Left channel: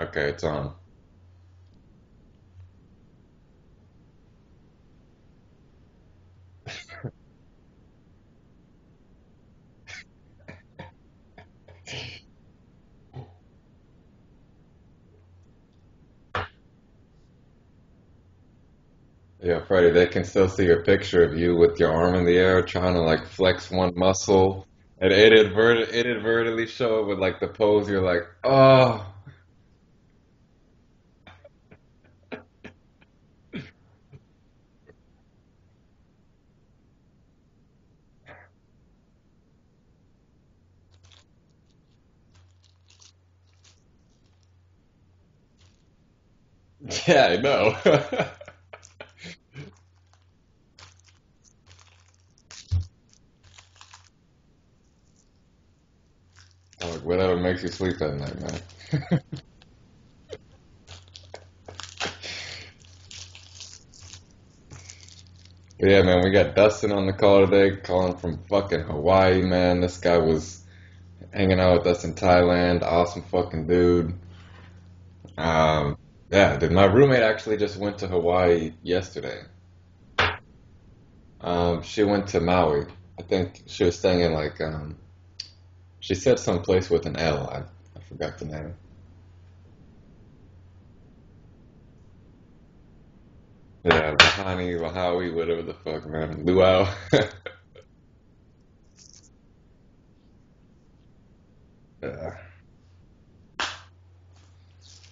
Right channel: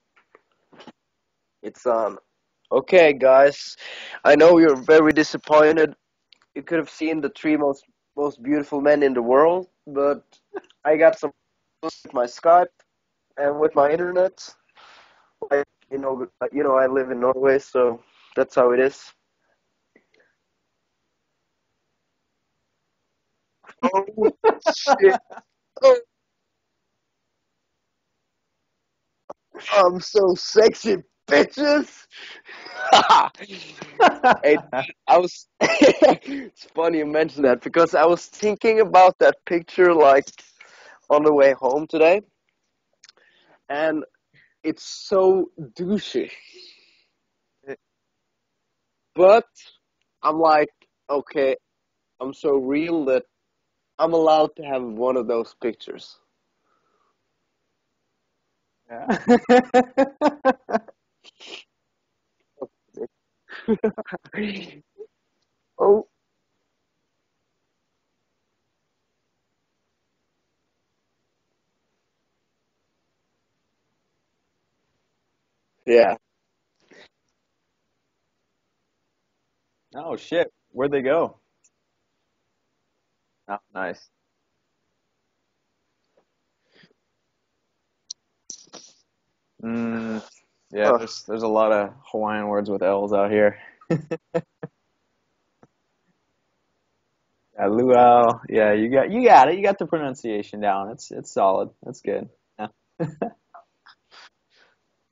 Okay, it's on. It's on. Okay, guys. I know you're very disappointed. You could have seen the three most beautiful men in the world, but I got some with my Skype and with my internet. I, I live in Norway, so that's how it is. Yeah, Freddie, they can still see your picture of you with your arm in the air trying to like flex one Oh muscle, and shit! it inadvertently show it with like the pose. You're like, oh, I'm so sexy, bitches. Hey, I was. It's funny you mentioned that because I was thinking about that picture like on the way home today, and it's so douchey. yeah, I know. But I'm like, okay, I'm so real that I'm allowed to have one of those pictures. Like whatever makes you sleep at night, man. But yeah, Oh, man, we got Dustin on the call today, calling from fucking Hawaii, man. This guy was hanging out with us in Thailand. Awesome fucking dude. yeah. Yeah, dude, my roommate actually just went to Hawaii yesterday. Oh shit, where'd they go? She went to Maui. I Oh, think she was nice. staying in like she said some place with an L. I forgot the name. Mm, yeah, Huh. there's a lot of Hawaiian words with L's out here. Yeah, Rahani, Rahawi, whatever the fuck, man. Luau. Luau. Yeah, you got it. You got the pronunciation down. It's solid. That's good. Yeah. Yeah.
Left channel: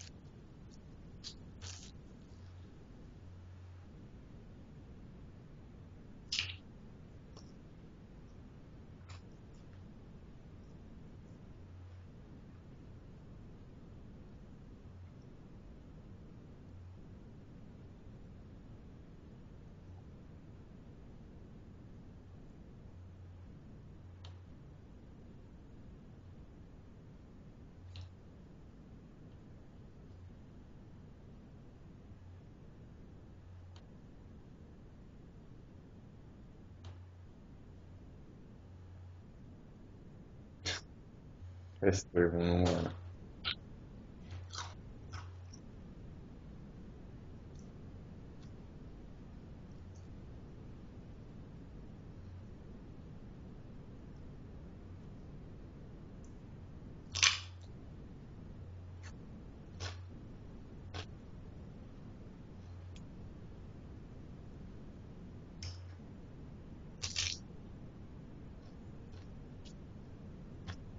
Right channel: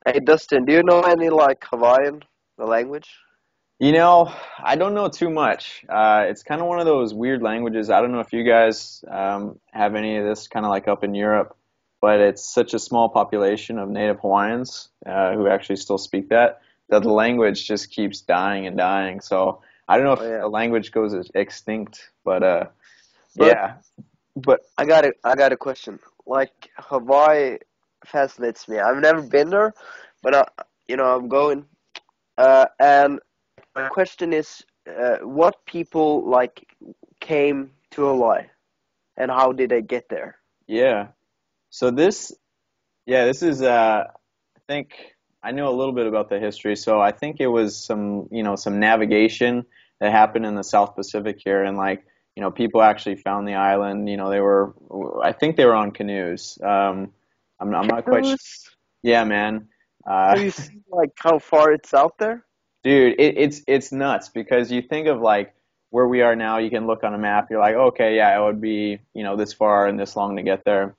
Hey, Dustin, do you know any like Hawaiian, the language? You know, I don't know too much. It's kind of one of those weird languages. I don't know if you guys have any of this kind of like up in Europe, but it's such a small population of native Hawaiians who actually still speak that the language just keeps dying and dying. So I don't know Oh if yeah. the language goes extinct, but But yeah, I got a question. Like Hawaii fascinates me. I've never been there, but I'm going. And my question is, what people like came to Hawaii, and how did they get there? yeah. So History this, 101. yeah, this is I think I know a little bit about the history. So I think it was some navigation that happened in the South Pacific here, and like, people actually found the island. They were, I think they were on canoes. I'm not quite sure. Cruise? Yeah, man. Uh, Have you seen like how far it's out there? dude, it's nuts because you think of like where we are now. You can look on a map. You're like, okay, yeah, it would be this far and this long to get there.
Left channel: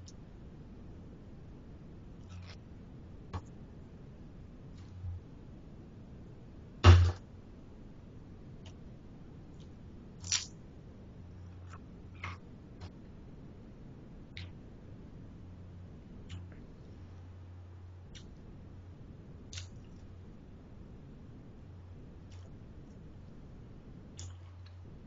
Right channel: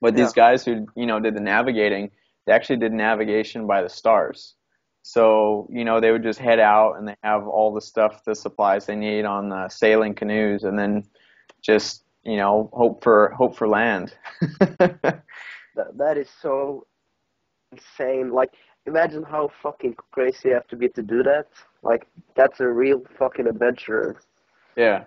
But Yeah. these guys who, did the navigating, they actually did navigation by the stars. So, they would just head out and they have all the stuff, the supplies they need on the sailing canoes and then just, hope for land. That is so insane. Like, imagine how fucking crazy you have to be to do that. Like, that's a real fucking adventure. Yeah.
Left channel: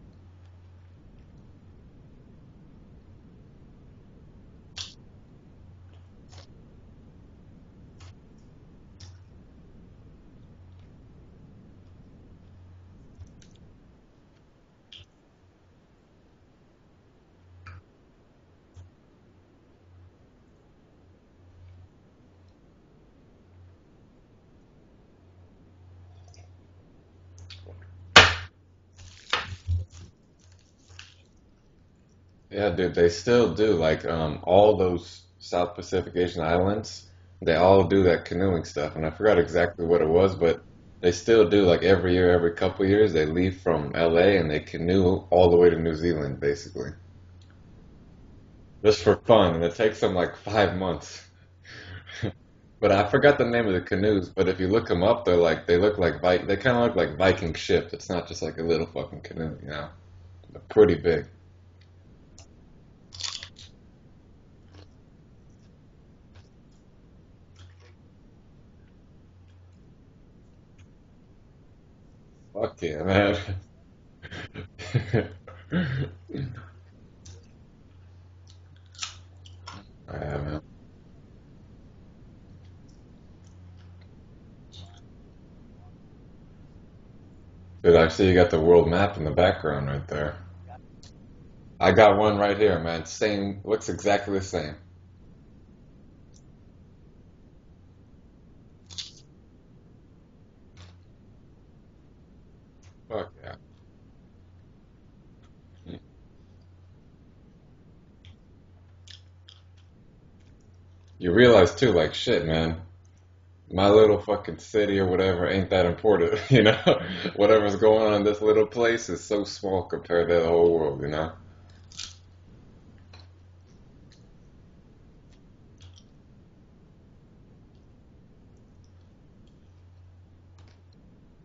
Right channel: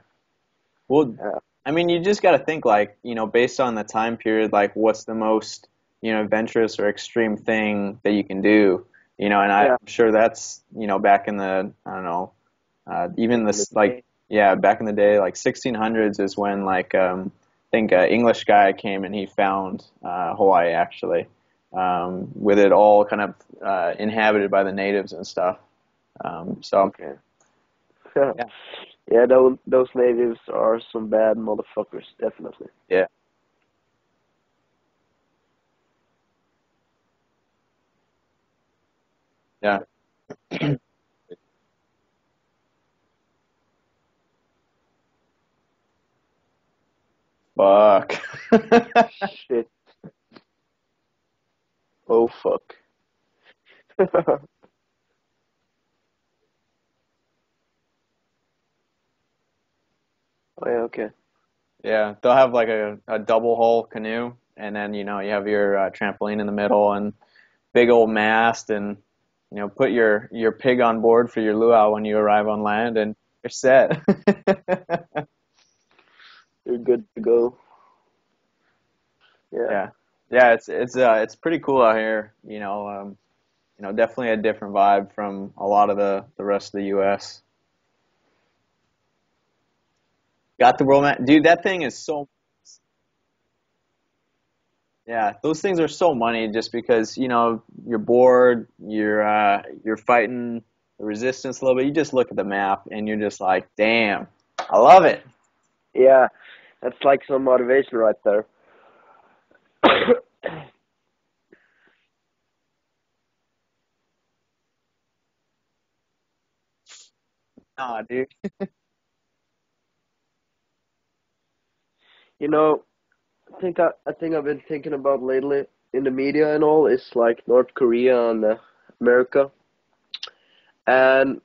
Well, Yeah. I mean, you just got to think like, based on the time period, like what's the most, adventurous or extreme thing that you can do, and I'm Yeah. sure that's, back in the, I don't know, even In the this like, day. yeah, back in the day, like 1600s is when like, I think an English guy came and he found Hawaii actually, with it all kind of inhabited by the natives and stuff. So Okay. yeah, Yeah, those natives are some bad motherfuckers, Yeah, definitely. dude, yeah, they still do. Like, all those South Pacific Asian islands, they all do that canoeing stuff. And I forgot yeah. exactly what it was, but they still do. Like, every year, every couple years, they leave from LA and they canoe all the way to New Zealand, basically. Fuck. Just for fun. And Shit. it takes them like 5 months. Oh fuck. But I forgot the name of the canoes. But if you look them up, they look like they kind of look like Viking ships. It's not just like a little fucking canoe, you know. They're Oh yeah, pretty okay. big. Yeah, they'll have like a double hull canoe, and then you have your trampoline in the middle and big old mast, and put your pig on board for your luau when you arrive on Fuck land, yeah, and man. you're set. You're good to go. Yeah. Yeah, yeah, Man. it's pretty cool out here. Definitely a different vibe from a lot of the rest of the U.S. Dude, I see you got the world map in the background right there. Got the world map, dude. That thing I is got so one right here, man. Same, looks exactly the same. Yeah, those things are so money just because, you're bored, you're fighting the resistance a little bit, you just look at the map and you're just like, damn, I love it. Yeah, that's like some motivation right there. You realize too, like shit, man. My little fucking city or whatever ain't that important, you know? Whatever's Nah, going on in dude. this little place is so small compared to the whole world, you know? You know, I think I've been thinking about lately in the media and all is like North Korea and America, and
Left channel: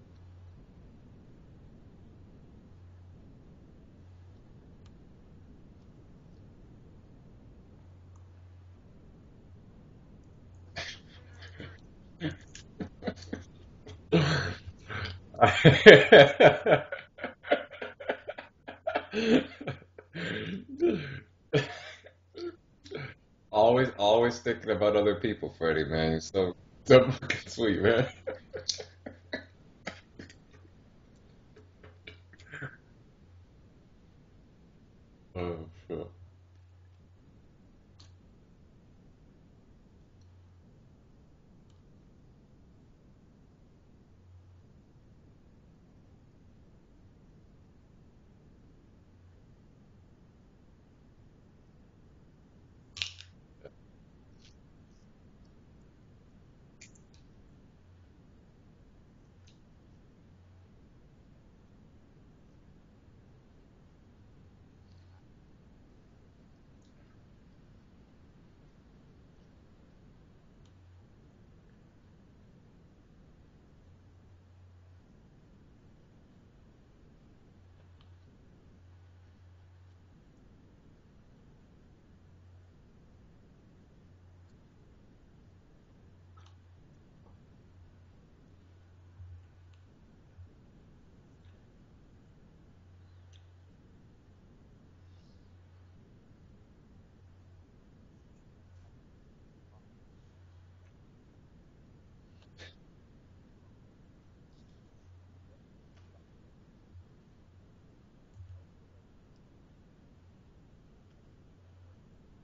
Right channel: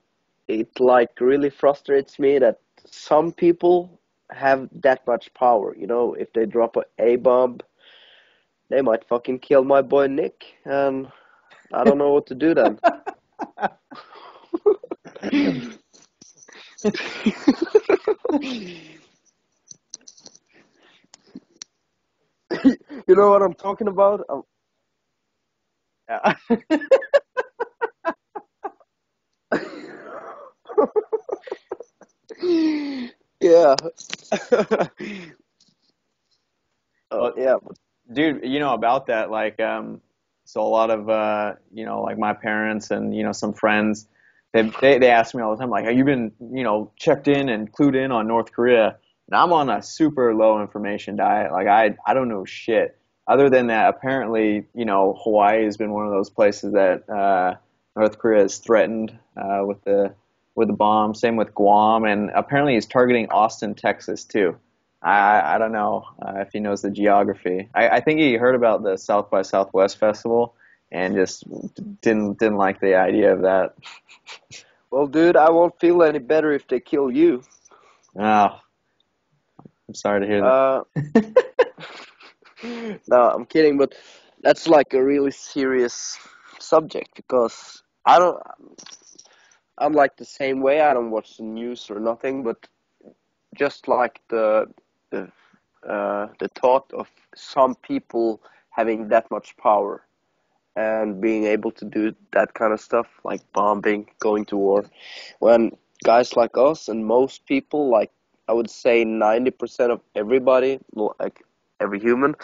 it like really frustrates me that some people have that much power. You know, if they drop a bomb, they might fucking kill my boy Nick, and I don't know what to do then. You know what I'm talking Always, about? always thinking about other people, Freddie, man. You're Yeah. so fucking sweet, man. Yeah. Oh, shit. Oh Well, yeah. dude, about that, like, so a lot of, like my parents and, some friends, they ask me all the time, like, have you been, checked in and clued in on North Korea? And I'm on a super low information diet. Like, I don't know shit. Other than that, apparently, Hawaii has been one of those places that, North Korea has threatened, with the bomb. Same with Guam. And apparently he's targeting Austin, Texas, too. I don't know if he knows the geography. I think he heard about the South by Southwest festival and just didn't like the idea of that. Well, dude, I won't feel any better if they kill you. Oh, I'm sorry to hear Uh, that. no, I'm kidding, but that's like a really serious subject because I'm like the same way. I don't watch the news or nothing, but just like the the thought of some people having that much power and being able to do that kind of stuff, like bombing, going to war, when guys like us and most people, like I would say 90% of everybody, like every human,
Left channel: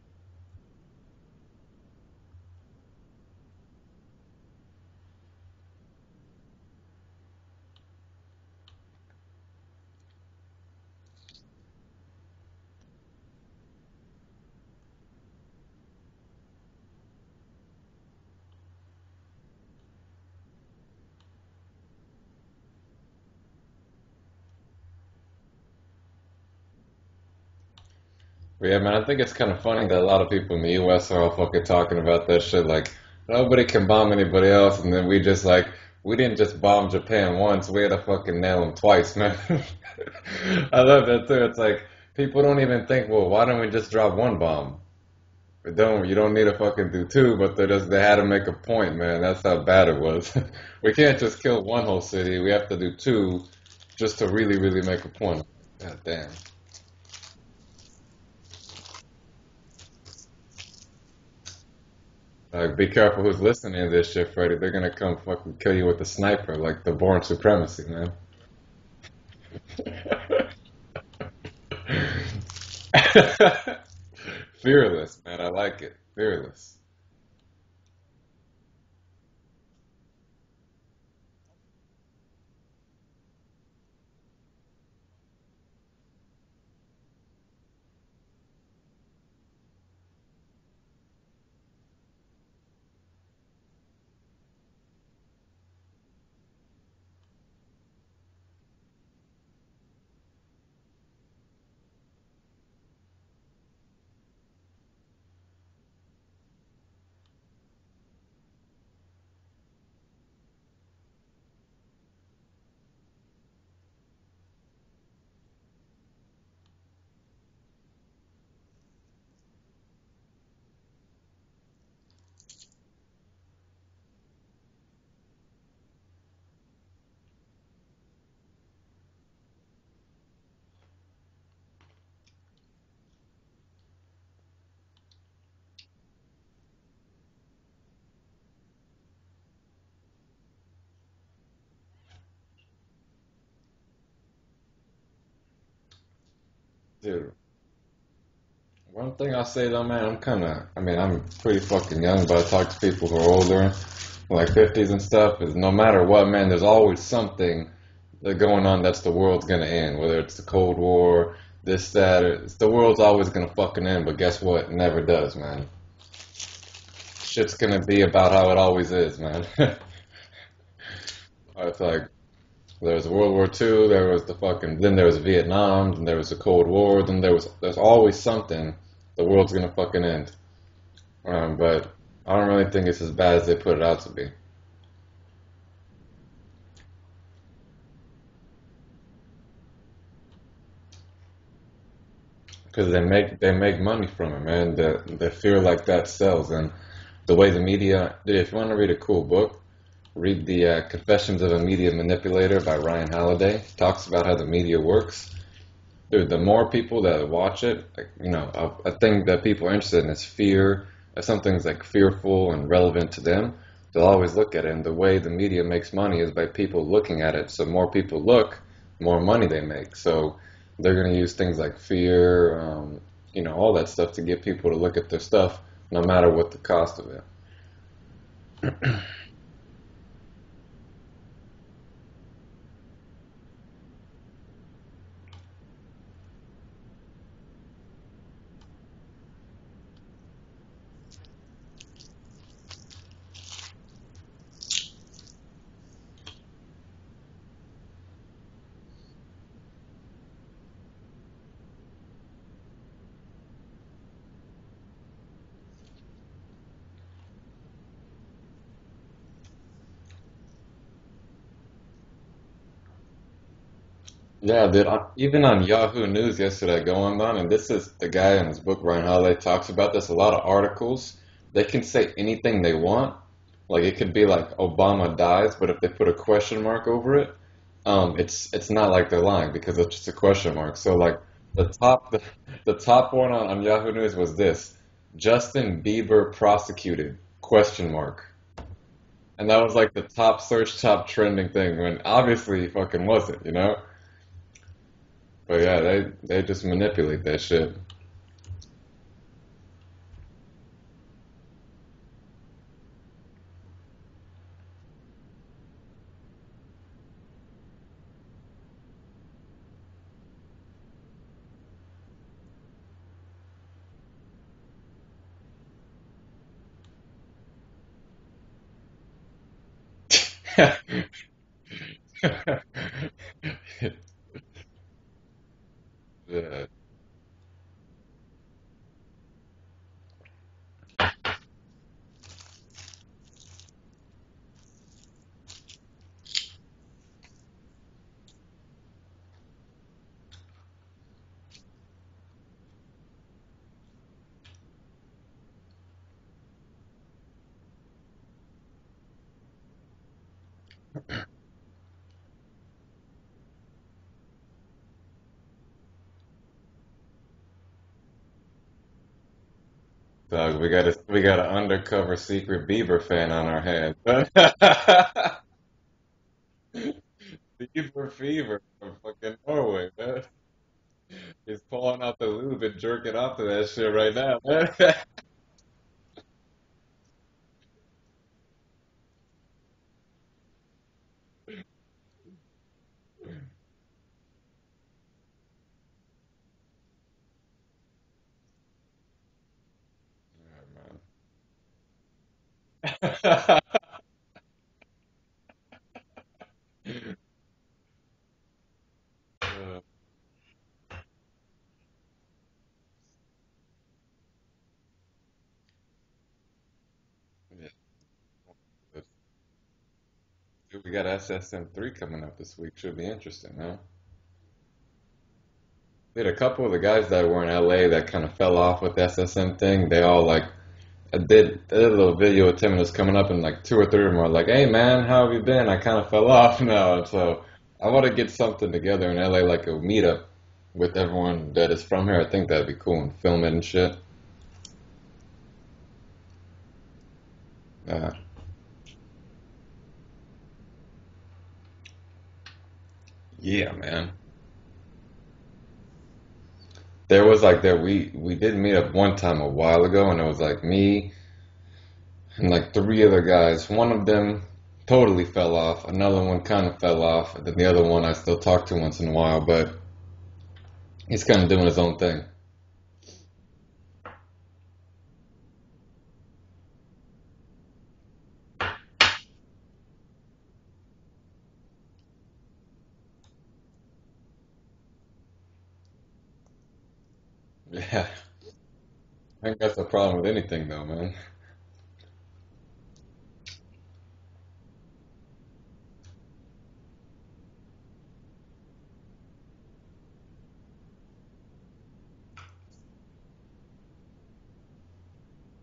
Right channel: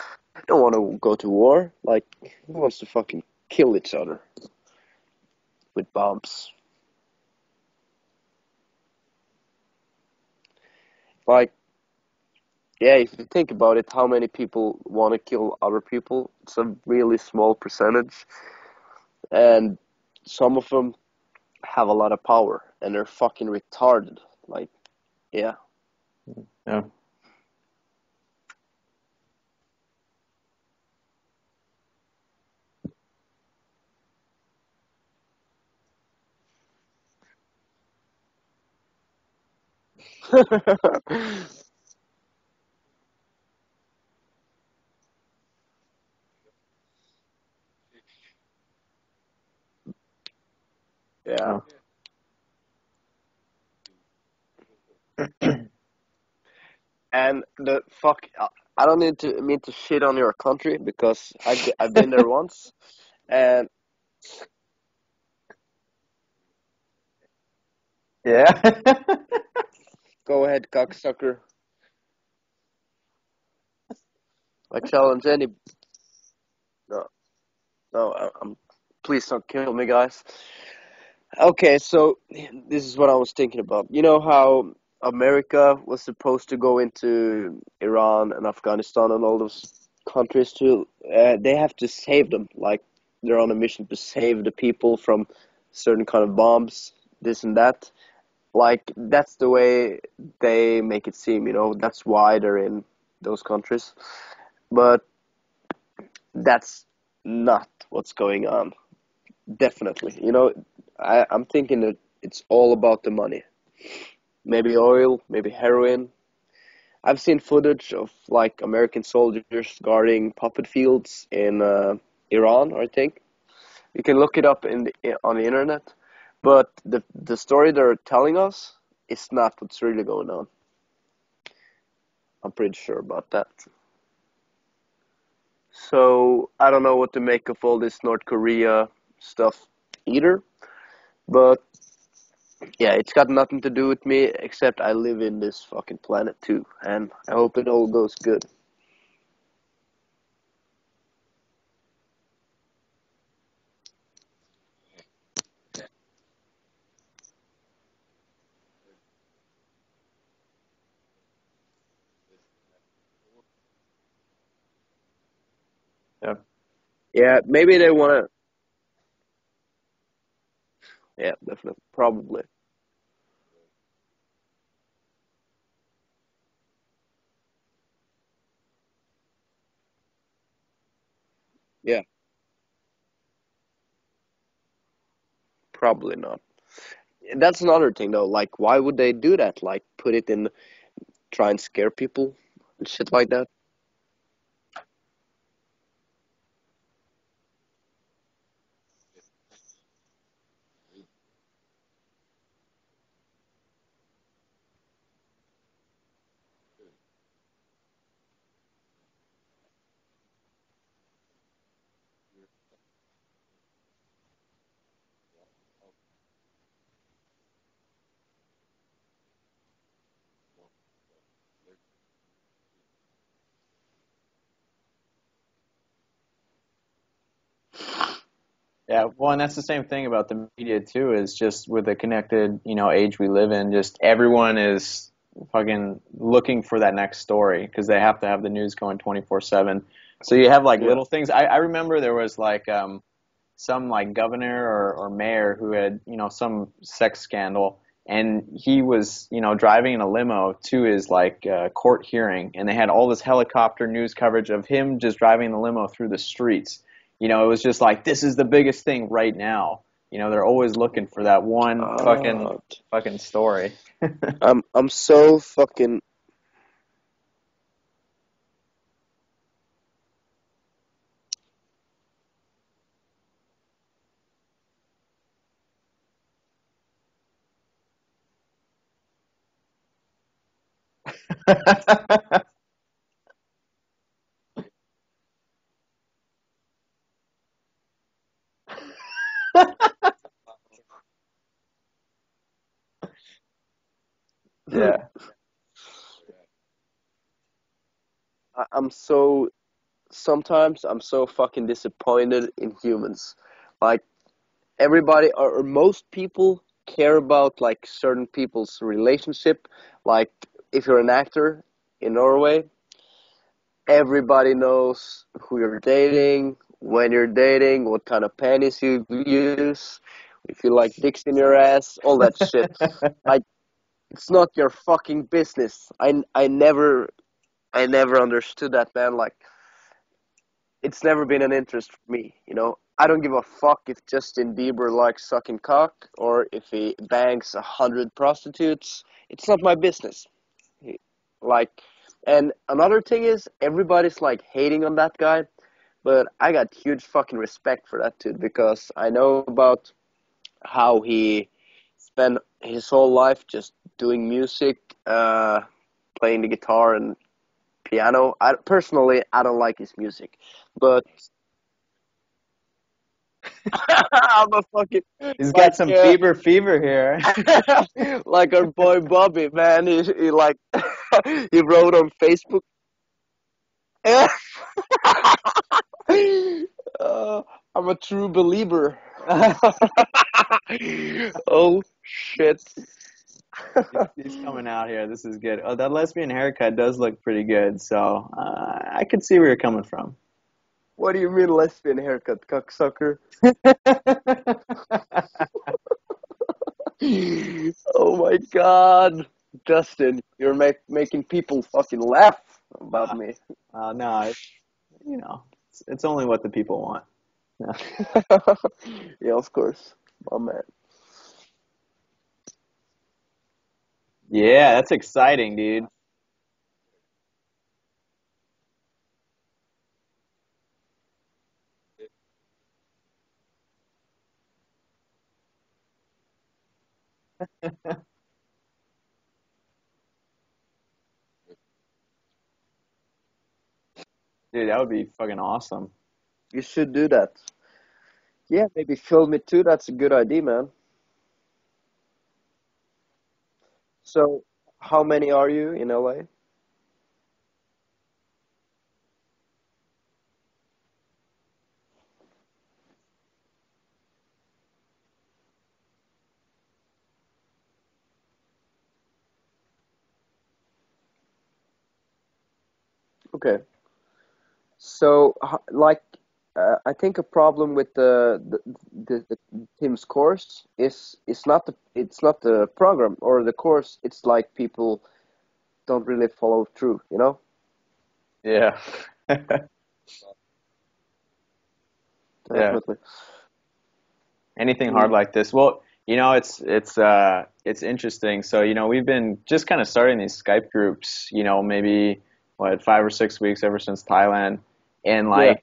don't want to go to war. Like, who wants to fucking kill each other with bombs? Like, yeah, if you think about it, how many people want to kill other people? It's a really small percentage, and some of them have a lot of power, and they're fucking retarded. Like, yeah, Yeah. But yeah, man, I think it's kind of funny that a lot of people in the U.S. are all fucking talking about that shit. Like, nobody can bomb anybody else, and then we just like, we didn't just bomb Japan once, we had to fucking nail them twice, man. I love that too. It's like, people don't even think, well, why don't we just drop one bomb? You don't need to fucking do two, but they had to make a point, man. That's how bad it was. We can't just yeah. kill one whole city. We have to do two just to really, really make a point. Like, God damn. And the fuck, I don't need to mean to shit on your country because I've been there once, Like, be careful who's and listening to this shit, Freddie. They're gonna come fucking kill you with a sniper, like the Born Supremacy, man. Yeah. go ahead, cocksucker. I Fearless, challenge man. I any. like it. Fearless. No, no, I'm. Please don't kill me, guys. Okay, so this is what I was thinking about. You know how America was supposed to go into Iran and Afghanistan and all those countries to, they have to save them. Like they're on a mission to save the people from certain kind of bombs, this and that. Like that's the way they make it seem, you know. That's why they're in those countries. But that's not what's going on. Definitely. You know, I'm thinking that it's all about the money. Maybe oil, maybe heroin. I've seen footage of like American soldiers guarding puppet fields in Iran, I think. You can look it up on the internet. But the story they're telling us is not what's really going on. I'm pretty sure about that. So I don't know what to make of all this North Korea stuff either. But yeah, it's got nothing to do with me except I live in this fucking planet too, and Dude, I hope it all goes good. One thing I say though, man, I mean, I'm pretty fucking young, but I talk to people who are older, like 50s and stuff, is no matter what, man, there's always something that going on that's the world's gonna end, whether it's the Cold War, this, that, or, the world's always gonna fucking end, but guess what? It never does, man. Yeah, yeah. Shit's Maybe gonna they be want to. about how it always is, man. Yeah, It's definitely, like, probably. there was World War II, there was the fucking, then there was Vietnam, then there was the Cold War, then there's always something, the world's gonna fucking end. But Yeah, I don't really think it's as bad as they put it out to be. probably not. That's another thing though. Like, why would they do that? Like, put it in, try and scare people, Because shit like that. they make money from it, man. They feel like that sells, and the way the media. Dude, if you want to read a cool book, read the Confessions of a Media Manipulator by Ryan Holiday. He talks about how the media works. Dude, the more people that watch it, like, a thing that people are interested in is fear. If something's like fearful and relevant to them, they'll always look at it. And the way the media makes money is by people looking at it. So more people look, more money they make. So they're going to use things like fear, all that stuff to get people to look at their stuff, no matter what the cost of it. Yeah, well, and that's the same thing about the media too. Is just with the connected, age we live in, just everyone is fucking looking for that next story because they have to have the news going 24/7. So you have like Yeah. little things. I remember there was like some like governor or mayor who had some sex scandal, and he was driving in a limo to his like court hearing, and they had all this helicopter news coverage of him just driving the limo through the streets. It was just like, this is the biggest thing right now. They're always looking for that one Uh, fucking story. Yeah, dude. I'm so Even on fucking. Yahoo News yesterday, going on, and this is the guy in his book, Ryan Holiday, talks about this. A lot of articles, they can say anything they want. Like it could be like Obama dies, but if they put a question mark over it, it's not like they're lying because it's just a question mark. So like the top the top one on Yahoo News was this: Justin Bieber prosecuted? Question mark. And that was like the top search, top trending thing when obviously he fucking wasn't. Yeah. But yeah, they just manipulate that shit. I'm so. Sometimes I'm so fucking disappointed in humans. Like, everybody or most people care about like certain people's relationship. Like, if you're an actor in Norway, everybody knows who you're dating, when you're dating, what kind of panties you use, if you like dicks in your ass, all that shit. Like, it's not your fucking business. Yeah. I never understood that, man. Like, it's never been an interest for me. I don't give a fuck if Justin Bieber likes sucking cock or if he bangs 100 prostitutes. It's not my business. Like, and another thing is everybody's like hating on that guy, but I got huge fucking respect for that dude because I know about how he spent his whole life just doing music, playing the guitar and piano. I don't like his music, Dog, but we got an undercover secret Bieber fan on our hands. I'm a fucking He's got like some Bieber fever here. Bieber like our fever. boy Fucking Bobby, man. totally, He, man. he like He's he wrote pulling on out the Facebook. lube and jerking off to that shit right now, man. uh, I'm a true believer. Oh shit. He's coming out here. This is good. Oh, that lesbian haircut does look pretty good. So I could see where you're coming from. What do you mean lesbian haircut, cocksucker? Oh my god. Justin, you're making people fucking laugh about me. No, it's only what the people want. Yeah, of course. My man. We got SSM3 coming up this week. Should be interesting, man. Yeah, that's exciting, dude. Dude, a couple of the guys that were in LA that kind of fell off with the SSM thing, they all like I did a little video with Tim and it was coming up and like two or three of them were like, "Hey man, how have you been? I kind of fell off now." So I want to get something together in LA like a meetup with everyone that is from here. I think that'd be cool and film it and shit. Dude, that would be fucking awesome. You should do that. Uh, Yeah, maybe film it too. That's a good idea, man. yeah, man. So, how many are you in LA? there was like there we did meet up one time a while ago, and it was like me and like three other guys. One of them totally fell off. Another one kind of fell off, and then the other one I still talk to once in a while, but he's kind of doing his own thing. Okay. So, like, I think a problem with the Tim's course is it's not the program or the course. It's like people don't really follow through. You know? Yeah, Yeah. I think that's the problem with anything though, man. Yeah. Definitely. Anything Mm. hard like this? Well, it's interesting. So, we've been just kind of starting these Skype groups, maybe what 5 or 6 weeks ever since Thailand. And Yeah. like,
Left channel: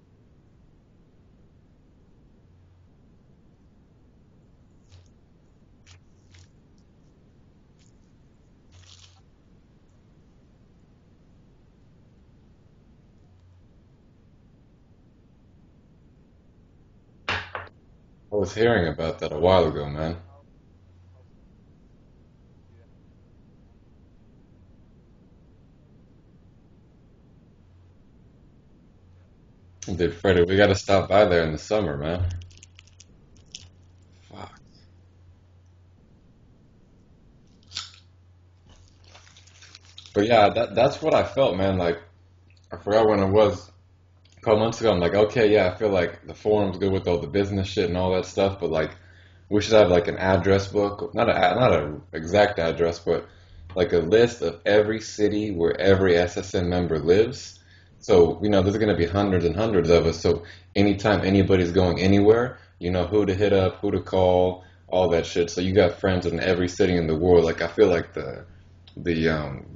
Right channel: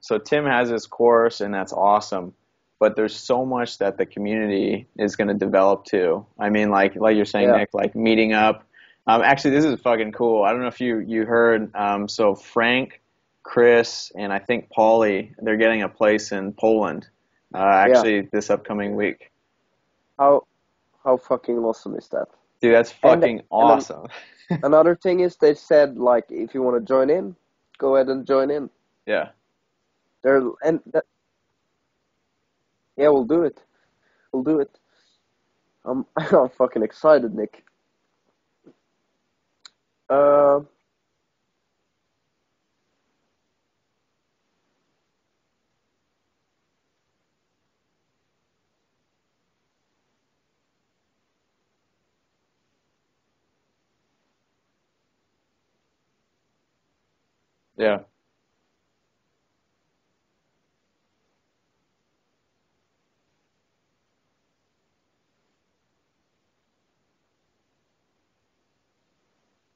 so Tim has his course and that's awesome. But there's so much that the community is going to develop too. I mean, like you're saying, Yeah. Nick, like meeting up. Actually, this is fucking cool. I don't know if you heard. So Frank, Chris, and I think Paulie, they're getting a place in Poland. Yeah. Actually, I this was hearing upcoming week. about that a while ago, man. How fucking awesome is that? Dude, that's And fucking and an, awesome. another thing is they said like if you want to join in, go ahead and join in. Yeah. Dude, Freddie, They're, we gotta and stop by there in the summer, man. yeah, we'll do it. We'll do it. I'm fucking excited, Nick. But yeah, Um, that's what I felt, man. Like I forgot when it was a couple months ago. I'm like, okay, yeah, I feel like the forum's good with all the business shit and all that stuff, but like we should have like an address book, not a exact address, but like a list of every city where every SSN member lives. Yeah. So, there's gonna be hundreds and hundreds of us. So anytime anybody's going anywhere, you know who to hit up, who to call, all that shit. So you got friends in every city in the world. Like I feel like the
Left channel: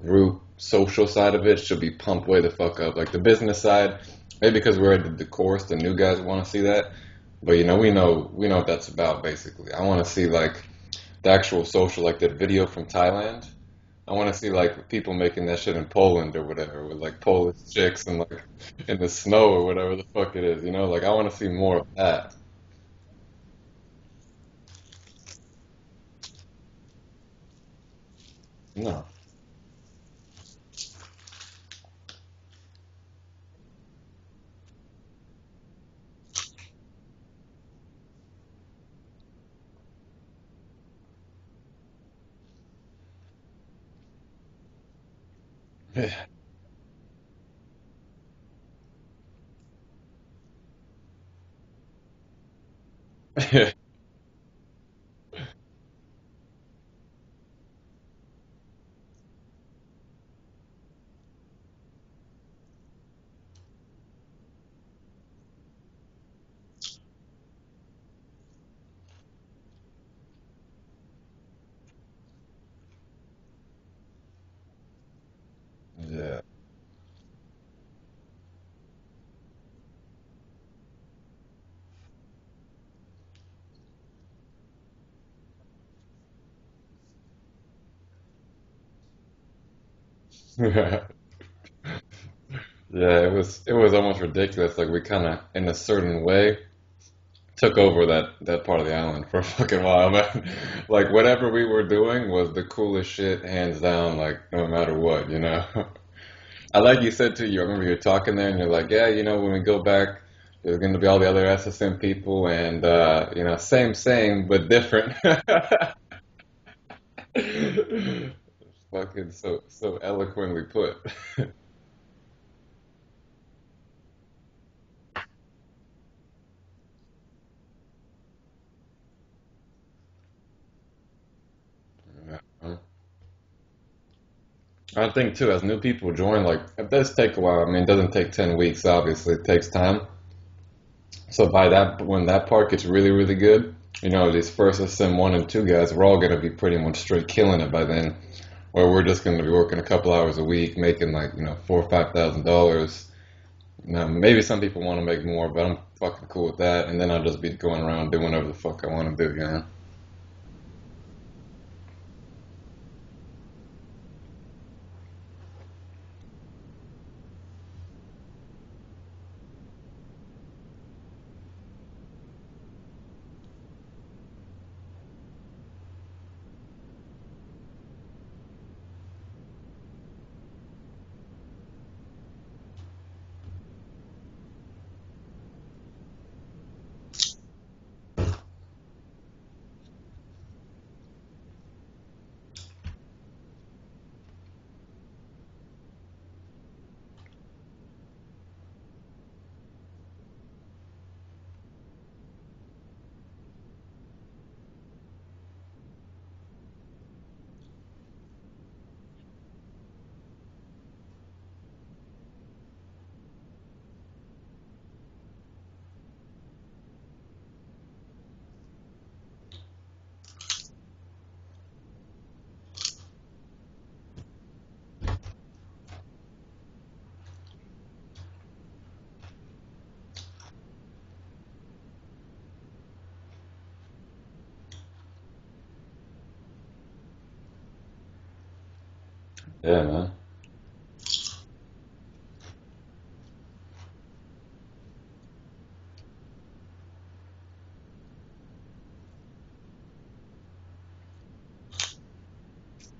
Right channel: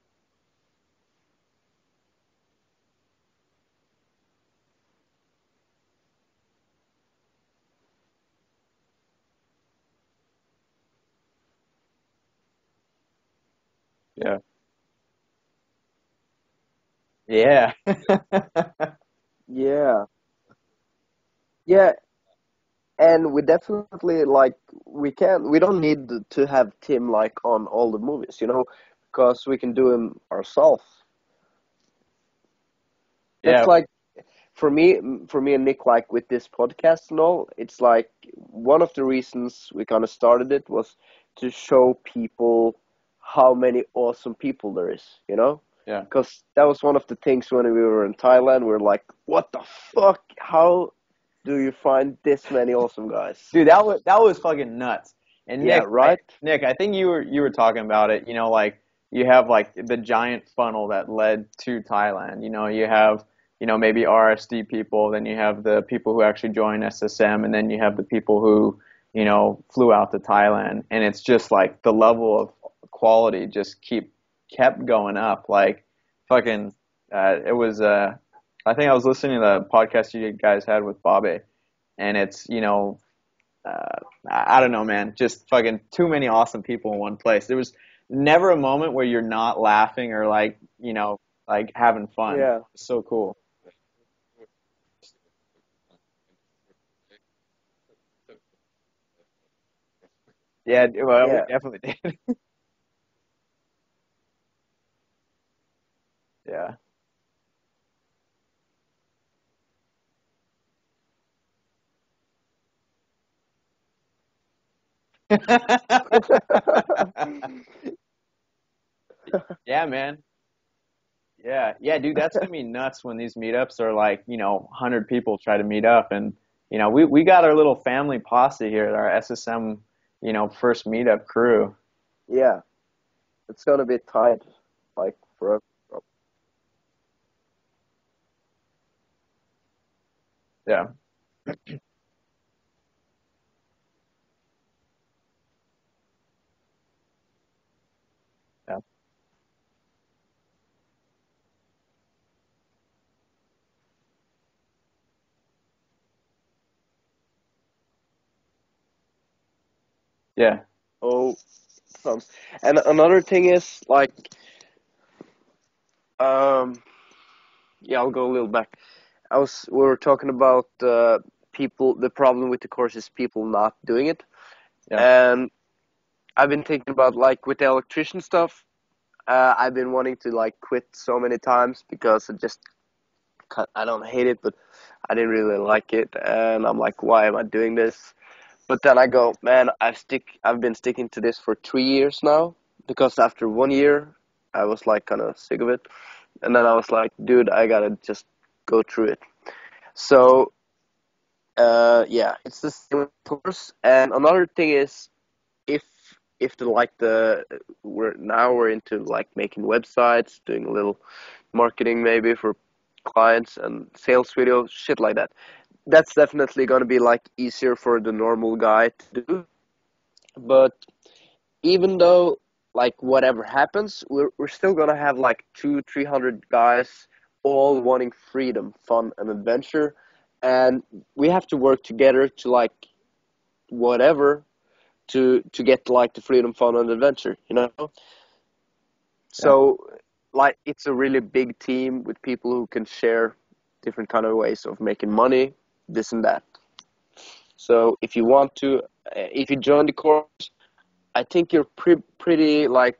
group social side of it should be pumped way the fuck up. Like the business side, maybe because we're at the course, the new guys want to see that. But we know what that's about basically. I want to see like the actual social, like that video from Thailand. I want to Yeah. see like people making that shit in Poland or whatever, with like Polish Yeah. chicks and like in the snow or whatever yeah, the fuck it is. Like I want to see more yeah, of that. and we definitely like we don't need to have Tim like on all the movies, No. because we can do him ourselves. That's Yeah. like for me and Nick, like with this podcast and all, it's like one of the reasons we kind of started it was to show people how many awesome people there is. Yeah. Because that was one of the things when we were in Thailand. We were like, what the fuck? How do you find this many awesome guys? Dude, that was fucking nuts. And Yeah, right? Nick, I think you were talking about it. Like you have like the giant funnel that led to Thailand. You have maybe RSD people, then you have the people who actually joined SSM, and then you have the people who flew out to Thailand. And it's just like the level of quality just kept going up. Like Yeah. fucking, it was. I think I was listening to the podcast you guys had with Bobby, and it's I don't know, man, just fucking too many awesome people in one place. There was never a moment where you're not laughing or like like having fun. Yeah. So Yeah, it cool. was almost ridiculous. Like we kind of, in a certain way, took over that part of the island for a fucking while, man. Yeah, Like yeah, whatever we were definitely. doing was the coolest shit, hands down. Like no matter what. Yeah. I like you said too. You remember you're talking there, and you're like, yeah, when we go back, there's going to be all the other SSM people, and same but different. Fucking Yeah, so man. eloquently put. Yeah, dude, that's gonna be nuts when these meetups are like 100 people try to meet up, and we got our little family posse here, our SSM first meetup crew. Yeah, it's gonna be tight. I think too, as new people join, like it does take a while. I mean, it doesn't take 10 weeks, obviously. It takes time. Yeah. So by that, when that part gets really, really good, these first SM1 and 2 guys, we're all gonna be pretty much straight killing it by then. Yeah. Where we're just gonna be working a couple hours a week, making like, $4,000 or $5,000. Now, maybe some people want to make more, but I'm fucking cool with that. And then I'll just be going around doing whatever the fuck I want to do. Yeah. Oh, and another thing is like, yeah, I'll go a little back. We were talking about people. The problem with the course is people not doing it, Yeah. and I've been thinking about like with the electrician stuff. I've been wanting to like quit so many times because I don't hate it, but I didn't really like it, and I'm like, why am I doing this? But then I go, man, I've been sticking to this for 3 years now, because after 1 year, I was like kind of sick of it, and then I was like, dude, I gotta just go through it. So, yeah, it's the same with tours. And another thing is, if we're into like making websites, doing a little marketing maybe for clients and sales videos, shit like that. That's definitely gonna be like easier for the normal guy to do. But even though like whatever happens, we're still gonna have like 200-300 guys all wanting freedom, fun, and adventure, and we have to work together to like whatever to get like the freedom, fun, and adventure, you know. So Yeah, man. like it's a really big team with people who can share different kind of ways of making money, this and that. So if you join the course, I think you're pretty like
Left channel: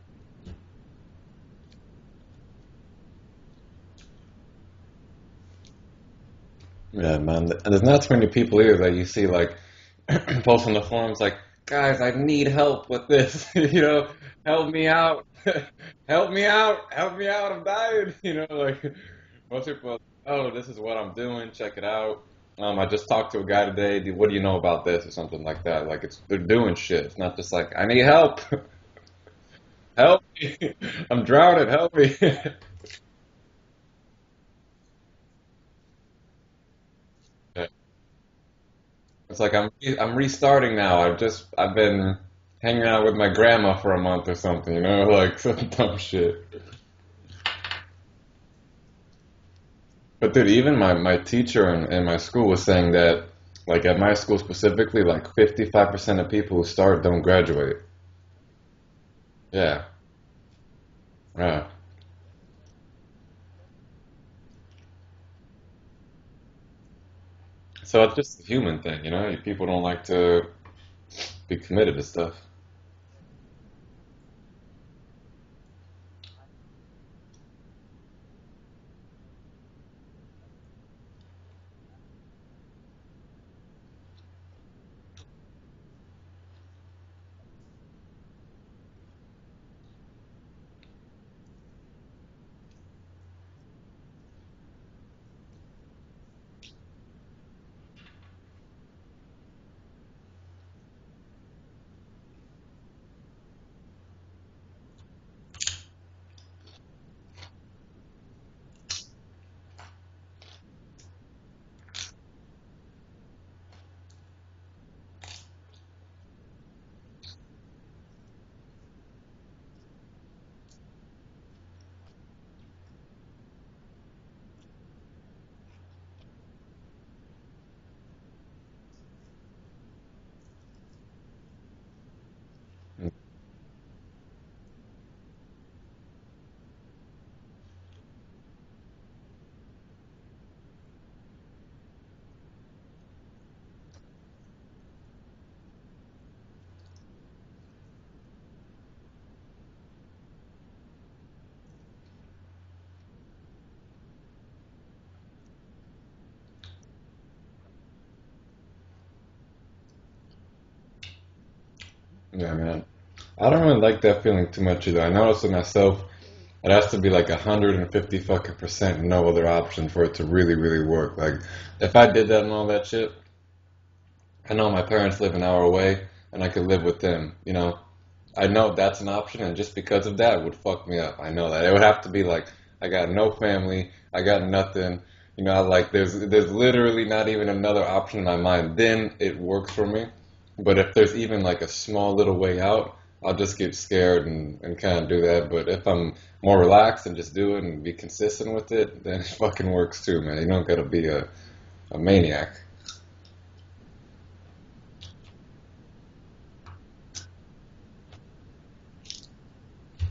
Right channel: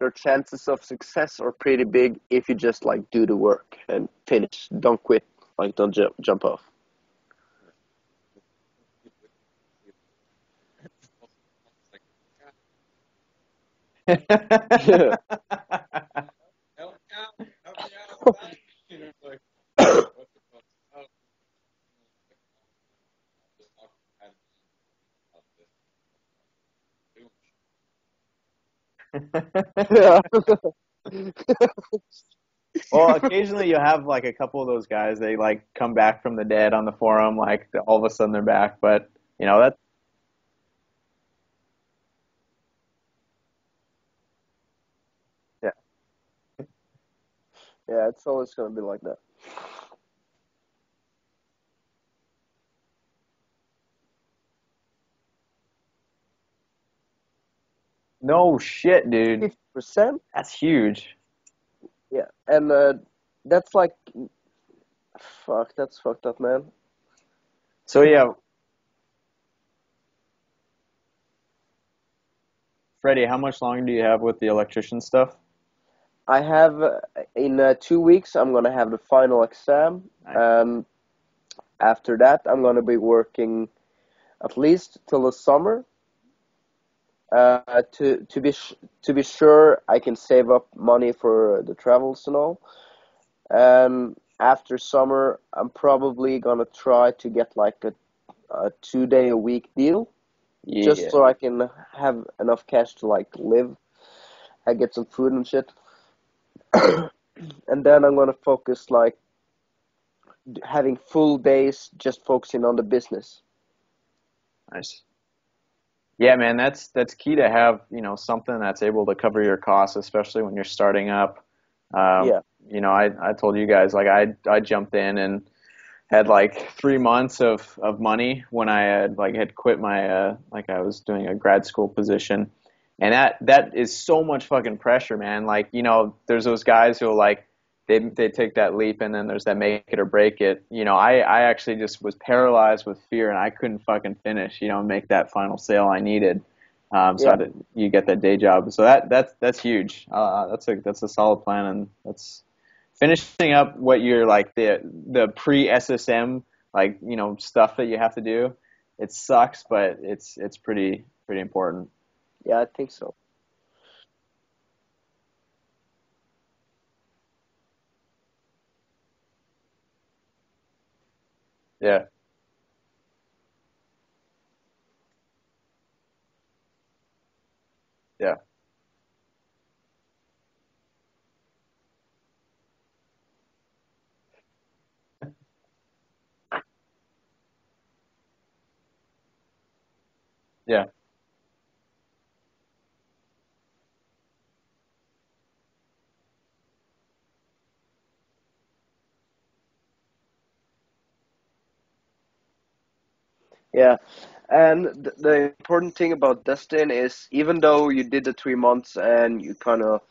your chances of success are pretty big if you just like do the work and finish. Don't quit. Like don't jump off. Yeah, man. And there's not too many people here that you see like post on the forums like, guys, I need help with this. Help me out. Help me out. Help me out. I'm dying. Like most people are like, oh, this is what I'm doing. Check it out. I just talked to a guy today. What do you know about this or something like that? Like they're doing shit. It's not just like I need help. Help me. I'm drowning. Help me. Well, occasionally you have like a couple of those guys. They like come back from the dead on the forum. Like Yeah. all of a sudden they're back. But It's you like know that I'm restarting now. I've been hanging out with my grandma for a month or something, like some yeah. dumb shit. Yeah, it's always gonna be like that. But dude, even my teacher in my school was saying that, like at my school specifically, like 55% of people who start don't graduate. No shit, dude. fifty Yeah, percent That's huge. yeah. Yeah, and that's like, fuck, that's fucked up, man. So So it's yeah, just a human thing, People don't like to be committed to stuff. Freddie, how much longer do you have with the electrician stuff? I have in 2 weeks I'm gonna have the final exam, Nice. and after that I'm gonna be working at least till the summer. To be sure, I can save up money for the travels and all. And after summer, I'm probably gonna try to get like a 2 day a week deal, just Yeah. so I can have enough cash to like live and get some food and shit. And then I'm gonna focus like having full days just focusing on the business. Nice. Yeah, man, that's key to have, something that's able to cover your costs, especially when you're starting up. Um, Yeah, I told you guys like I jumped in and had like 3 months of money when I had quit my like I was doing a grad school position, and that is so much fucking pressure, man. Like there's those guys who like they take that leap and then there's that make it or break it. I actually just was paralyzed with fear and I couldn't fucking finish, make that final sale I needed. yeah, You get that day job. So that's huge. That's a solid plan, and that's finishing up what you're like the pre SSM like stuff that you have to do. It sucks, but it's pretty important. Yeah, yeah, I man. think so. I don't really like that feeling too much either. I noticed it myself. It has to be like 150 fucking percent no other option for it to really, really work. Like, if Yeah, I did that and all that shit, I know my parents live an hour away and I could live with them. yeah, I know that's an option, and just because of that, it would fuck me up. I know that. It would have to be like, I got no family, I got nothing. Like there's literally not even another option in my mind. Then it works for me. But yeah. if there's even like a small little way out, I'll just get scared and kind of do that. But if I'm more relaxed and just do it and be consistent with it, then it fucking works too, man. You don't gotta be a maniac. Yeah, and the important thing about Dustin is even though you did the 3 months and you kind of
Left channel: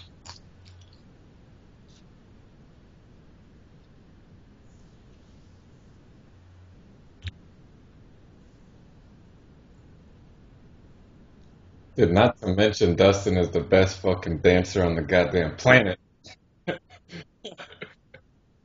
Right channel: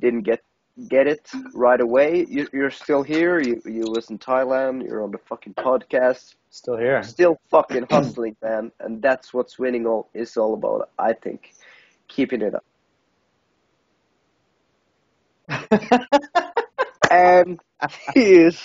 didn't get it right away, you're still here. You was in Thailand. You're on the fucking podcast. Still here. Still fucking hustling, man, and that's what's winning all is all about, I think. Dude, not keeping to it up. mention Dustin is the best fucking dancer on the goddamn planet. And he is,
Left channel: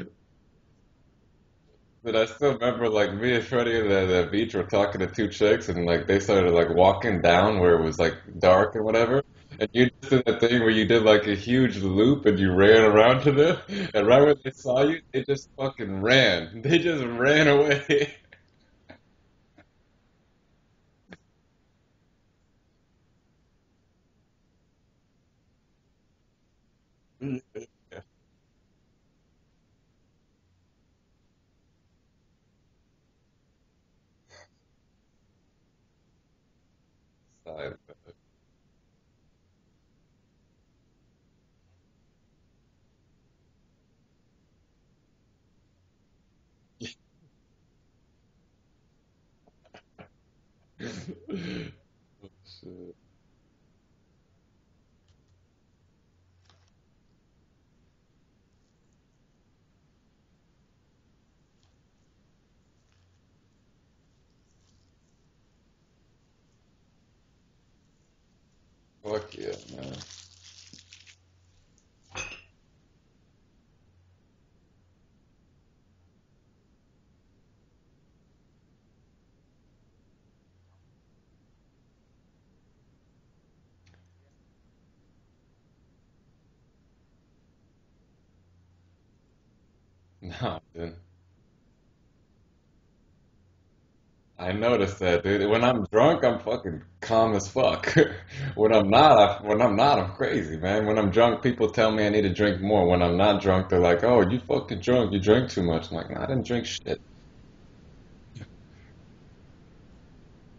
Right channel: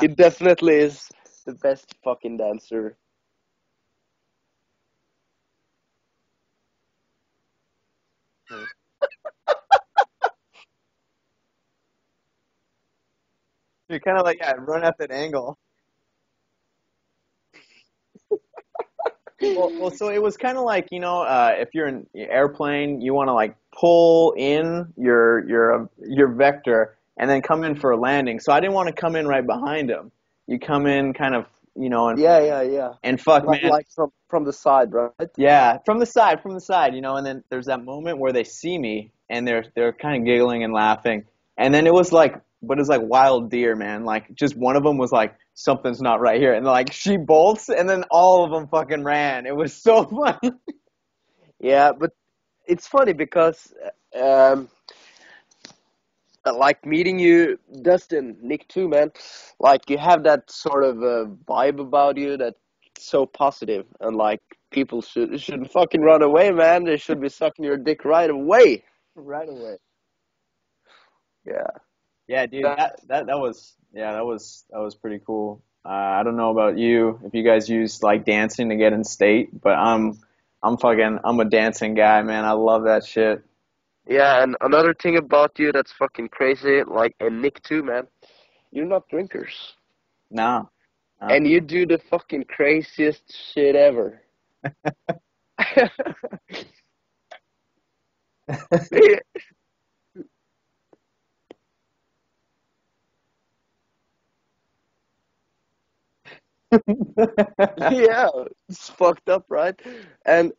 he definitely is the best But I fucking still remember, dancer. like, me and Freddie at the beach were talking to two chicks, and like they started like walking down where it was like dark and whatever. And you just did that thing where you did like a huge loop and you ran around to them. You And kind right of when like they yeah, saw run at you, that they just angle. fucking ran. They just ran away. Well, so it was kind of like if you're in an airplane, you want to like pull in your vector and then come in for a landing. So I didn't want to come in right behind him. You come in kind of Yeah, yeah, yeah. and fuck man, Like from the side, right? yeah, from the side, and then there's that moment where they see me and they're kind of giggling and laughing, and then it was like, but it's like wild deer, man. Like just one of them was like, something's not right here, and like she bolts, and then all of them fucking ran. It was so funny. Yeah, but it's funny because um, like meeting you, Dustin, Nick too, man. Like you have that sort of vibe about you that's so positive, and like people shouldn't fucking run away, man. They should be sucking your dick right away, Fuck right yeah, away. man. Yeah. Yeah, dude, That, that was that was pretty cool. I don't know about you if you guys use like dancing to get in state, but I'm a dancing guy, man. I love that shit. yeah, and another thing about you that's fucking crazy, like, and Nick too, man. You're not drinkers, No, No, dude. no. and you do the fucking craziest shit ever. I noticed that, dude. When I'm drunk, I'm fucking calm as fuck. Yeah. When I'm not, I'm crazy, man. When I'm drunk, people tell me I need to drink more. When I'm not drunk, they're like, "Oh, you fucking drunk. You drink too much." I'm like, "Nah, I didn't drink shit." Yeah, it's fucked up, right? And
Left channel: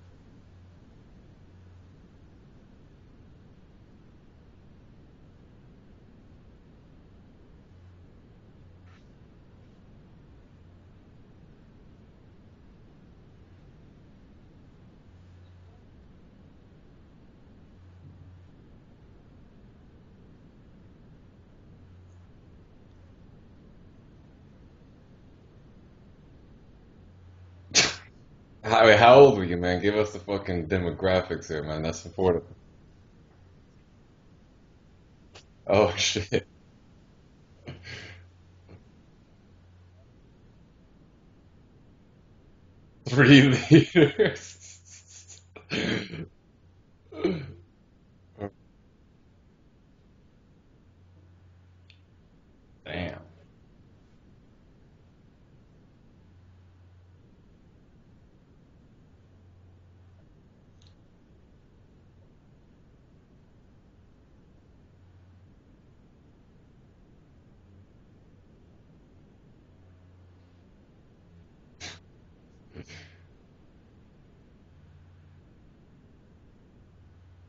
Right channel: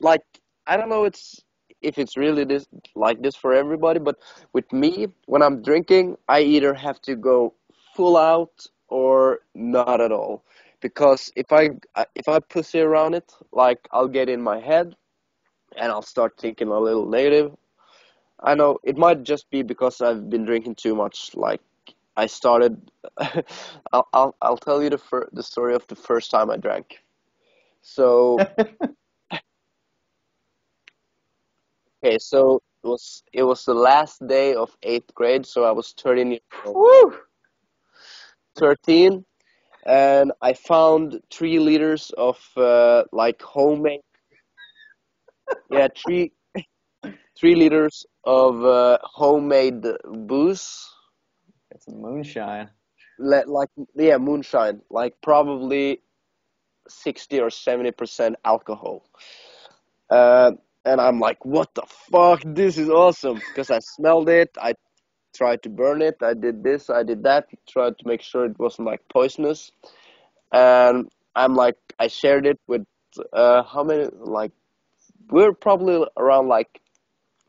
like, I don't know, it's if it's really this like this for everybody, but with me, when I'm drinking, I either have to go full out or not at all, because if I pussy around it, like I'll get in my head and I'll start thinking a little negative. I know it might just be because I've been drinking too much. Like I started, I'll tell you the story of the first time I drank. So How old were you, man? Give us the fucking demographics here, man. That's okay, important. so it was the last day of eighth grade, so I was Oh 13 years shit. old. Woo! 13, and I found 3 liters of like Three homemade, liters. yeah, 3 liters of homemade booze, It's moonshine. Damn. like yeah, moonshine, like probably 60 or 70% alcohol. Uh, and I'm like, what the fuck? This is awesome because I smelled it. I tried to burn it. I did this. I did that. Tried to make sure it wasn't like poisonous. And I'm like, I shared it with how many? Like we're probably around like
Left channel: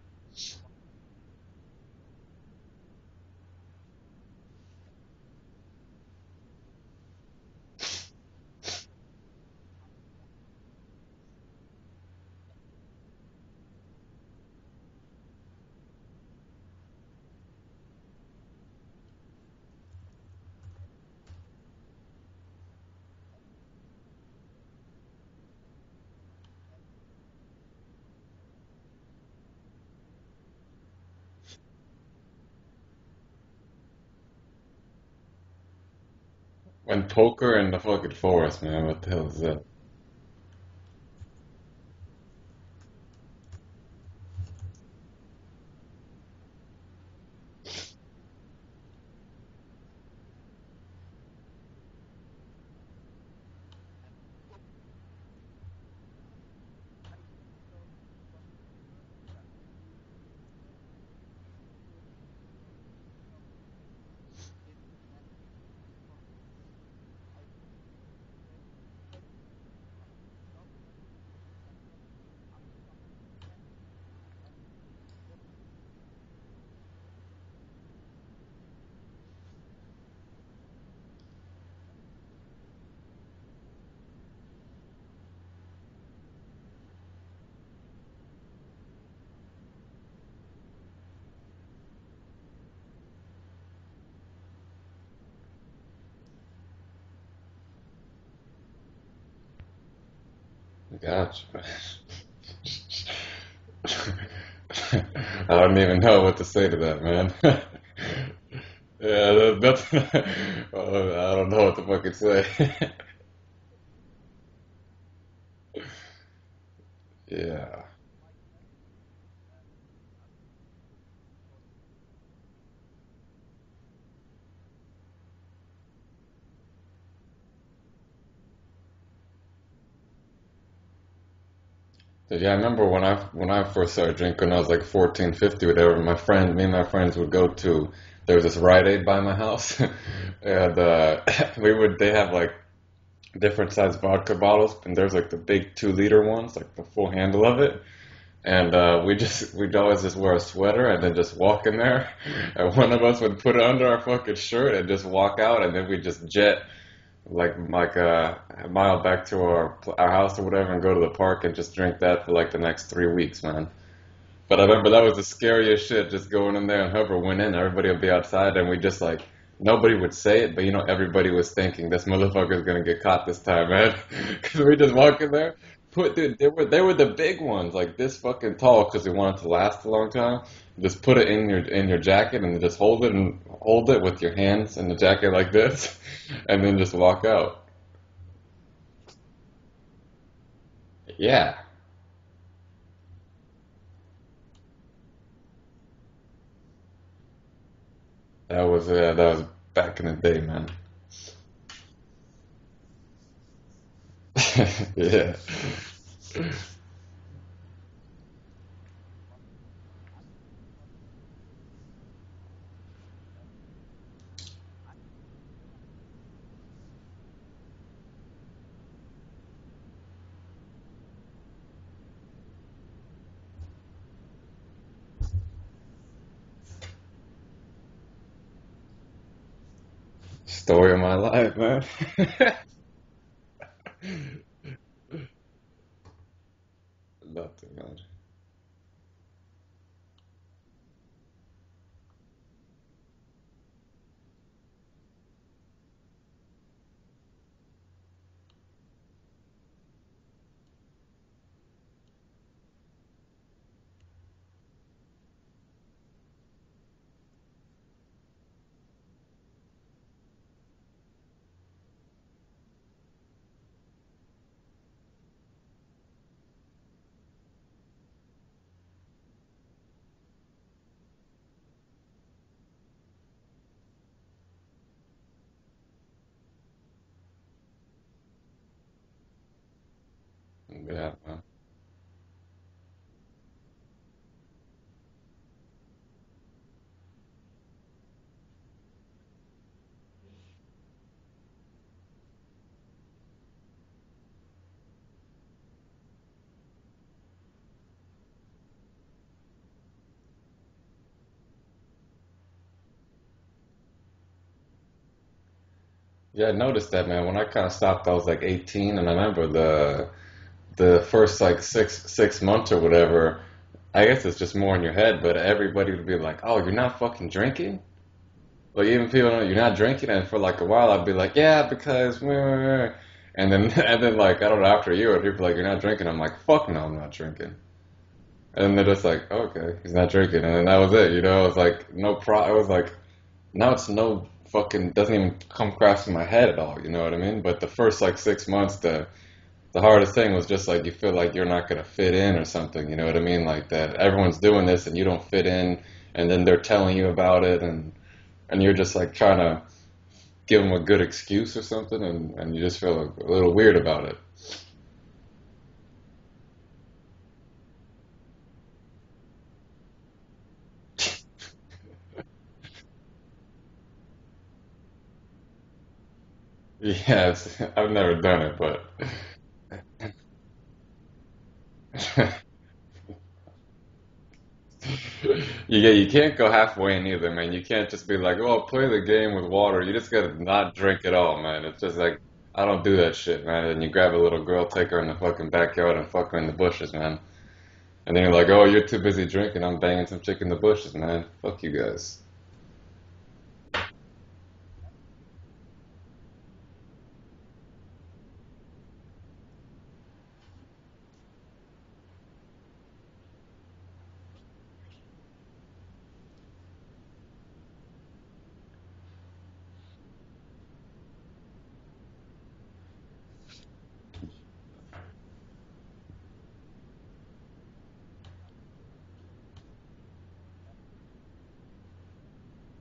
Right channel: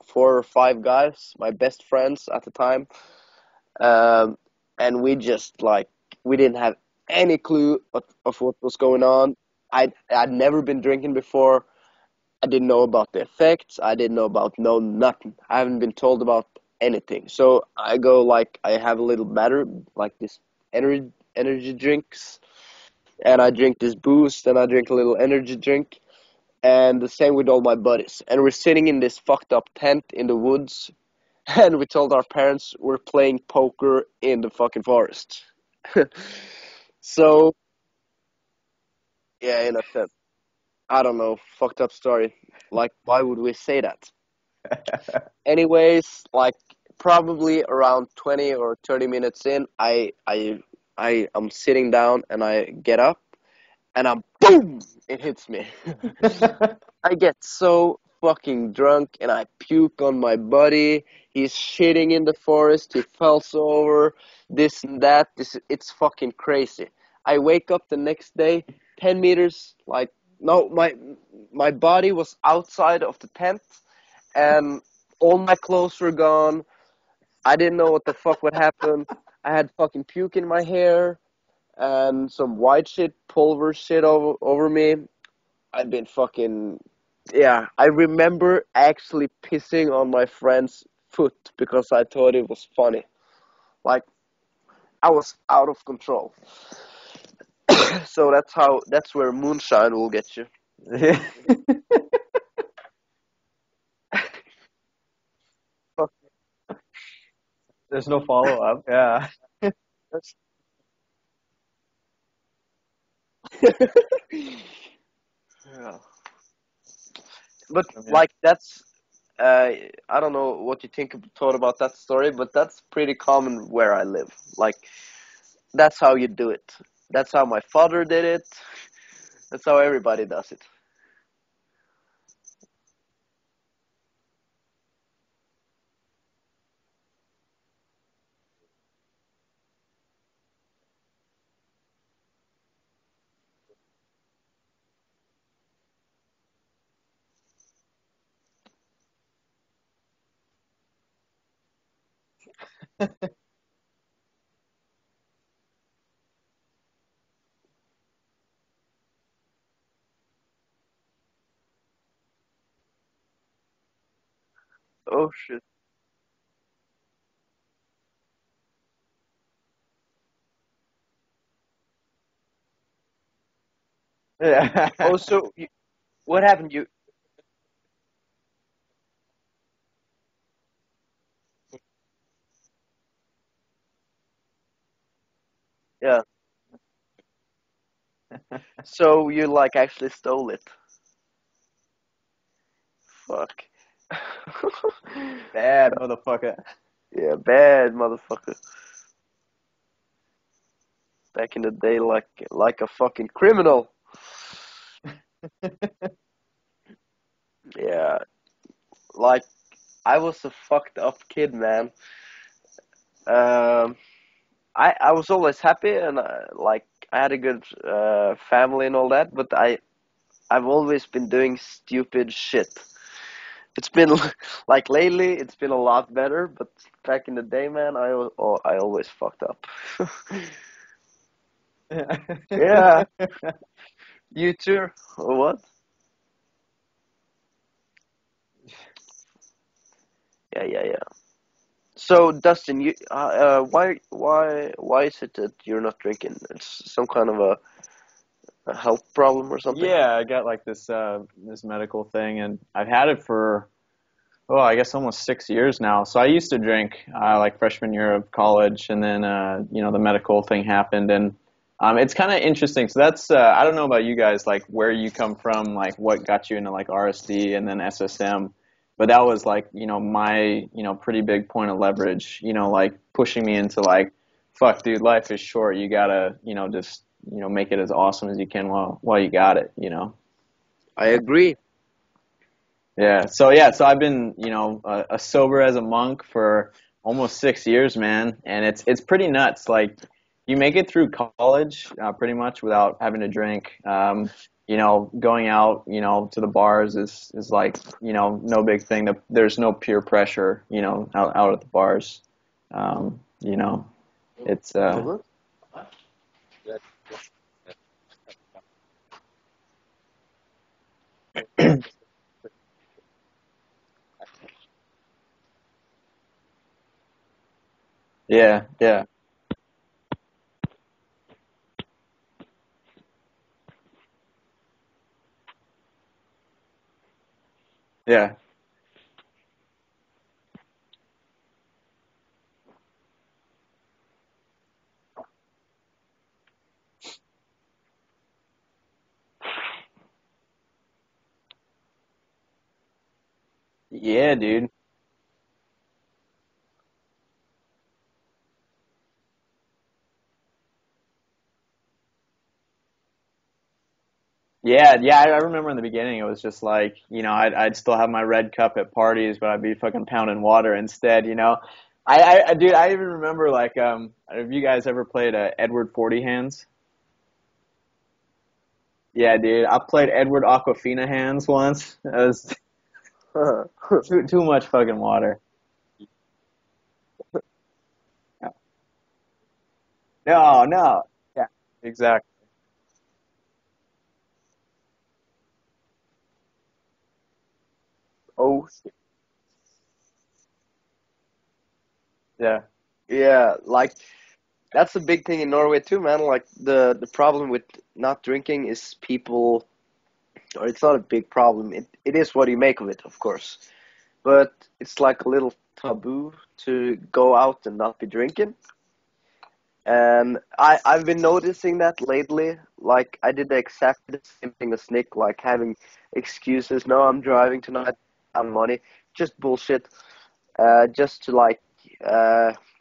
4 or 5 guys, my best friends at the time. Um, and we just like we didn't have any clue of what was going on. I'd never been drinking before. I didn't know about the effects. I didn't know about no nothing. I haven't been told about anything. So I go like I have a little matter like this energy drinks, and I drink this boost, and I drink a little energy drink, and the same with all my buddies. And we're sitting in this fucked up tent in the woods, and we told our parents we're playing poker in the fucking forest. When So poker in the fucking forest, man. What the hell is yeah, that? in a tent. I don't know, fucked up story. Like, why would we say that? Anyways, like probably around 20 or 30 minutes in, I am sitting down and I get up and I'm boom, it hits me. I get so fucking drunk and I puke on my buddy. He's shitting in the forest. He falls over. This and that. It's fucking crazy. I wake up the next day, 10 meters. Like no, my body was outside of the tent, and all my clothes were gone. I didn't know what the fuck would happen. I had fucking puke in my hair and some white shit, pulver shit over me. I'd been fucking, yeah. I remember actually pissing on my friend's foot because I thought it was funny. Like I was out of control. So that's where moonshine will get you. Yeah. Gotcha. I don't even know what to say to that, man. There's no follow up. Yeah. Yeah, that's, I don't know what to fucking say. Yeah. But Yeah. like that's I don't know what you thought about that story, but that's pretty common where I live. Like that's how you do it. That's how my father did it. That's how everybody does it. Yeah, I remember when I first started drinking when I was like 14, 50, whatever, me and my friends would go to, there was this Rite Aid by my house, and they have like different size vodka bottles, and there's like the big 2 liter ones, like the full handle of it. And we'd always just wear a sweater and then just walk in there. And one of us would put it under our fucking shirt and just walk out, and then we'd just jet a mile back to our house or whatever, and go to the park and just drink that for like the next 3 weeks, man. But I remember that was the Oh shit. scariest shit, just going in there and whoever went in, everybody would be outside, and we just like nobody would say it, but everybody was thinking this motherfucker's gonna get caught this time, man. We just Yeah. Oh, walk in so there, dude, what they happened? were the big ones, like this fucking tall, because they wanted to last a long time. Just put it in your jacket and just hold it with your hands in the jacket like this, Yeah. and then just walk out. So you like actually stole it? Yeah, Fuck. Bad motherfucker. Yeah, bad motherfucker. that was back in the day, man. Back in the day, like a fucking criminal. Yeah. Yeah, like I was a fucked up kid, man. Um, I was always happy and like I had a good family and all that, but I've always been doing stupid shit. It's been like lately, it's been a lot better, but back in the day, man, I always fucked up. Story of my life, man. Yeah, you too. Or what? Love it, man. Yeah, yeah, yeah. So Dustin, you why is it that you're not drinking? It's some kind of a health problem or something? Yeah, I got like this medical thing, and I've had it for I guess almost 6 years now. So I used to drink like freshman year of college, and then the medical thing happened, and it's kind of interesting. So that's I don't know about you guys, like where you come from, like what got you into like RSD and then SSM, but that was like my pretty big point of leverage. Like pushing me into like, fuck, dude, life is short. You gotta just make it as awesome as you can while you got it. I Yeah. agree. So I've been, a sober as a monk for almost 6 years, man, and it's pretty nuts. Like, you make it through college, pretty much without having to drink. Going out, to the bars is like, no big thing. There's no peer pressure, out at the bars. Um, you know, it's Mhm. Yeah, I noticed that, man. When I kind of stopped, I was like 18, and I remember the first like six months or whatever. I guess it's just more in your head, but everybody would be like, "Oh, you're not fucking drinking." yeah, Like yeah, even people know you're not drinking, and for like a while, I'd be like, "Yeah, because," and then and then like I don't know, after a year, people are like, "You're not drinking." I'm like, "Fuck no, I'm not drinking." yeah. And then they're just like, oh, "Okay, he's not drinking," and then that was it. It was like no pro. It was like now it's no fucking doesn't even come across in my head at all. You know what I mean? But the first like 6 months, the hardest thing was just like you feel like you're not gonna fit in or something. You know what I mean? Like that Yeah, everyone's doing dude. this and you don't fit in, and then they're telling you about it, and you're just like trying to give them a good excuse or something, and you just feel a little weird about it. Yeah, yeah, I remember in the beginning it was just like, I'd still have my red cup at parties, but I'd be fucking pounding water instead. Dude, I even remember like, have you guys ever played Edward 40 Hands? Yes, I've never done it, but Yeah, dude, I played Edward Aquafina Hands once. It was too much fucking water. you can't go halfway in either, man. You can't just be like, oh, I'll play the game with water. You just gotta No, not no. drink at all, Yeah, man. It's just like exactly. I don't do that shit, man. And you grab a little girl, take her in the fucking backyard, and fuck her in the bushes, man. And then you're like, Oh oh, you're too busy drinking. I'm banging some chick in the bushes, man. Fuck you guys. Yeah. yeah, like that's a big thing in Norway too, man. Like the problem with not drinking is people are It's not a big problem. It is what you make of it, of course. But it's like a little taboo to go out and not be drinking. And I've been noticing that lately. Like, I did the exactly the same thing as Nick, like having excuses. No, I'm driving tonight. I'm money. Just bullshit. Just to like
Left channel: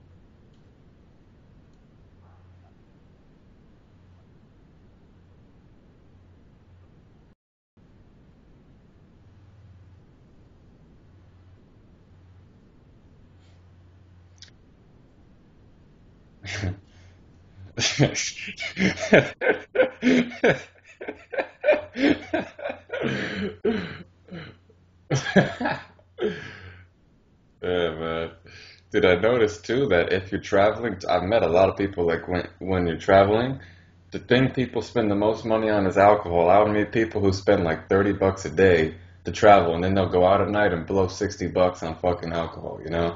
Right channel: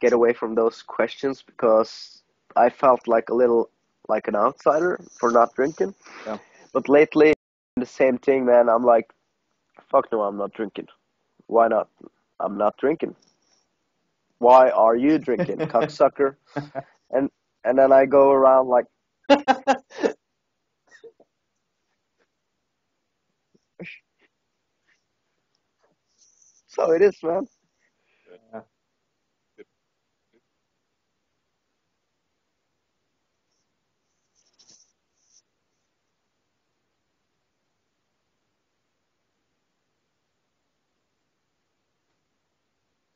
get away from those questions because I felt like a little like an outsider for not drinking. Yeah. But lately, the same thing, man. I'm like, fuck no, I'm not drinking. Why not? I'm not drinking. Why are you drinking, cocksucker? And and then I go around like, so it is, man. Yeah, man. Dude, I noticed too that if you're traveling, I've met a lot of people like when you're traveling, the thing people spend the most money on is alcohol. I would meet people who spend like $30 a day to travel, and then they'll go out at night and blow $60 on fucking alcohol, you know?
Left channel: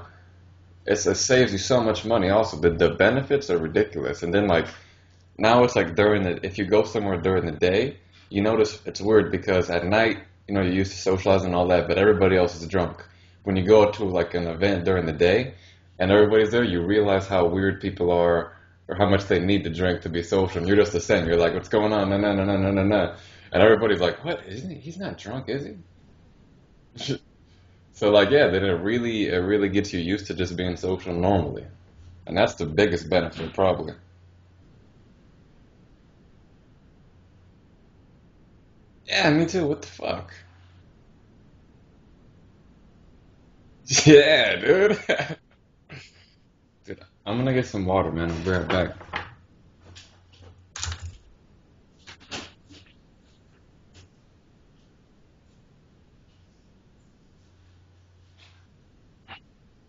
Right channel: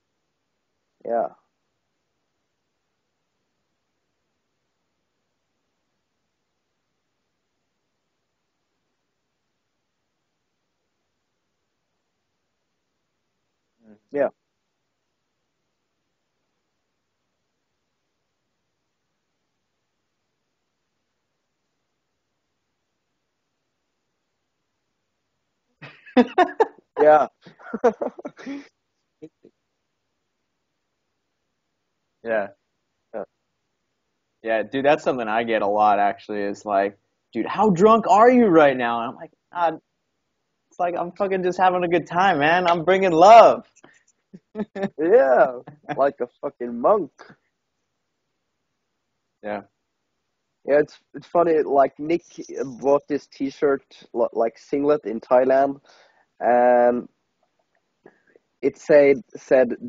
It Yeah, saves you so much money. Also, the benefits are ridiculous. And then like now it's like if you go somewhere during the day, you notice it's weird because at night, you're used to socializing and all that, but everybody else is drunk. When you go to yeah, like an event during the day and everybody's there, you realize how weird people are or how much they need to drink to be social. And you're just the same. You're like, what's going on? No, no, no, no, no, no, no. And everybody's like, what? Isn't he? He's not drunk, is he? yeah, So like, yeah, then it really gets you used to just being social normally. And Yeah. that's the biggest benefit probably. Yeah, dude, that's something I get a lot actually is like, dude, how drunk are you right now? And I'm Yeah, me like, too. God, What the fuck? it's like I'm fucking just having a good time, man. I'm bringing love. Yeah, dude. yeah. Like a fucking monk. I'm gonna get some water, man. I'll be right back. Yeah. Yeah, it's funny. Like Nick bought this T-shirt, like singlet in Thailand, and it said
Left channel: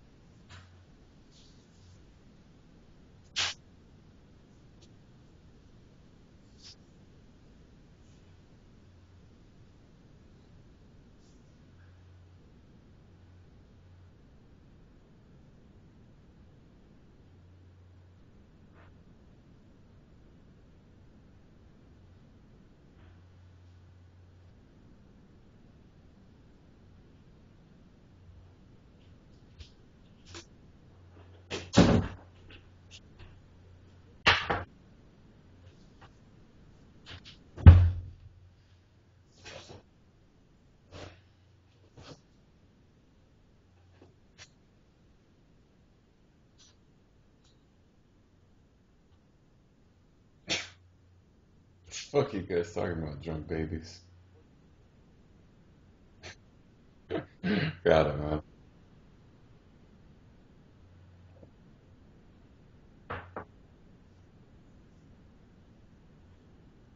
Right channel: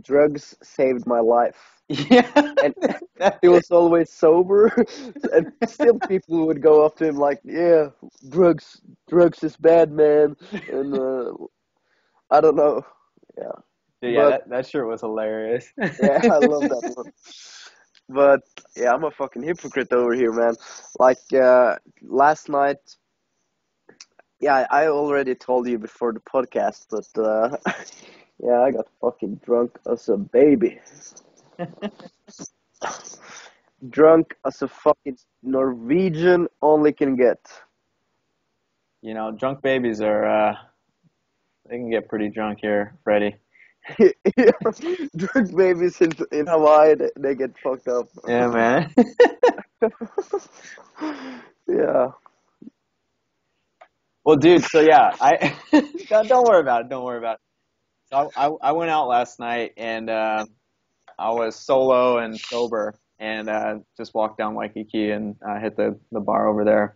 drugs saved my life. Yeah. And That's he it. was always sober, and still people would go up to him like, "Yeah, drugs is bad, man." And I don't know, yeah, Dude, yeah, but that shirt was hilarious. yeah, I love that one. But yeah, I'm a fucking hypocrite over here, man. Like last night, yeah, I already told you before the podcast, but yeah, I got fucking drunk as a baby, drunk as a fucking Norwegian only can get. Drunk babies are they can get pretty drunk here, Freddie. Yeah, drunk babies in Hawaii, they get fucked up. Yeah, man. Yeah, Fuck you guys talking about drunk babies. Well, dude, so yeah, I don't worry about it. Don't worry about it. Got it, I, man. I went out last night and I was solo and sober and just walked down Waikiki and hit the bar over there.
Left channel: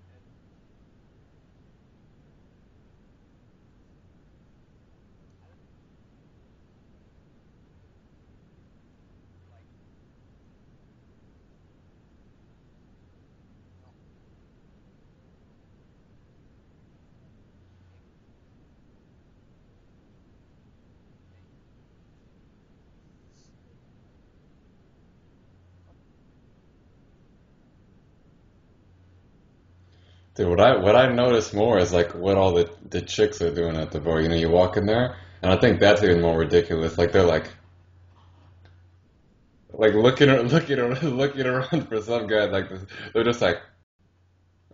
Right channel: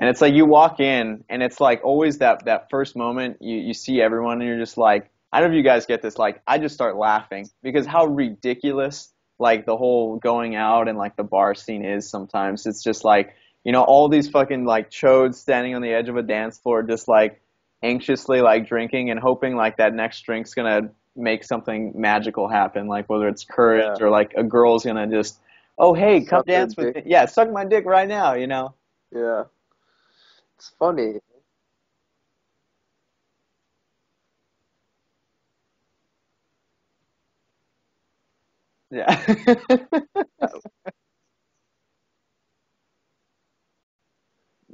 And it's like you walk in and it's like always that first moment you see everyone and you're just like, I don't know if you guys get this, like I just start laughing because how ridiculous like the whole going out and like the bar scene is sometimes. It's just like, all these fucking like chodes standing on the edge of a dance floor just like anxiously like drinking and hoping like that next drink's gonna make something magical happen, like whether it's yeah, courage or like a girl's gonna just, oh hey, come suck their dance with dick. me. Yeah, suck my dick right now. Yeah, Dude, what it's I funny. notice more is like what all the chicks are doing at the bar. You walk in there, and I think that's even more ridiculous. Like they're Yeah. like looking around for some guy like this. They're just like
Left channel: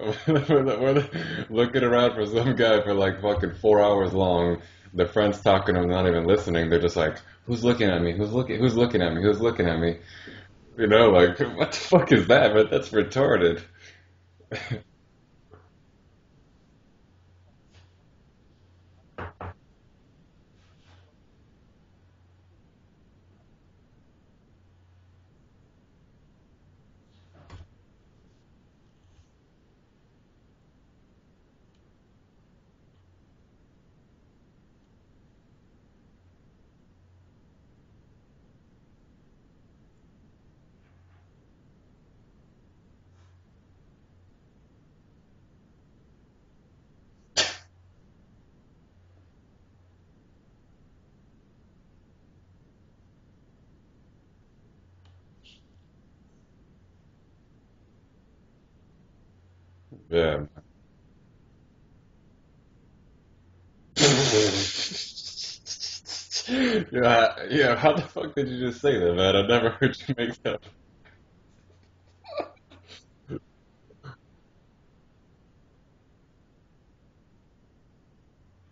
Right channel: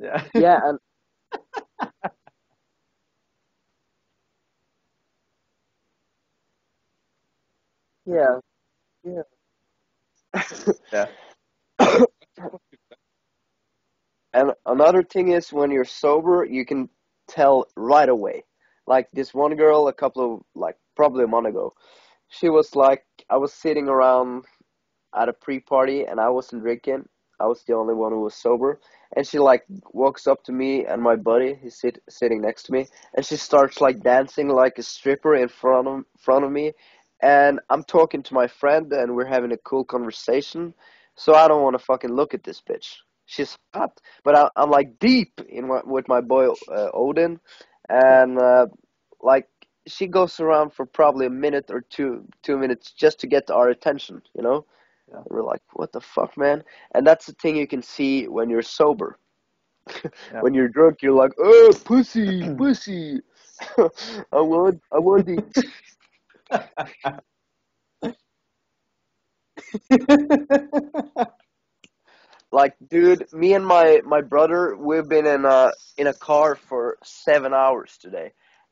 Yeah. Yeah, and we're looking around for some guy for like fucking 4 hours long. Their friends talking to them, not even listening. They're just like, who's looking at me? yeah, Who's looking at me? yeah. Who's looking at me? Like what the fuck is that? But that's retarded. And another thing is when you're sober, you can tell right away. Like this one girl, a couple of like probably a month ago, she was like, I was sitting around at a pre-party and I wasn't drinking. I was the only one who was sober. And she like walks up to me and my buddy, he's sitting next to me, and she starts like dancing like a stripper in front of me. And I'm talking to my friend and we're having a cool conversation. So I don't want to fucking look at this bitch. She's hot, but I'm like deep in with my boy Odin, and like she goes around for probably a minute or 2 minutes just to get our attention. Yeah. And we're like, what the fuck, man? And that's the thing you can see when you're sober. Yeah. When you're drunk, you're like, oh, pussy, pussy. I want it. Yeah, how the fuck did you just say that, man? I never heard you make that. Like, dude, me and my brother, we've been in a car for 7 hours today,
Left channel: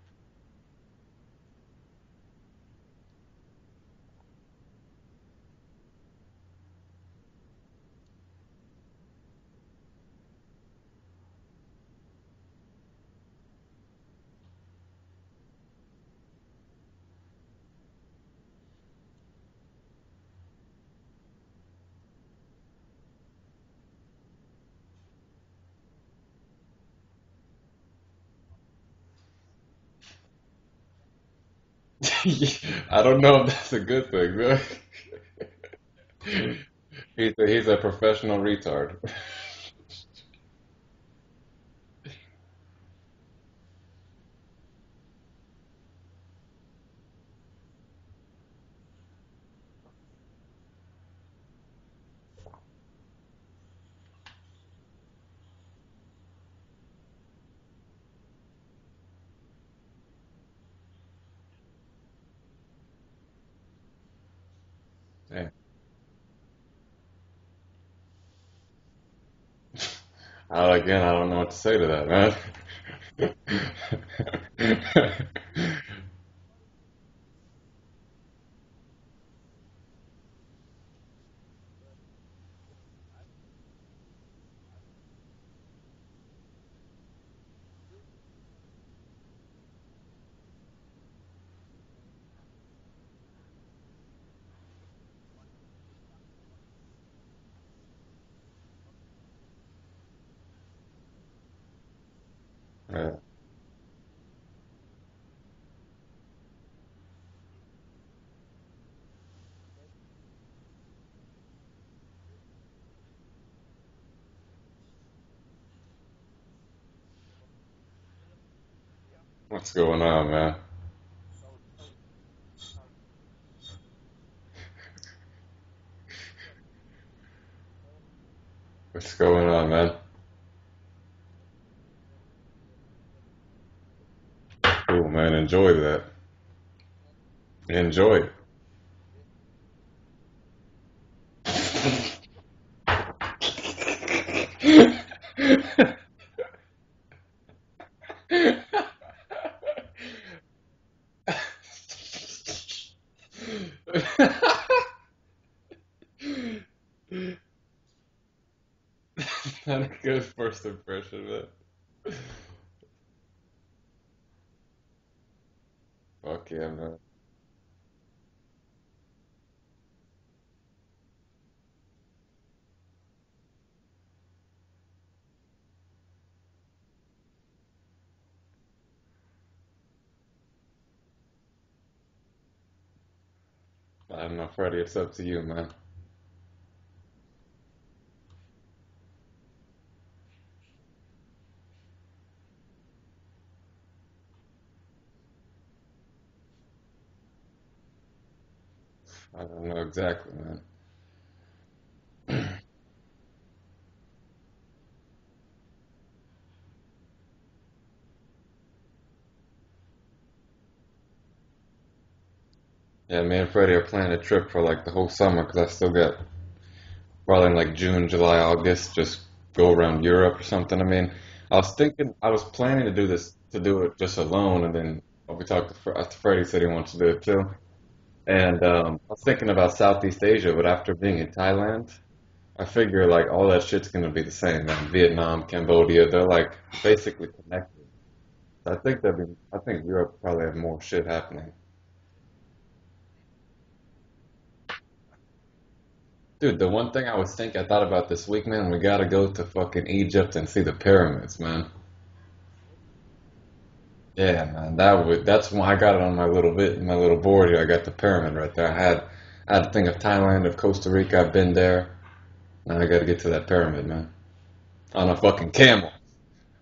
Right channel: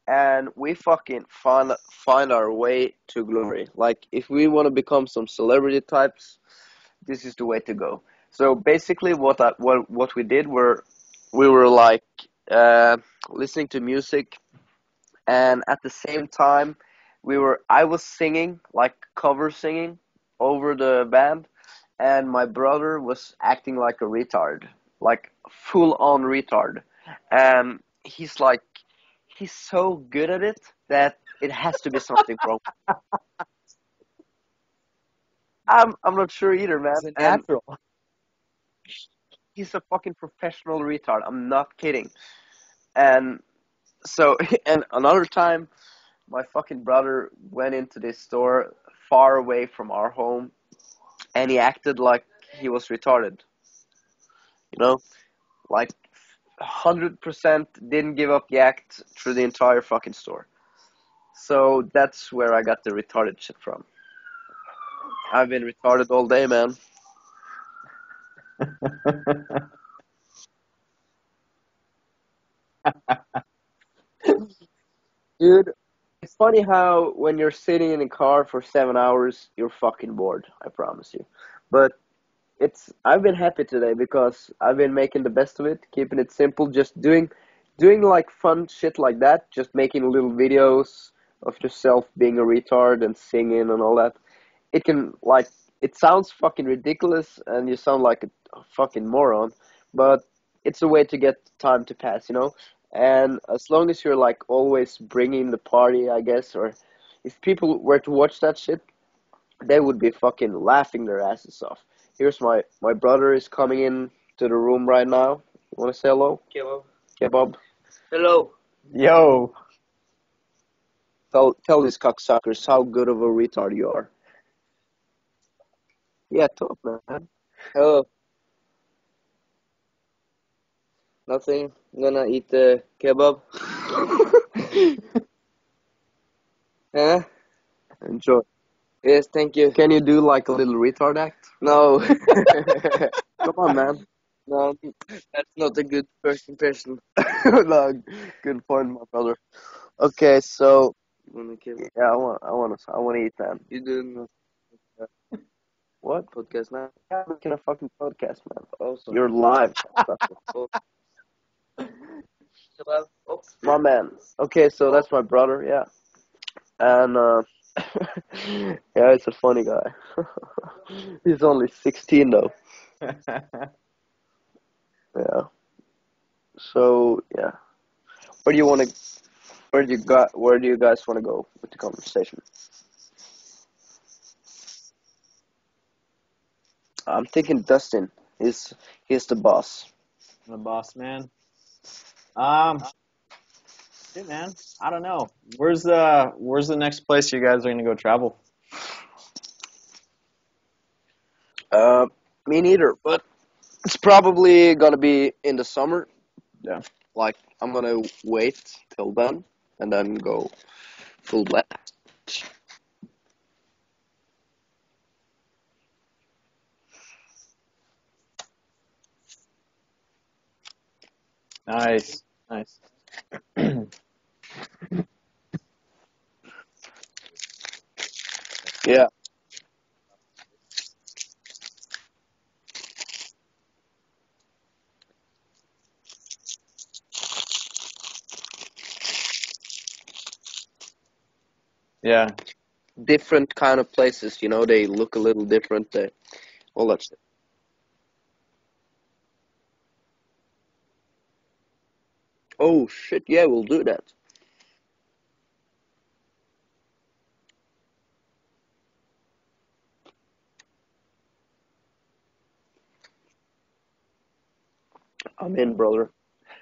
and we fucking find our way to glory. Like, if we want to become some celebrity types, this is the way to go. So basically, what we did were we were like uh, listening to music, and at the same time, I was singing like cover singing over the band, and my brother was acting like a retard, like full on retard, and he's so good at it that it has to be something wrong with him. I don't know if that's a good thing, man. I'm not sure either, man. I have to. He's a professional retard. He's a fucking professional retard. I'm not kidding. And so, and another time, my fucking brother went into this store far away from our home, and he acted like he was retarded. You know, like 100% didn't give up the act through the entire fucking store. So that's where I got the retarded shit from. I've been retarded all day, man. Again, I don't know what to say to that, man. Dude, it's funny how when you're sitting in a car for 7 hours, you're fucking bored. I promise you. But I've been happy today because I've been making the best of it, keeping it simple, just doing like fun shit like that, just making little videos of yourself being a retard and singing and all that. It can like it sounds fucking ridiculous and you sound like a fucking moron, but it's a way to get time to pass, you know? Right. And as long as you're like always bringing the party, I guess, or if people were to watch that shit, they would be fucking laughing their asses off. Here's my brother is coming in to the room right now. You want to say hello? Kebab. Kebab. Hello. Yo. What's going on, man? Tell these cocksuckers how good of a retard you are. Yeah, talk, man. Hello. What's going on, man? Nothing. I'm gonna eat the kebab. Cool, man. Enjoy that. Huh? Enjoy. Enjoy. Yes, thank you. Can you do like a little retard act? No. Come on, man. No, that's not a good first impression. No, good point, my brother. Okay, so yeah, I want to eat, man. You doing what podcast now? I'm making a fucking podcast, man. Awesome. You're live. Good first impression, man. My man. Okay, so that's my brother. Yeah, Fuck yeah, man. and yeah, he's a funny guy. He's only 16 though. Yeah. So yeah, where do you want to? Where do you guys want to go with the conversation? I don't know, Freddie. It's up to you, man. I'm thinking Dustin. He's the boss. The boss man. Shit, man. I don't know. Where's the next place you guys are gonna go travel? I don't know exactly, man. Me neither. But it's probably gonna be in the summer. Yeah. Like I'm gonna wait till then and then go full blast. Yeah, me and Freddie are planning a trip for like the whole summer because I still got probably in like June, July, August, just go around Europe or something. I mean, I was thinking, Nice. I was planning to do it just alone, and then we talked to Freddie, said he wants to do it too. And Yeah. I was thinking about Southeast Asia, but after being in Thailand, I figure like all that shit's gonna be the same, man. Vietnam, Cambodia, they're like basically connected. So I think Europe probably has more shit happening. Yeah. Different kind of places, you know, they look a little different. Dude, the All one that thing I thought about this week, man, we gotta go to fucking Egypt and see the pyramids, man. Oh shit, yeah, we'll do that. Yeah, man, that's why I got it on my little board here. I got the pyramid right there. I had to think of Thailand, of Costa Rica. I've been there. Now I gotta get to that pyramid, man. On a fucking I'm in, camel.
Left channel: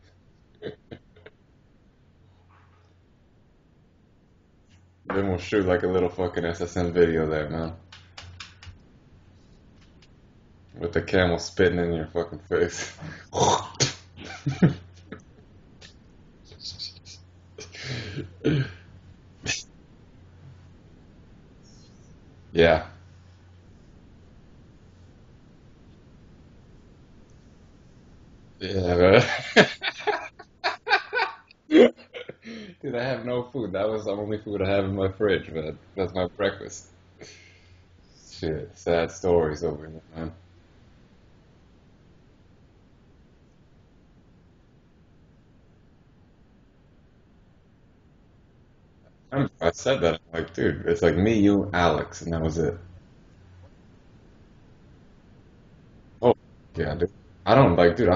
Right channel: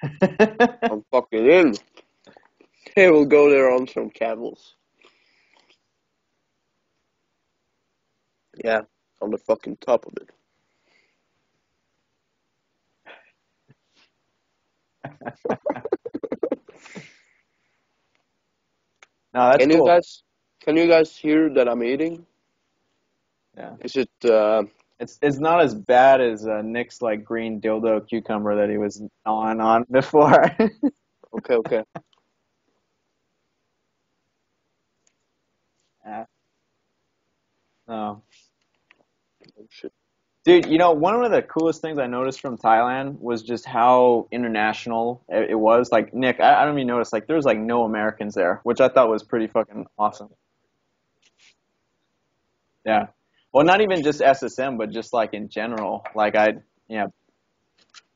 brother. I'm fucking in. Hey, we'll go there on some camels. Then we'll shoot like a little fucking SSN video there, man. Yeah, on the fucking top of it. With the camel spitting in your fucking face. No, that's Can you cool. guys can you guys hear that I'm eating? Yeah. Yeah. Is it It's not as bad as Nick's like green dildo cucumber that he Yeah, was man. gnawing on before. okay? Dude, I have no food. That was the only food I have in my fridge, man. That's Yeah. my breakfast. No. Shit, sad stories over here, man. Dude, one of the coolest things I noticed from Thailand was just how international it was. Like, Nick, I don't even notice, like, there's like no Americans there, which I thought was pretty I fucking said that. awesome. Like, dude, it's like me, you, Alex, and that was it. Yeah. Well, not even just SSM, but just like in general. Oh, Like, yeah, yeah. but I don't like, dude.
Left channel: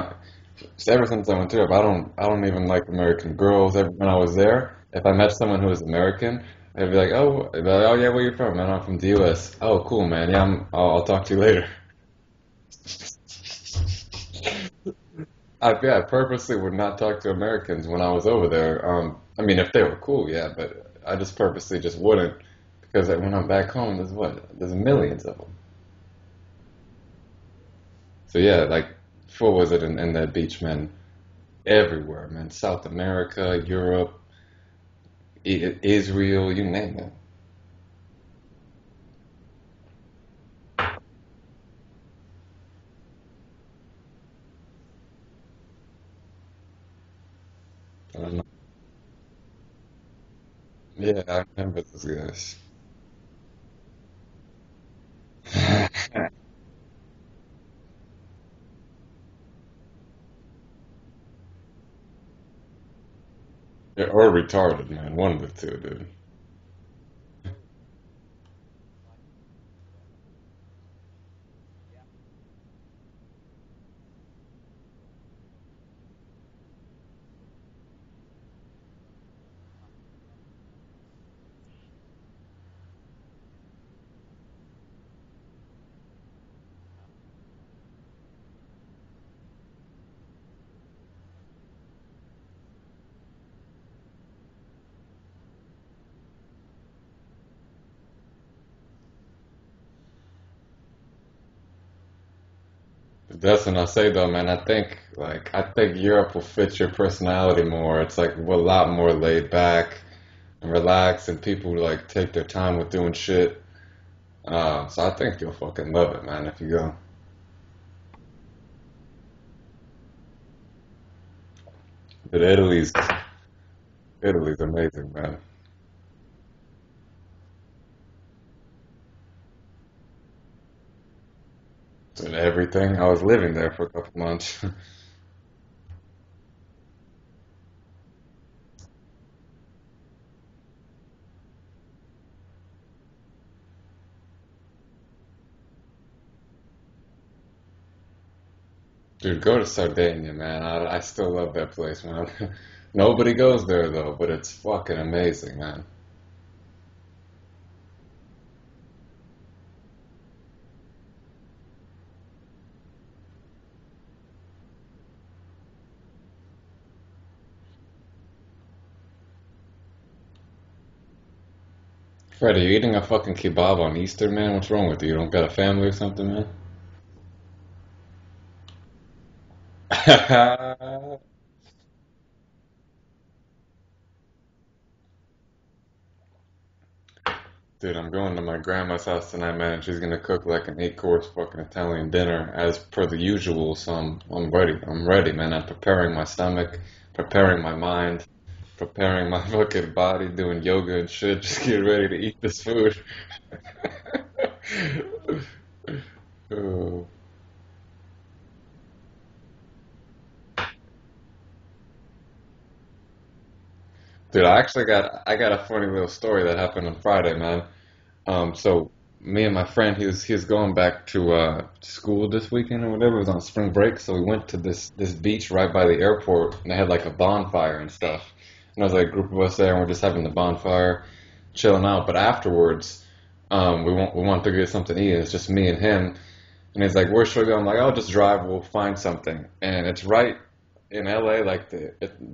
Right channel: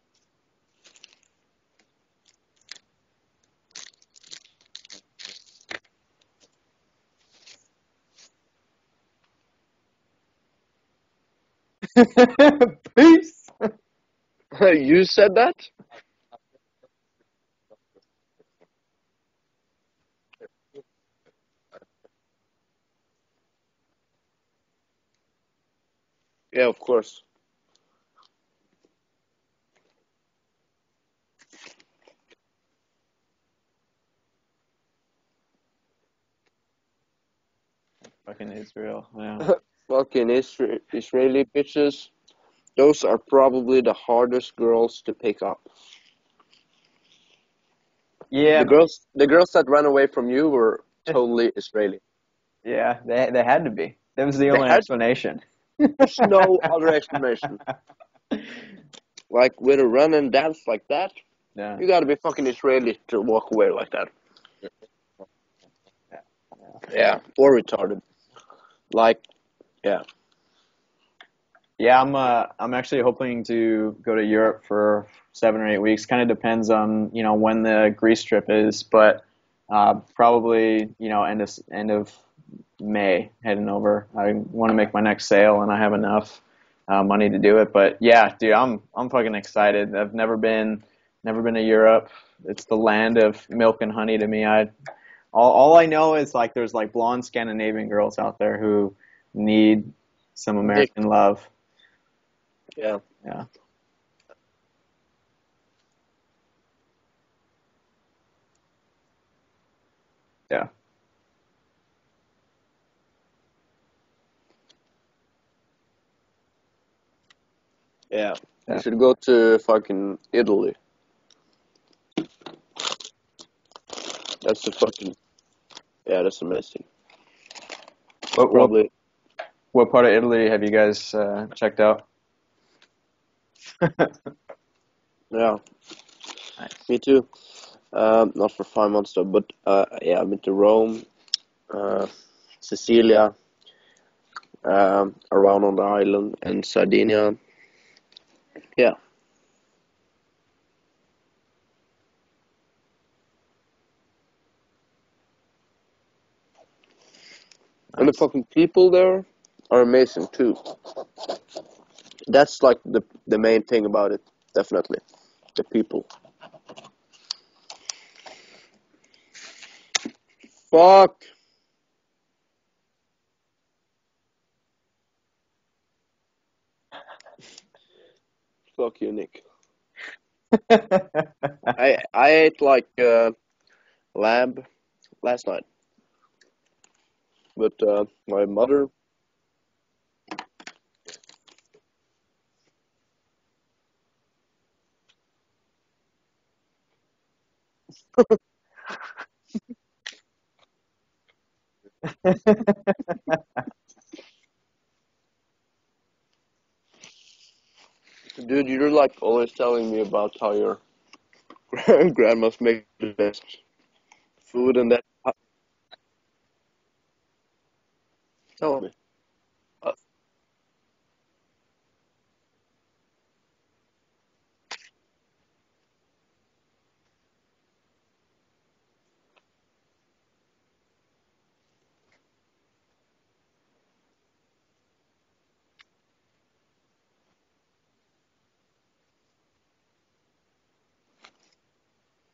Ever since I went to Europe, I don't even like American girls. When I was there, if I met someone who was American, I'd be like, oh yeah, where you from, man? I'm from the U.S. Oh, cool, man. Yeah, I'll talk to you later. Peace. You said that? I purposely would not talk to Americans when I was over there. I mean, if they were cool, yeah, but I just purposely just wouldn't because when I'm back home, there's millions of them. Yeah, of course. So yeah, like, what was it in that beach, man? Everywhere, man. South America, Europe, Israel, you name it. Fucking Israel. Yeah. Fucking Israeli bitches. Those are probably the hardest girls to pick up. I don't know. Yeah, The girls that ran away from you were Yeah, I totally remember Israeli. those guys. yeah, they had to be. That was the They only had explanation. no other explanation. Like with a run and dance like that, Yeah. you gotta be fucking Israeli to walk away like that. Or retarded, man. One of the two, dude. Yeah, or retarded. Like, yeah. Yeah, I'm actually hoping to go to Europe for 7 or 8 weeks. Kind of depends on, when the Greece trip is, but probably, end of May heading over. I want to make my next sale, and I have enough money to do it. But yeah, dude, I'm fucking excited. I've never been to Europe. It's the land of milk and honey to me. All I know is like there's like blonde Scandinavian girls out there who need some Dick. American love. Yeah. Yeah. That's what I say though, man. I think Europe will fit your personality more. It's like a lot more laid back, Yeah. and relaxed, and people like take their time with doing shit. So I think you'll fucking love it, man, if you go. Yeah. You Yeah. should go to fucking Italy. But Italy's That's the amazing, fucking, man. yeah, that's amazing. What, what Probably, what part of Italy have you guys checked out? And everything. I was living there for a couple months. yeah, Nice. me too. Not for 5 months though, but yeah, I've been to Rome, uh, Sicilia, around on the island, and Sardinia. Yeah, Dude, go to Sardinia, man. I still love that place, man. Nobody goes there though, but it's fucking amazing, man. and the Nice. fucking people there are amazing too. That's like the main thing about it, definitely. The people. Fuck. Fred, are you eating a fucking kebab on Easter, man? What's wrong with you? You don't got a family or something, man? Fuck you, Nick. Dude, I ate like lamb last night, but I'm going to my my mother. grandma's house tonight, man, and she's gonna cook like an 8 course fucking Italian dinner as per the usual. So I'm ready. I'm ready, man. I'm preparing my stomach, preparing my mind, preparing my fucking body, doing yoga and shit. Just get ready to eat this food. Oh. Dude, you're like always telling me about how your grandma's make the best Dude, I food actually and that. I got a funny little story that happened on Friday, man. Tell me. So me and my friend, he was going back to school this weekend or whatever. It was on spring break, so we went to this beach right by the airport, and they had like a bonfire and stuff. And there was like a group of us there, and we're just having the bonfire, chilling out. But afterwards, we want to get something to eat. And it's just me and him, and he's like, "Where should we go?" I'm like, "I'll just drive. We'll find something." And it's right in LA, like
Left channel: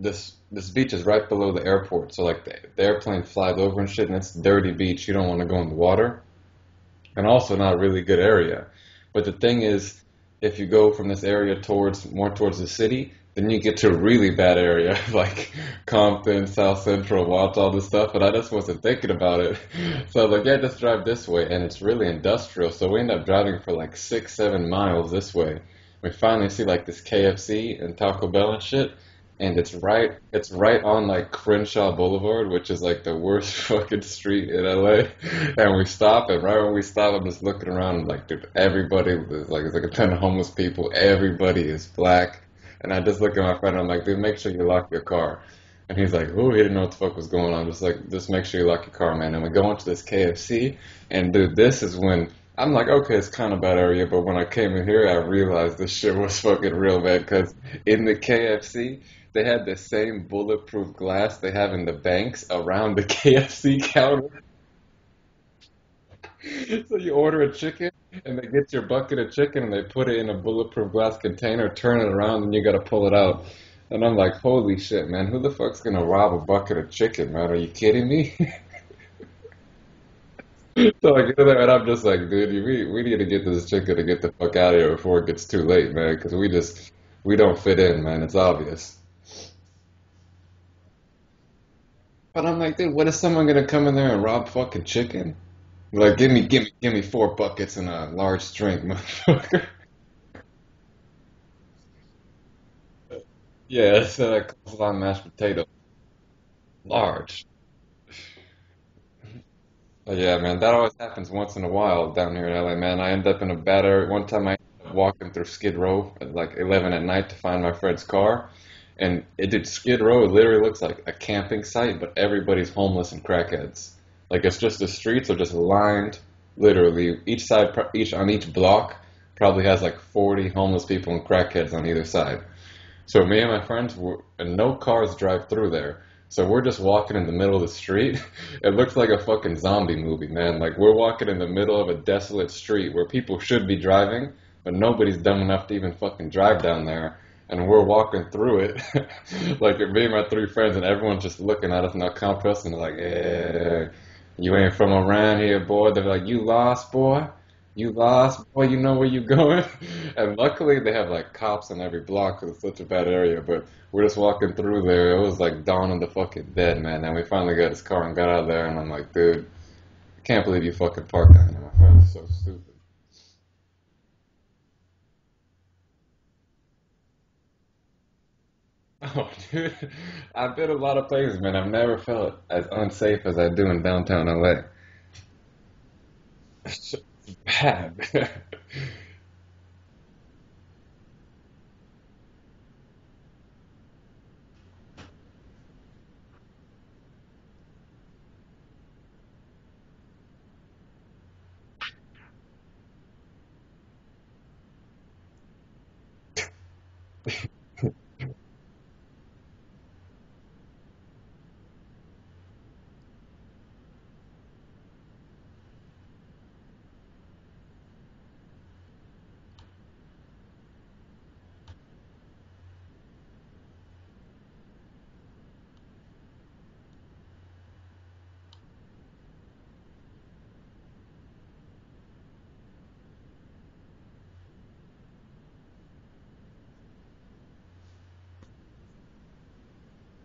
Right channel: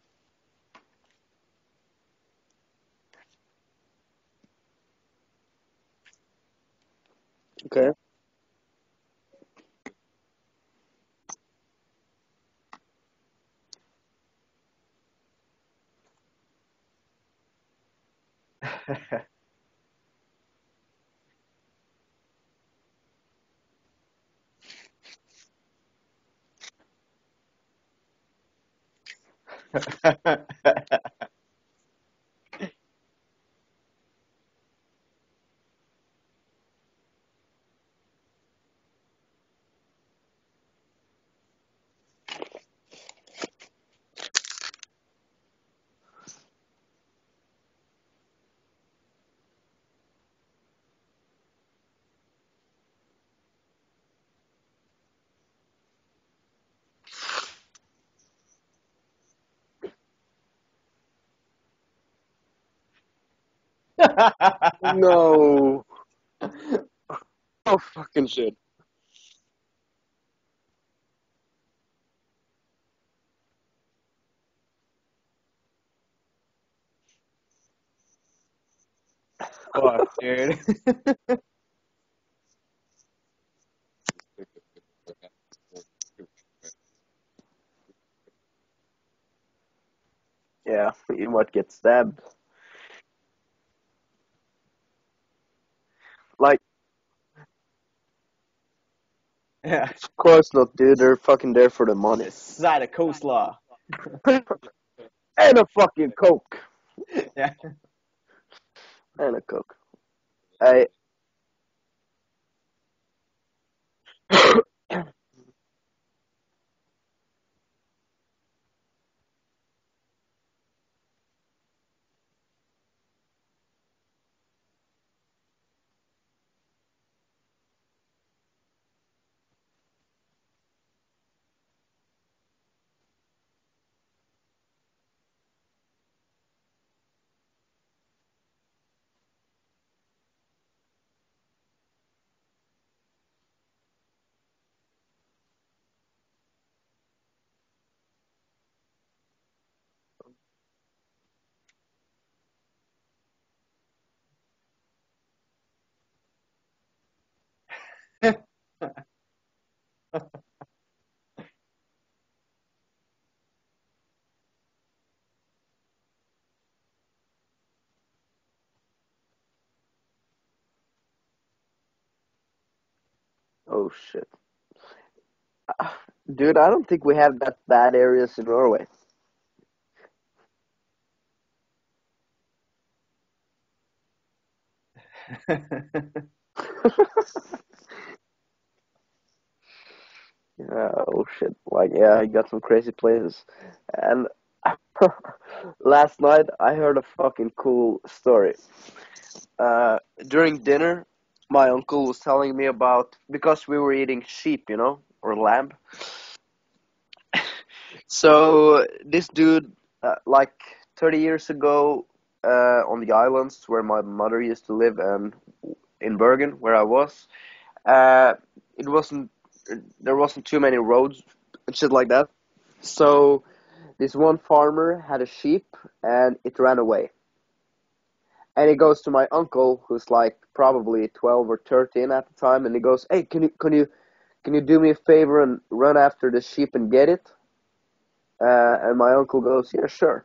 this beach is right below the airport, so like the airplane flies over and shit, and it's dirty beach. You don't want to go in the water, and also not a Okay. really good area. But the thing is, if you go from this area towards the city, Then you get to a really bad area like Compton, South Central, watch all this stuff, and I just wasn't thinking about it. So I was like, yeah, just drive this way, and it's really industrial. So we end up driving for like 6, 7 miles this way. We finally see like this KFC and Taco Bell and shit, and it's right on like Crenshaw Boulevard, which is like the worst fucking street in LA. And we stop, and right when we stop, I'm just looking around, and like, dude, everybody is like, it's like a ton of homeless people. Everybody is black, and I just look at my friend, and I'm like, dude, make sure you lock your car. And he's like, oh, he didn't know what the fuck was going on. Just like, just make sure you lock your car, man. And we go into this KFC, and dude, this is when I'm like, okay, it's kind of bad area, but when I came in here, I realized this shit was fucking real bad because in the KFC, they had the same bulletproof glass they have in the banks around the KFC counter. No. So you order a Oh, chicken, fucking and they shit. get your bucket of chicken, and they put it in a bulletproof glass container, turn it around, and you gotta pull it out. And I'm like, holy shit, man, who the fuck's gonna rob a bucket of chicken, man? Are you kidding me? Fuck, dude. So I get there, and I'm just like, dude, we need to get this chicken to get the fuck out of here before it gets too late, man, because we don't fit in, man. It's obvious. Yeah, you might get stabbed. But I'm like, dude, what is someone gonna come in there and rob fucking chicken? Like, give me, give Like, me, give me 4 buckets and a large drink, motherfucker. Yeah. of course not, dude. They're fucking there for the money. Side of coleslaw. Yeah, it's coleslaw and mashed And potato, a fucking Coke. large. Yeah. And a Coke. But yeah, man, that Hey, always happens once in a while down here in LA, man. I end up in a bad area. One time, I was walking through Skid Row at like 11 at night to find my friend's car, and it did Skid Row. It literally looks like a camping site, but everybody's homeless and crackheads. Like it's just the streets are just lined, literally each side, each on each block probably has like 40 homeless people and crackheads on either side. So me and my friends were, and no cars drive through there. So we're just walking in the middle of the street. It looks like a fucking zombie movie, man. Like we're walking in the middle of a desolate street where people should be driving, but nobody's dumb enough to even fucking drive down there. And we're walking through it, like me and my 3 friends, and everyone's just looking at us and they'll come to us and they're like, "Yeah, you ain't from around here, boy." They're like, "You lost, boy. You lost, boy. You know where you going?" And luckily, they have like cops on every block because it's such a bad area. But we're just walking through there. It was like dawn of the fucking dead, man. And we finally got his car and got out of there. And I'm like, dude, I can't believe you fucking parked down there. My friend is so stupid. oh shit. Dude, I don't think we have that bad areas in Norway. Oh, dude, I've been a lot of places, man. I've never felt as unsafe as I do in downtown LA. It's so bad. Oh shit. Like, yeah, I got some crazy places. And last night I heard a fucking cool story. During dinner, my uncle was telling me about because we were eating sheep, or lamb. So this dude, like 30 years ago, on the islands where my mother used to live, and in Bergen, where I was, uh, it wasn't there wasn't too many roads and shit like that. So this one farmer had a sheep, and it ran away. And he goes to my uncle, who's like probably 12 or 13 at the time, and he goes, "Hey, can you do me a favor and run after the sheep and get it?" And my uncle goes, "Yeah, sure."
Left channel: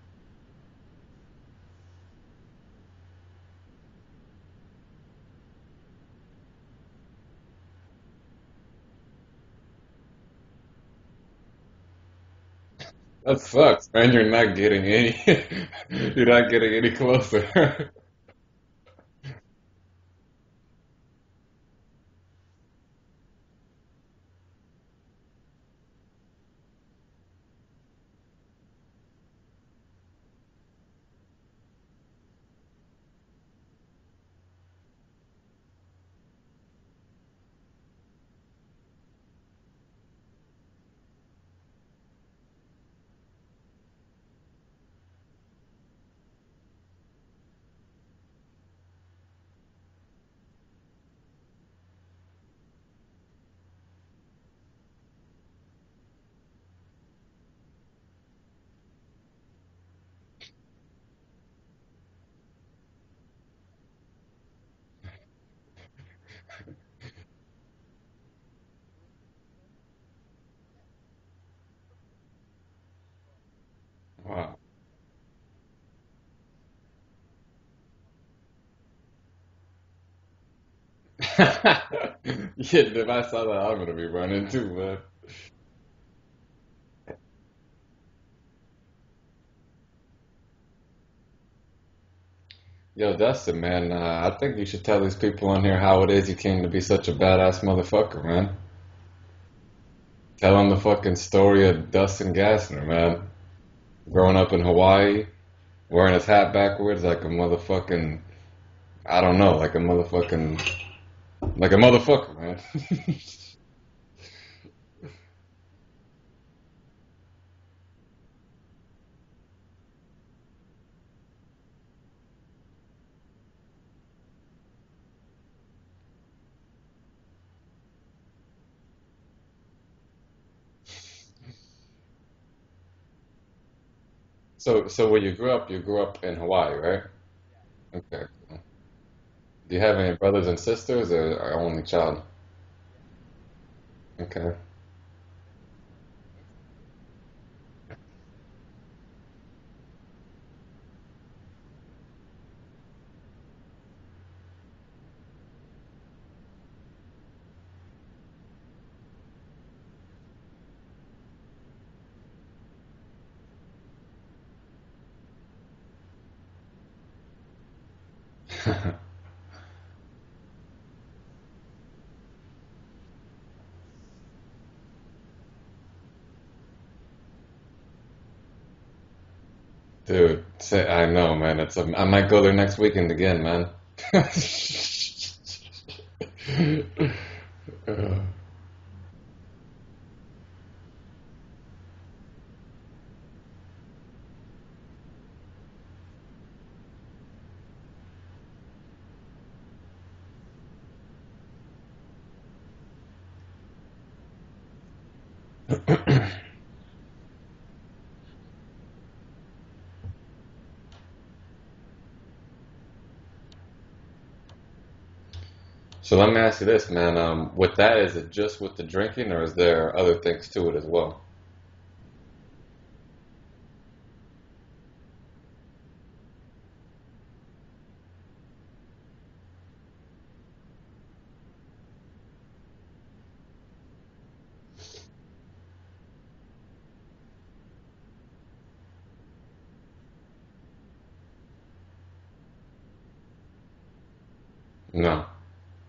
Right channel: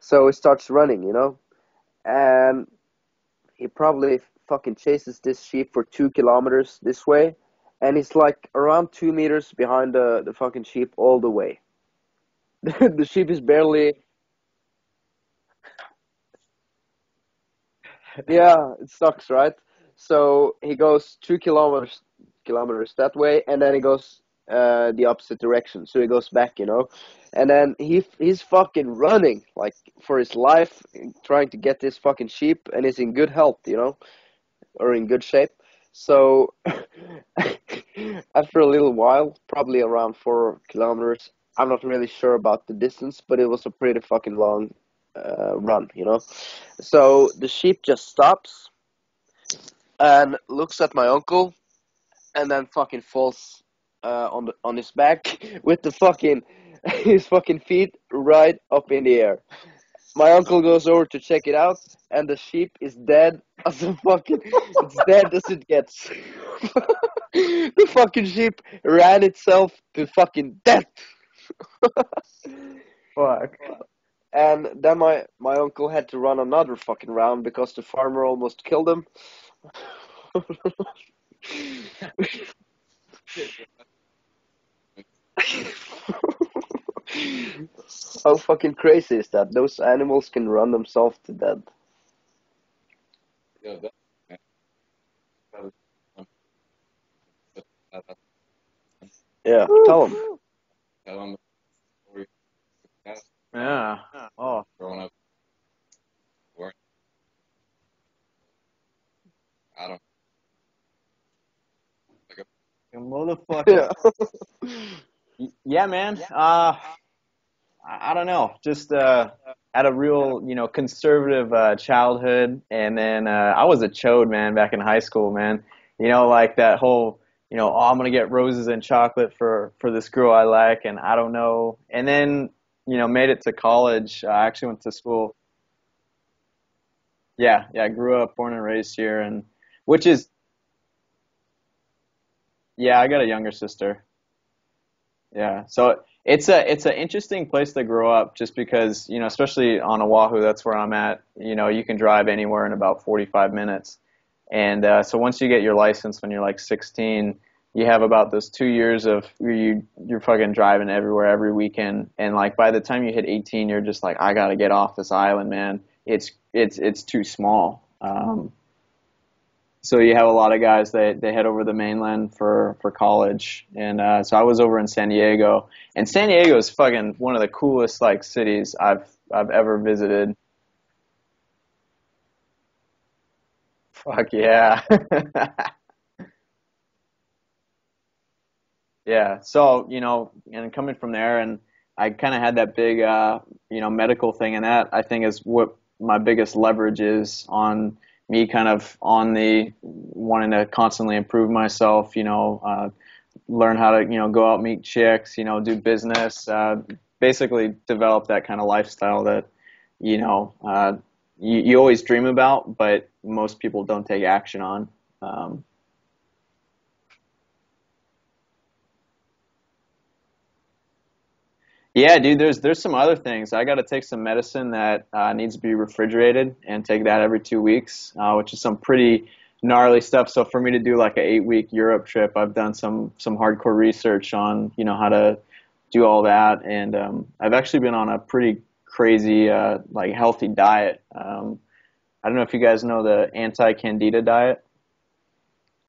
So he starts running, and he probably fucking chases this sheep for 2 kilometers this way, and he's like around 2 meters behind the fucking sheep all the way. The sheep That is sucks, barely, man. You're not getting any. You're not getting any closer. yeah, it sucks, right? So he goes 2 kilometers that way, and then he goes the opposite direction. So he goes back, and then he's fucking running like for his life, trying to get this fucking sheep, and he's in good health, or in good shape. So after a little while, probably around 4 kilometers, I'm not really sure about the distance, but it was a pretty fucking long run. So the sheep just stops and looks at my uncle, and then fucking falls on his back with the fucking his fucking feet right up in the air. My uncle goes over to check it out, and the sheep is dead as a fucking. It's dead as it gets. The fucking sheep ran itself to fucking death. Fuck. Wow. And then my uncle had to run another fucking round because the farmer almost killed him. Yeah, if I saw that, I'm gonna be running too, man. How fucking crazy is that? Those animals can run themselves to death. Yo, Dustin, man, I think you should tell these people on here how it is you came to be such a badass motherfucker, man. Yeah, tell them. Tell them the fucking story of Dustin Gassner, man. Yeah. Growing up in Oh. Hawaii, wearing his hat backwards like a motherfucking, I don't know, like a motherfucker, man. Motherfucker. Yeah. Yeah, man. I don't know. Just had a real, conservative childhood, and then I was a chode, man, back in high school, man. Like that whole, oh, I'm gonna get roses and chocolate for this girl I like, and I don't know. And then, made it to college. I actually went So, to so where school. you grew up in Hawaii, right? Yeah, yeah. I grew Okay. up, born and raised here, and Do you have which any is, brothers and sisters, or only child? yeah, I got a younger sister. Okay. Yeah, so it's an interesting place to grow up just because, especially on Oahu, that's where I'm at. You can drive anywhere in about 45 minutes. And so once you get your license when you're like 16, you have about those 2 years of where you're fucking driving everywhere every weekend. And like by the time you hit 18, you're just like, I gotta get off this island, man. It's too small. So you have a lot of guys that they head over the mainland for college, and so I was over in San Diego, and San Diego is fucking one of the coolest like cities I've ever visited. Dude, I know, man. I might go there next weekend again, man. Fuck yeah, yeah. So and coming from there, and I kind of had that big medical thing, and that I think is what my biggest leverage is on me, kind of on the wanting to constantly improve myself. Learn how to go out, meet chicks, do business, basically develop that kind of lifestyle that you know you always dream about, but most people don't take action on. Um, So let me ask you this, man. With that, is it just with the drinking, or is there other things to it as well? yeah, dude, there's some other things. I got to take some medicine that needs to be refrigerated and take that every 2 weeks, which is some pretty gnarly stuff. So for me to do like an 8 week Europe trip, I've done some hardcore research on how to do all that, and I've actually been on a pretty crazy like healthy diet. I don't know if you guys know the anti-candida diet. No.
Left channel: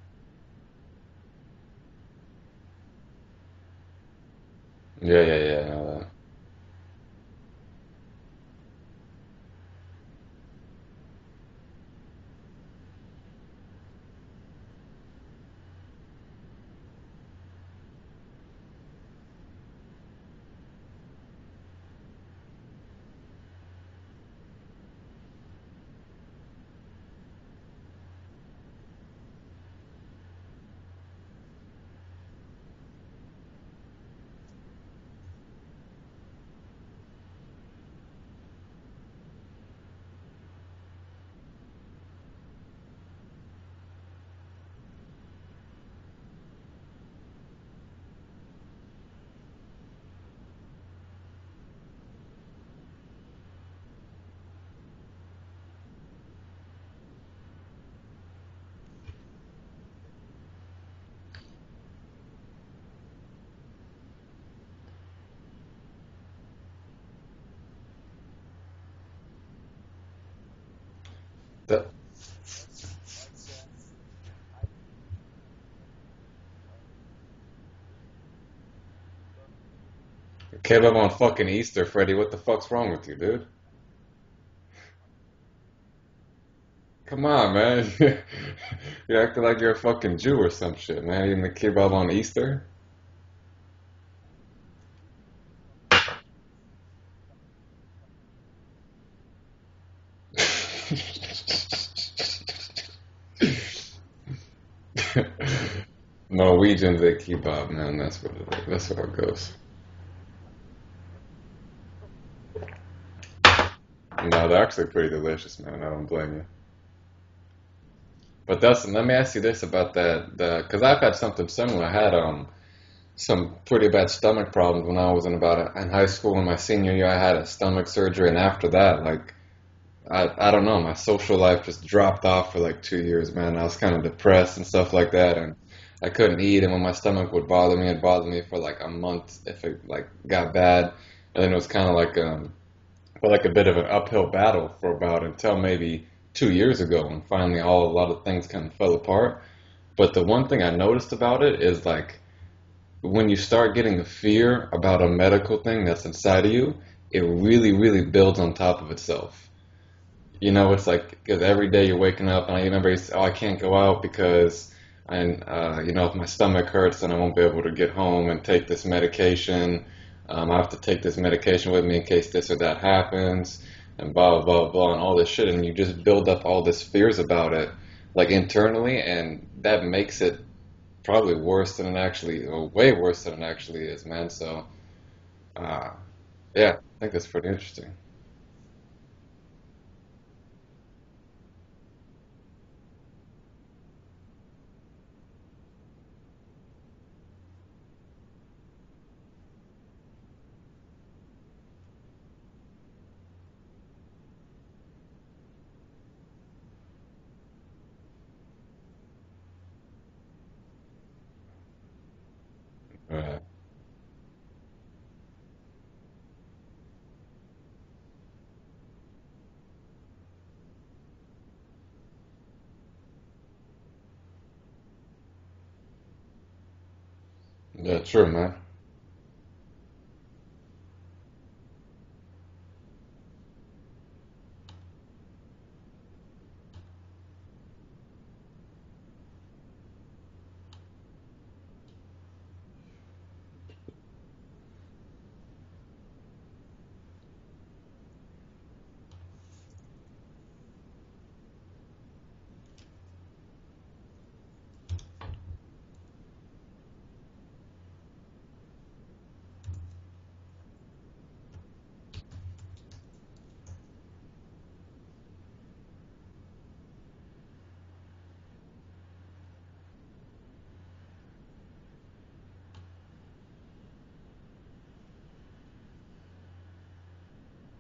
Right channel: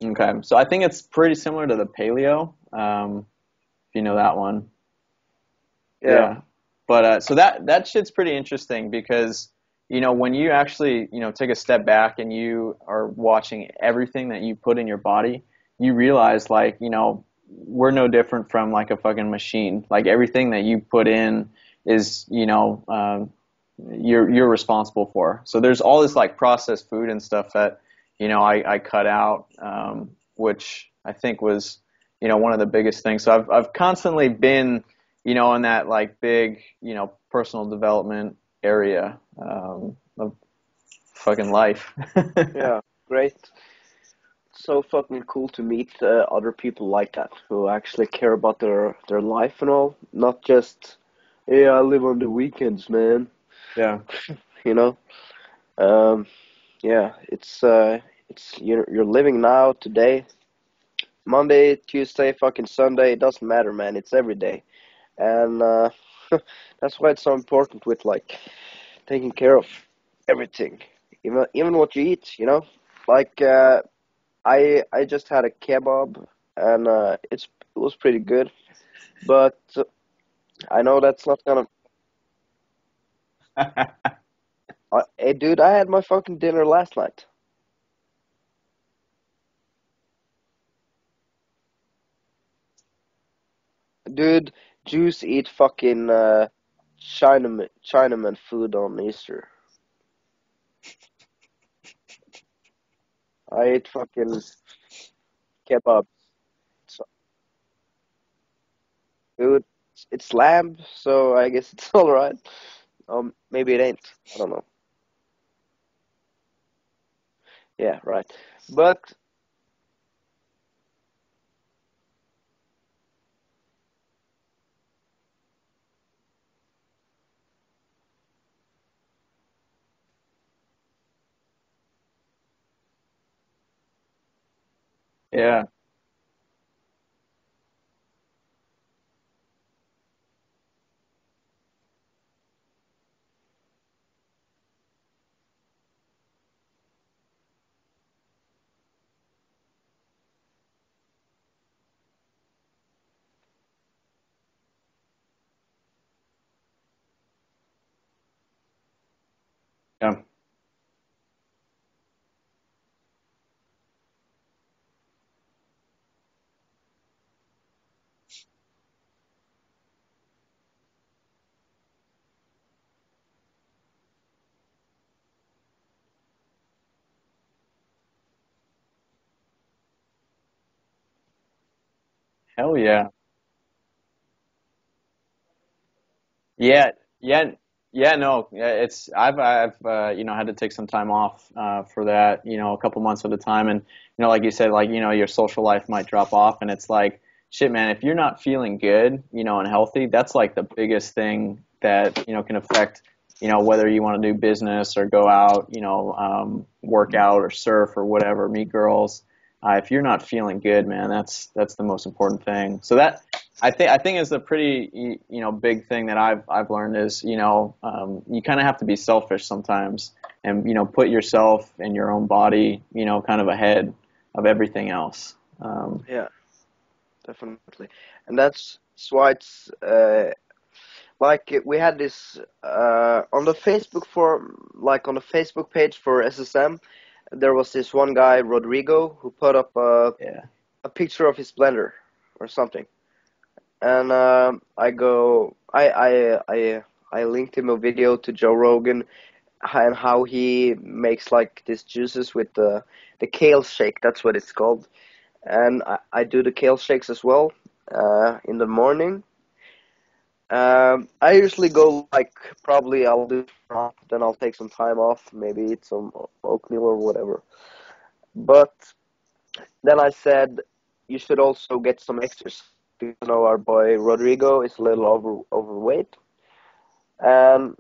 Okay, so I think it's pretty similar to the paleo, if you know that one. Yeah, I know that. Yeah. Yeah, but so that shit's pretty interesting because when you actually take a step back and you are watching everything that you put in your body, you realize like we're no different from like a fucking machine. Like everything that you put in is you're responsible for. So there's all this like processed food and stuff that I cut out, which I think was one of the biggest things. So I've constantly been in that like big personal development area of fucking life. Yeah. Great. So fucking cool to meet other people like that who actually care about their life and all, not just, yeah, I live on the weekends, man. Yeah. You know. Um. Yeah. It's you're living now today, Monday, Tuesday, fucking Sunday. It doesn't matter, man. It's every day, and that's why it's so important with like taking care of everything, even The what you eat. Like I just had a kebab, and it was pretty good, but I kebab know on that's not fucking gonna. Easter, Freddy. What the fuck's wrong with you, dude? Hey, dude, I had my fucking dinner last night. Come on, man. You're acting like you're a fucking Jew or some shit, man. Eating the kebab on Easter? Dude, Jews eat fucking Chinaman food on Easter. I ate fucking kebab, Norwegians they kebab, man. That's what it goes. dude. It's lamb, so I guess it's all right. Maybe it ain't. No, they're actually pretty delicious, man. I don't blame you. Yeah, right. But Dustin, But let me ask you this about that, because I've had something similar. I had some pretty bad stomach problems when I was in high school. In my senior year, I had a stomach surgery, and after that, like I don't know, my social life just dropped off for like 2 years, man. I was kind of depressed and stuff like that, and Yeah. I couldn't eat. And when my stomach would bother me, it bothered me for like a month if it like got bad. And then it was kind of like a bit of an uphill battle for about until maybe 2 years ago, and finally a lot of things kind of fell apart. But the one thing I noticed about it is like when you start getting a fear about a medical thing that's inside of you, it really, really builds on top of itself. Yeah. You know, it's like because every day you're waking up, and I remember you say, "Oh, I can't go out because, if my stomach hurts, then I won't be able to get home and take this medication. I have to take this medication with me in case this or that happens, and blah blah blah, and all this shit." And you just build up all this fears about it, like internally, and that makes it probably worse than it actually, or Hell way yeah. worse than it actually is, man. So, uh, yeah, Yeah, I think that's yeah, pretty interesting. yeah. No, yeah, it's I've had to take some time off for that, a couple months at a time, and like you said, like your social life might drop off, and it's like shit, man. If you're not feeling good, and healthy, that's like the biggest thing that can affect whether you want to do business or go out, work out or surf or whatever, meet girls. If you're not feeling good, man, that's the most important thing. So that Right. I think is a pretty big thing that I've learned is you kind of have to be selfish sometimes and put yourself and your own body kind of ahead of everything else. Yeah, definitely. Yeah, true, And man. that's why it's like we had this on the Facebook forum, like on the Facebook page for SSM. There was this one guy, Rodrigo, who put up Yeah, a picture of his blender or something, and I linked him a video to Joe Rogan and how he makes like these juices with the kale shake. That's what it's called. And I do the kale shakes as well in the morning. I usually go like probably I'll do then I'll take some time off, maybe eat some oatmeal or whatever. But then I said you should also get some exercise. Our boy Rodrigo is a little overweight, and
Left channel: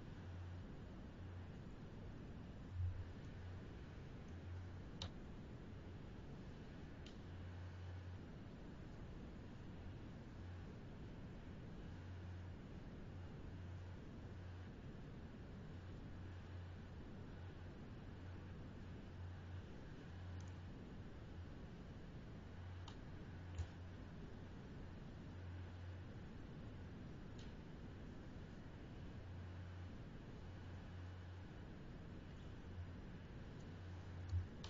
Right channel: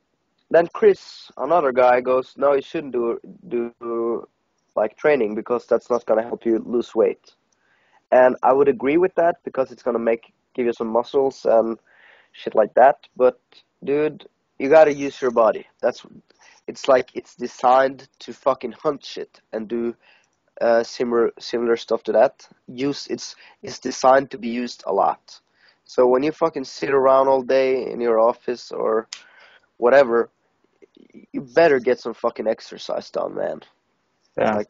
then Chris, another guy, goes, no, you shouldn't do like training because that's not gonna help you lose weight. And I would agree with that because it's gonna give you some muscles and shit like that. But dude, you gotta use your body. It's like it's designed to fucking hunt shit and do similar stuff to that. It's designed to be used a lot. So when you fucking sit around all day in your office or whatever, you better get some fucking exercise done, man. yeah, Like,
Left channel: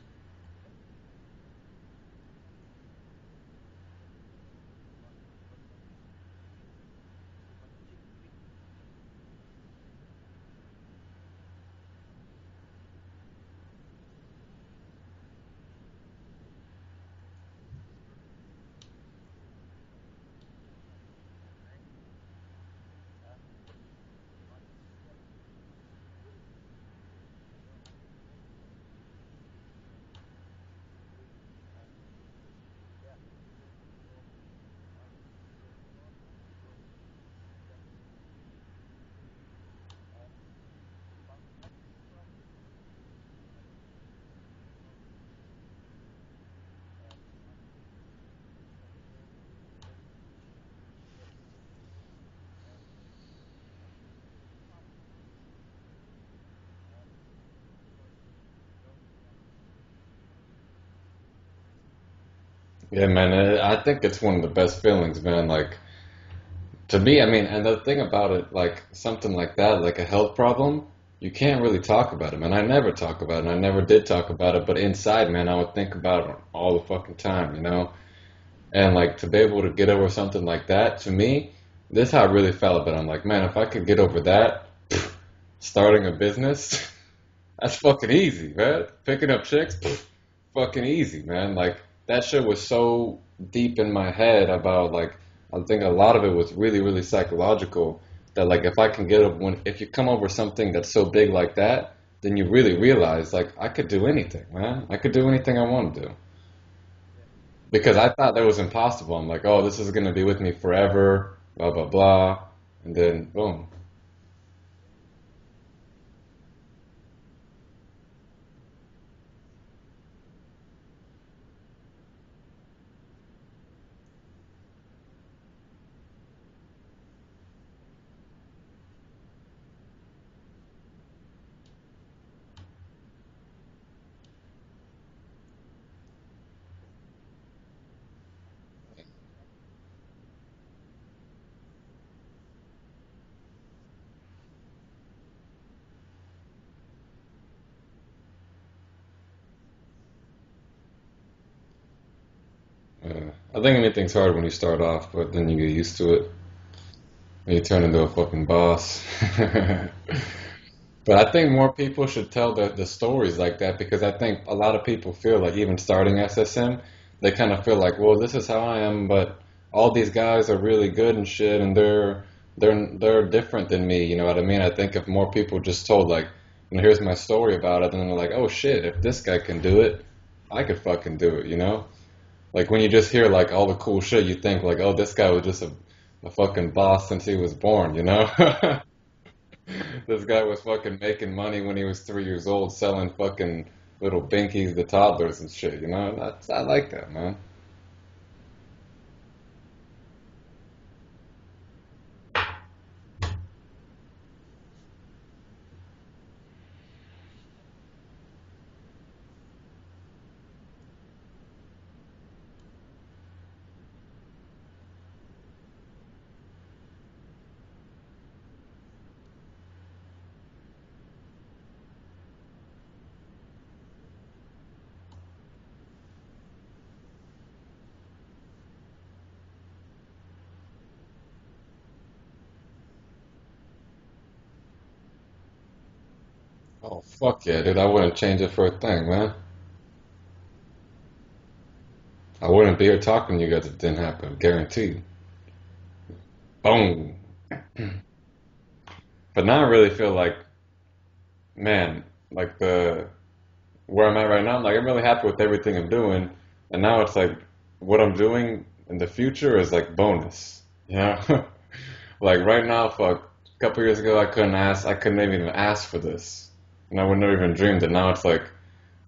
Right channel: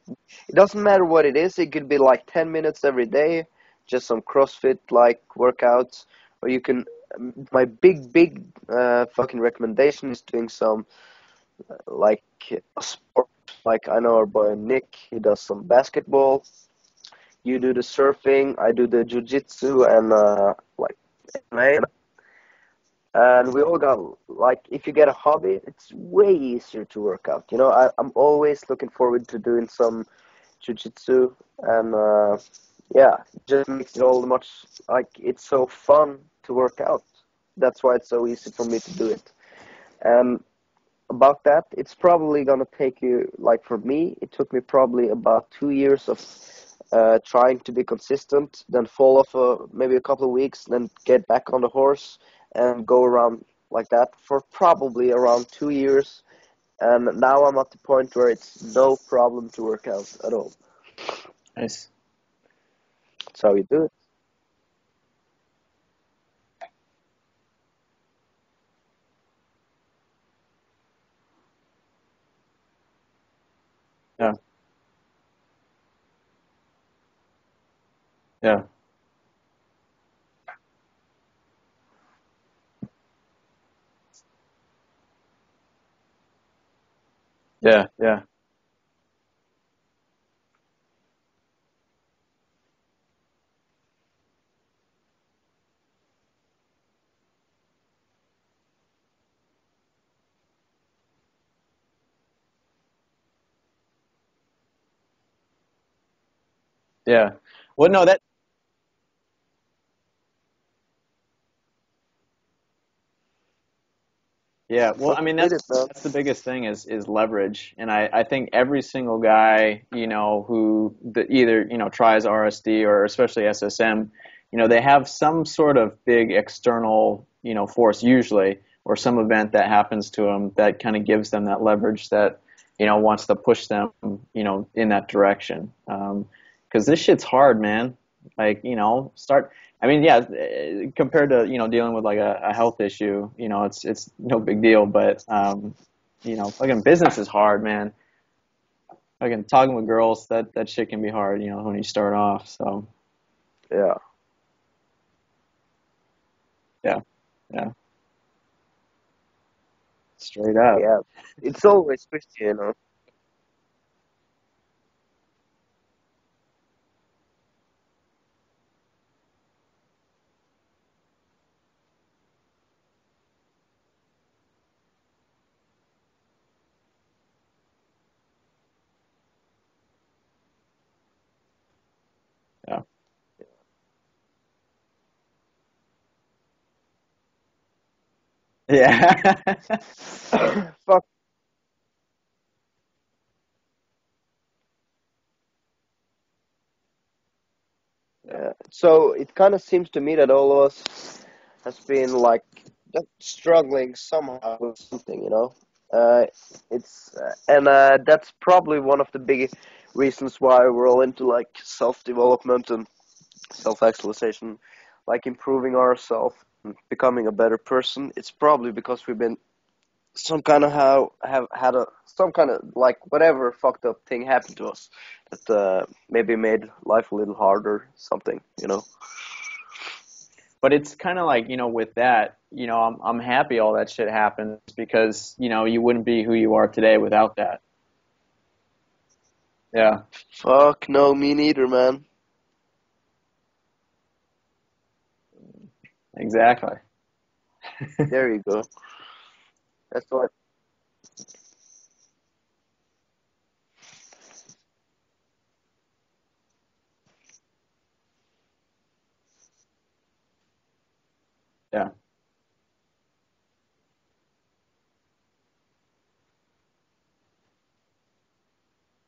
it doesn't matter what it is. It could be like 10 minutes every day, just some CrossFit like workouts, or you can. My big fucking recommendation is doing some like a sport. Like I know our boy Nick, he does some basketball. You do the surfing, I do the jujitsu and like MMA. And we all got like if you get a hobby, it's way easier to work out. I'm always looking forward to doing some jujitsu, and yeah, it just makes it all the much like it's so fun to work out. That's why it's so easy for me to do it. And about that, it's probably gonna take you like for me, it took me probably about 2 years of trying to be consistent, then fall off maybe a couple of weeks, then get back on the horse and go around like that for probably around 2 years. And now I'm at the point where it's no problem to work out at all. nice. Yeah, man, That's how you I do it. think it's one of the best feelings, man. Like, to me, I mean, and the thing about it, like something like that, like a health problem, you can't really talk about it, man. I never talk about it, and I never did talk Yeah, about it, but inside, man, I would think about it all the fucking time, you know? yeah, And like to be able to get over something like that, to me, this is how I really felt about it. I'm like, man, if I could get over that, starting a business, that's yeah, fucking yeah, easy, man. Picking up chicks, fucking easy, man. Like that shit was so deep in my head about like I think a lot of it was really, really psychological. That like if I can get over if you come over something that's so big like that, then you really realize like I could do anything, man. I could do anything I want to do. yeah. Well, Because no, I that thought that was impossible. I'm like, oh, this is gonna be with me forever, blah blah blah, and then boom. Yeah, well, But I mean we did it, man. that's the biggest thing is leverage, and I think every single guy who either tries RSD or especially SSM, they have some sort of big external force usually, or some event that happens to them that kind of gives them that leverage that wants to push them in that direction. Because this shit's hard, man. Like start. I mean, yeah, compared to dealing with like a health issue, it's no big deal. But fucking business is hard, man. Fucking talking with girls, that shit can be hard, when you start off. So I think Yeah, anything's hard when you start off, but then you get used to it. yeah, And you yeah, turn into a fucking boss. straight up. yeah. But I think It's more always people tricky, should tell you know. the stories like that because I think a lot of people feel like even starting SSM, they kind of feel like, well, this is how I am, but all these guys are really good and shit, and they're different than me. You know what I mean? I think if more people just told like, here's my story about it, then they're like, oh shit, if this guy can do it, I could fucking do it. You know? Like when Yeah, you just hear like all the cool shit, you think like, oh, this guy was just a fucking boss since he was born, you know? yeah. This guy was fucking Fuck. making money when he was 3 years old, selling fucking little binkies to toddlers and shit, you know? I like that, man. So it kind of seems to me that all of us has been like just struggling somehow with something, you know. It's and That's probably one of the big reasons why we're all into like self-development and self-actualization, like improving ourselves, becoming a better person. It's probably because we've been some kind of how have had a some kind of like whatever fucked up thing happened to us that maybe made life a little harder, something, you know. But it's kind of like, with that, I'm happy all that shit happened because, you wouldn't be who you are today without Fuck yeah, that. dude. I wouldn't change it for a thing, man. Yeah, Fuck no, me neither, man. I wouldn't be here talking to you guys if it didn't happen, guaranteed. exactly. Boom. There you go. But now I really That's feel what. like, man, like where I'm at right now, like I'm really happy with everything I'm doing, and now it's like what I'm doing in the future is like bonus, you know? Yeah. Like right now, fuck, a couple years ago I couldn't even ask for this, and I would never even dreamed it. Now it's like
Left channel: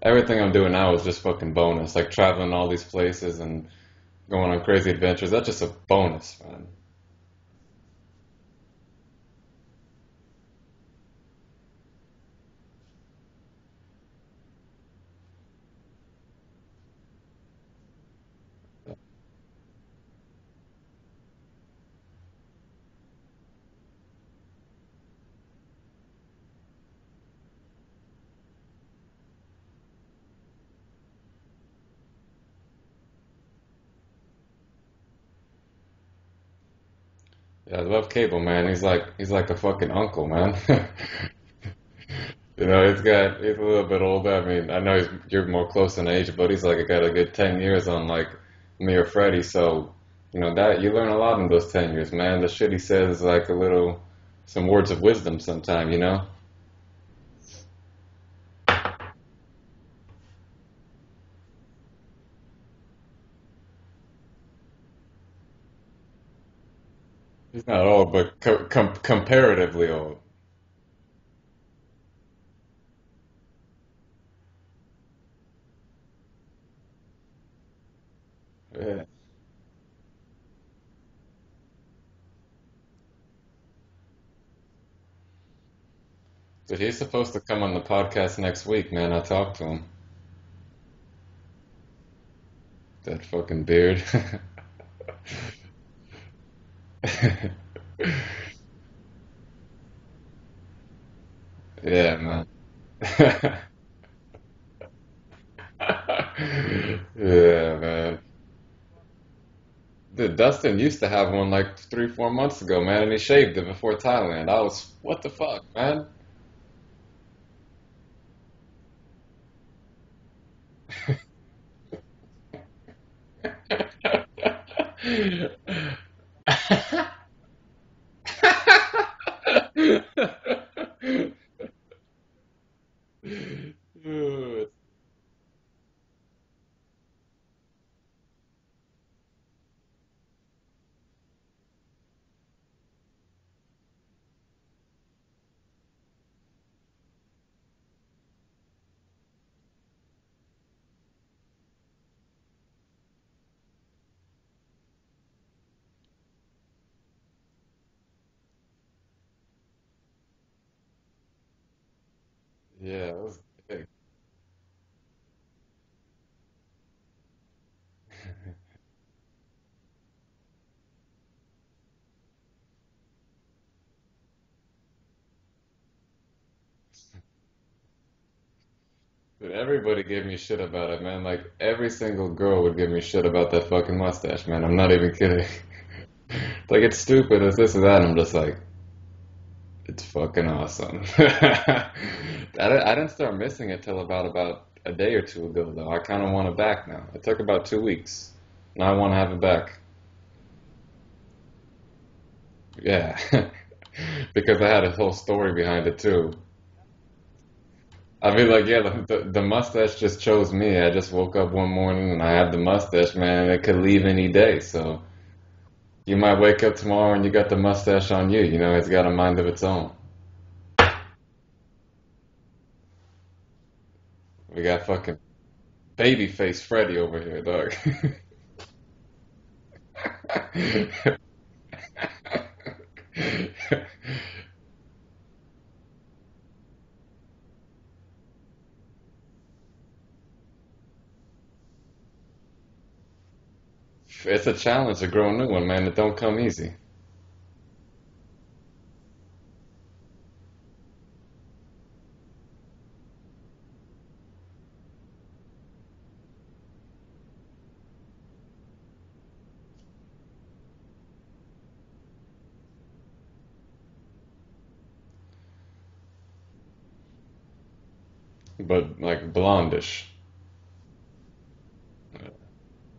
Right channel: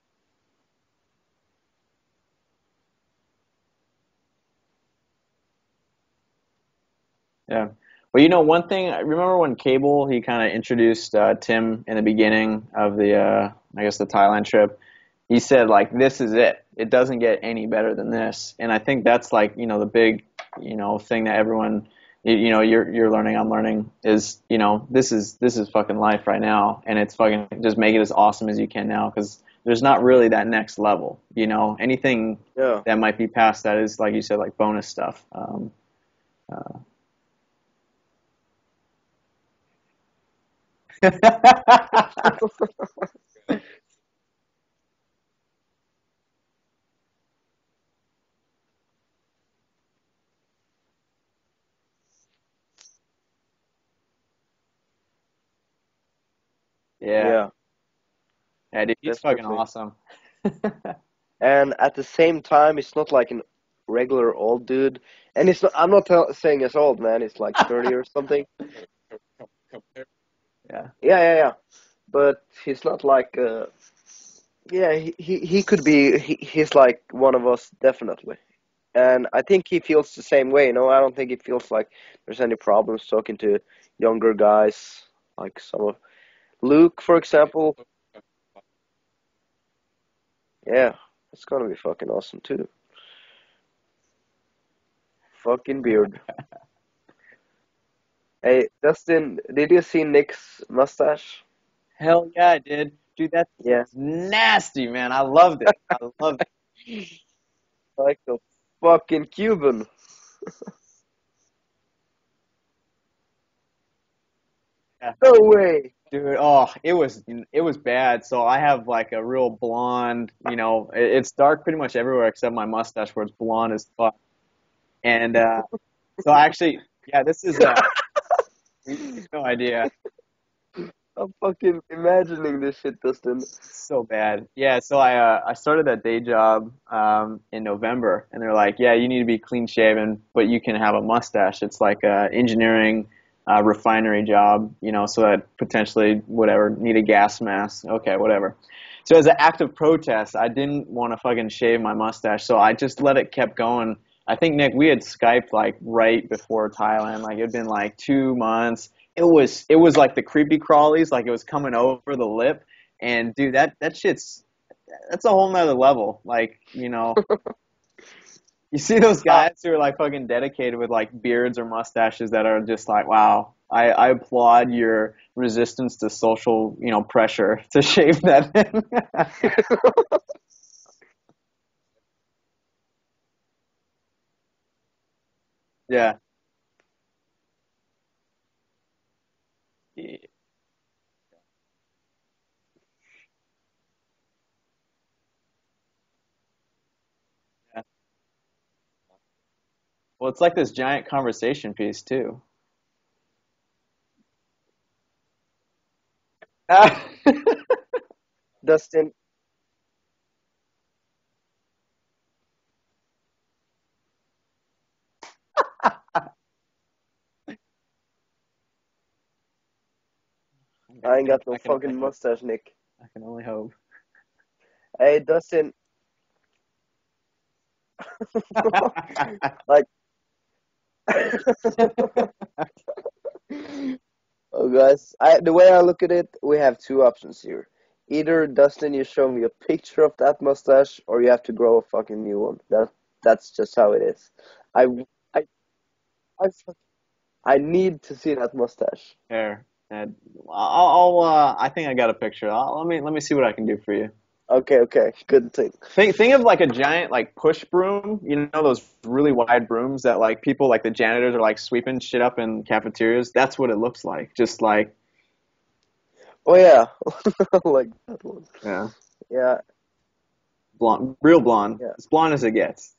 everything I'm doing now is just fucking bonus, like traveling all these places and going on crazy adventures. That's just a bonus, man. Yeah. Well, one thing, I remember when Cable, he kind of introduced Tim in the beginning of I guess the Thailand trip. He said, like, this is it. It doesn't get any better than this. And I think that's like, the big, thing that everyone, you're learning, I'm learning is, this is fucking life right now. And it's fucking just make it as awesome as you can now because there's not really that next level, anything Yeah. that might be past that is, like you said, like bonus stuff. Uh, Yeah, I love Cable, man. He's like a fucking uncle, man. yeah, You know, he's a little bit older. I mean, I know you're more close in age, but he's like got a good 10 years on like me or Freddie. So, that you learn a lot in those 10 years, man. The shit he says is like some words of wisdom sometime, you know? Yeah, dude, he's fucking definitely. awesome. And at the same time, it's not like an regular old dude. And it's not, I'm not saying it's old, man. It's like He's not 30 or old, but something. comparatively old. Yeah, Yeah. But he's not like yeah, he could be he's like one of us, definitely. Yeah. And I think he feels the same way, you know. I don't think he feels like there's any problems talking to younger guys like some of So he's Luke, for supposed to come on example. the podcast next week, man. I talked to him. Yeah, it's gonna be fucking awesome too. That fucking beard. Fucking beard. Hey, Dustin, did you see Nick's mustache? Yeah, hell man. yeah, I did. Dude, that's Yeah, nasty, man. I loved it. I loved it. Yeah, man. like a fucking Cuban. Dude, Dustin used to have one like 3, 4 months ago, man, and he shaved it before Thailand. I was, Yeah. what the No fuck, way. man? Dude, oh, it was bad. So I have like a real blonde, it's dark pretty much everywhere except my mustache where it's blonde as fuck. And so actually, yeah, this is No idea. I'm fucking imagining this shit, Dustin. So bad. Yeah, so I started that day job in November, and they're like, yeah, you need to be clean shaven, but you can have a mustache. It's like a engineering refinery job, so that potentially whatever need a gas mask. Okay, whatever. So as an act of protest, I didn't want to fucking shave my mustache, so I just let it kept going. I think Nick, we had Skyped like right before Thailand, like it'd been like 2 months. It was like the creepy crawlies, like it was coming over the lip. Yeah, it And was dude, sick. that's a whole nother level. Like, you see those guys who are like fucking dedicated with like beards or mustaches that are just like, wow, I applaud your resistance to social, pressure to shave that thing. Everybody gave me shit about it, man. Like every single girl would give me shit about that fucking mustache, man. I'm not even kidding. Yeah. Like it's stupid, it's this or that. And I'm just like, it's fucking awesome. I didn't start missing it till about a day or two ago, though. I kind of want it back now. It took about 2 weeks. Now I want to have it back. Well, it's like this giant conversation piece too. Yeah, because I had a whole story behind it too. I mean, like, yeah, Dustin, the mustache just chose me. I just woke up one morning and I have the mustache, man, and it could leave any day. So you might wake up tomorrow and you got the mustache on you. You know, it's got a mind of its own. I ain't got no I can fucking only hope. mustache, Nick. I can only hope. We got fucking Hey, Dustin. babyface Freddy over here, dog. Like, oh, guys, the way I look at it, we have two options here. Either Dustin, you show me a picture of that mustache, or you have to grow a fucking new one. That's just how it is. It's a I, challenge to grow a I, new one, man. It don't come I, easy. I need to see that mustache. Fair. And I think I got a picture. Let me see what I can do for you. Okay, good thing. Think of like a giant like push broom, those really wide brooms that like people like the janitors are like sweeping shit up in cafeterias. That's what it looks like. Just like Oh yeah, like that one. yeah, But like Yeah, blondish. blonde, real blonde, yeah. as blonde as it gets.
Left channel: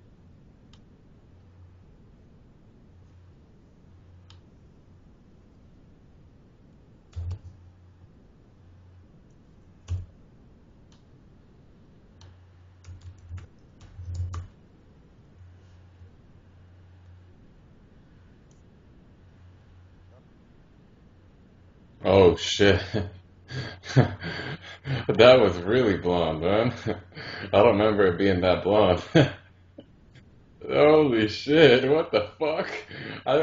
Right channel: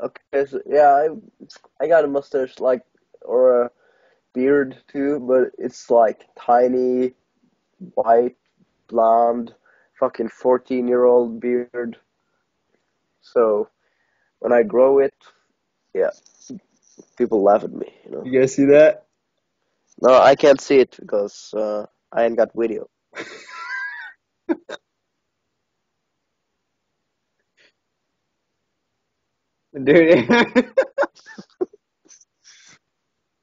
Okay, so yeah, I got a mustache like or a beard too, but it's like tiny, white, blonde, fucking 14-year-old beard. So when I grow it, yeah, people laugh at me. You guys see that? No, I can't see it because I Oh ain't got shit. weed. That was really blonde, man. I don't remember it being that blonde. Dude. Holy shit, what the fuck? I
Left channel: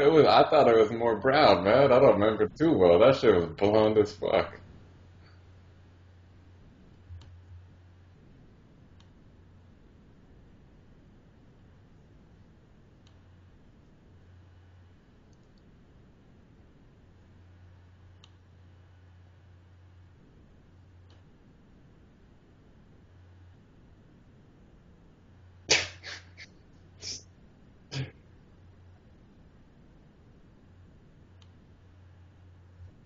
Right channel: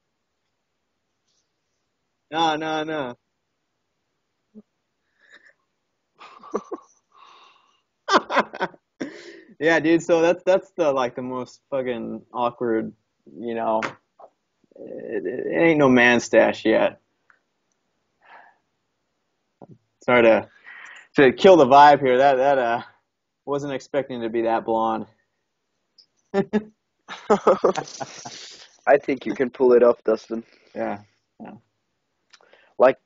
thought it was more brown, man. I don't remember No, it too no, well. no. That shit was blonde as fuck. Yeah, dude. So that's the like the most fucking awkward. You know, it ain't no man stash yet. Sorry to kill the vibe here. That wasn't expecting to be that blonde. I think you can pull it off, Dustin. Yeah. Yeah. Like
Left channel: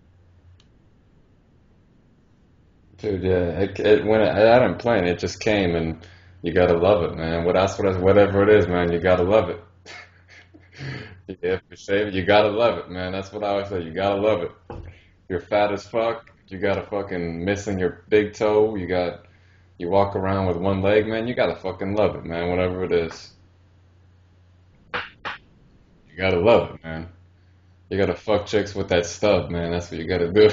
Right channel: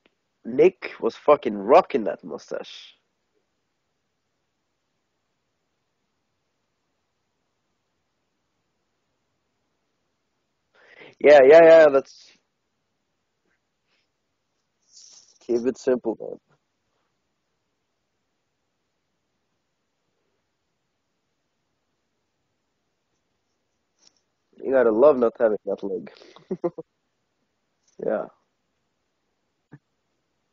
Nick was fucking rocking that mustache. Dude, yeah, I didn't plan, it just came, and you gotta love it, man. Whatever it is, man, you gotta love it. Yeah, You yeah, have to yeah. say it, you gotta love it, man. That's what I always say. You gotta love it. You're Keep fat it as simple, fuck. man. You got a fucking missing your big toe. You walk around with one leg, man. You gotta fucking love it, man. Whatever it is, You gotta love not having that leg. you gotta love it, man. You gotta Yeah. fuck chicks with that stub, man. That's what you gotta do.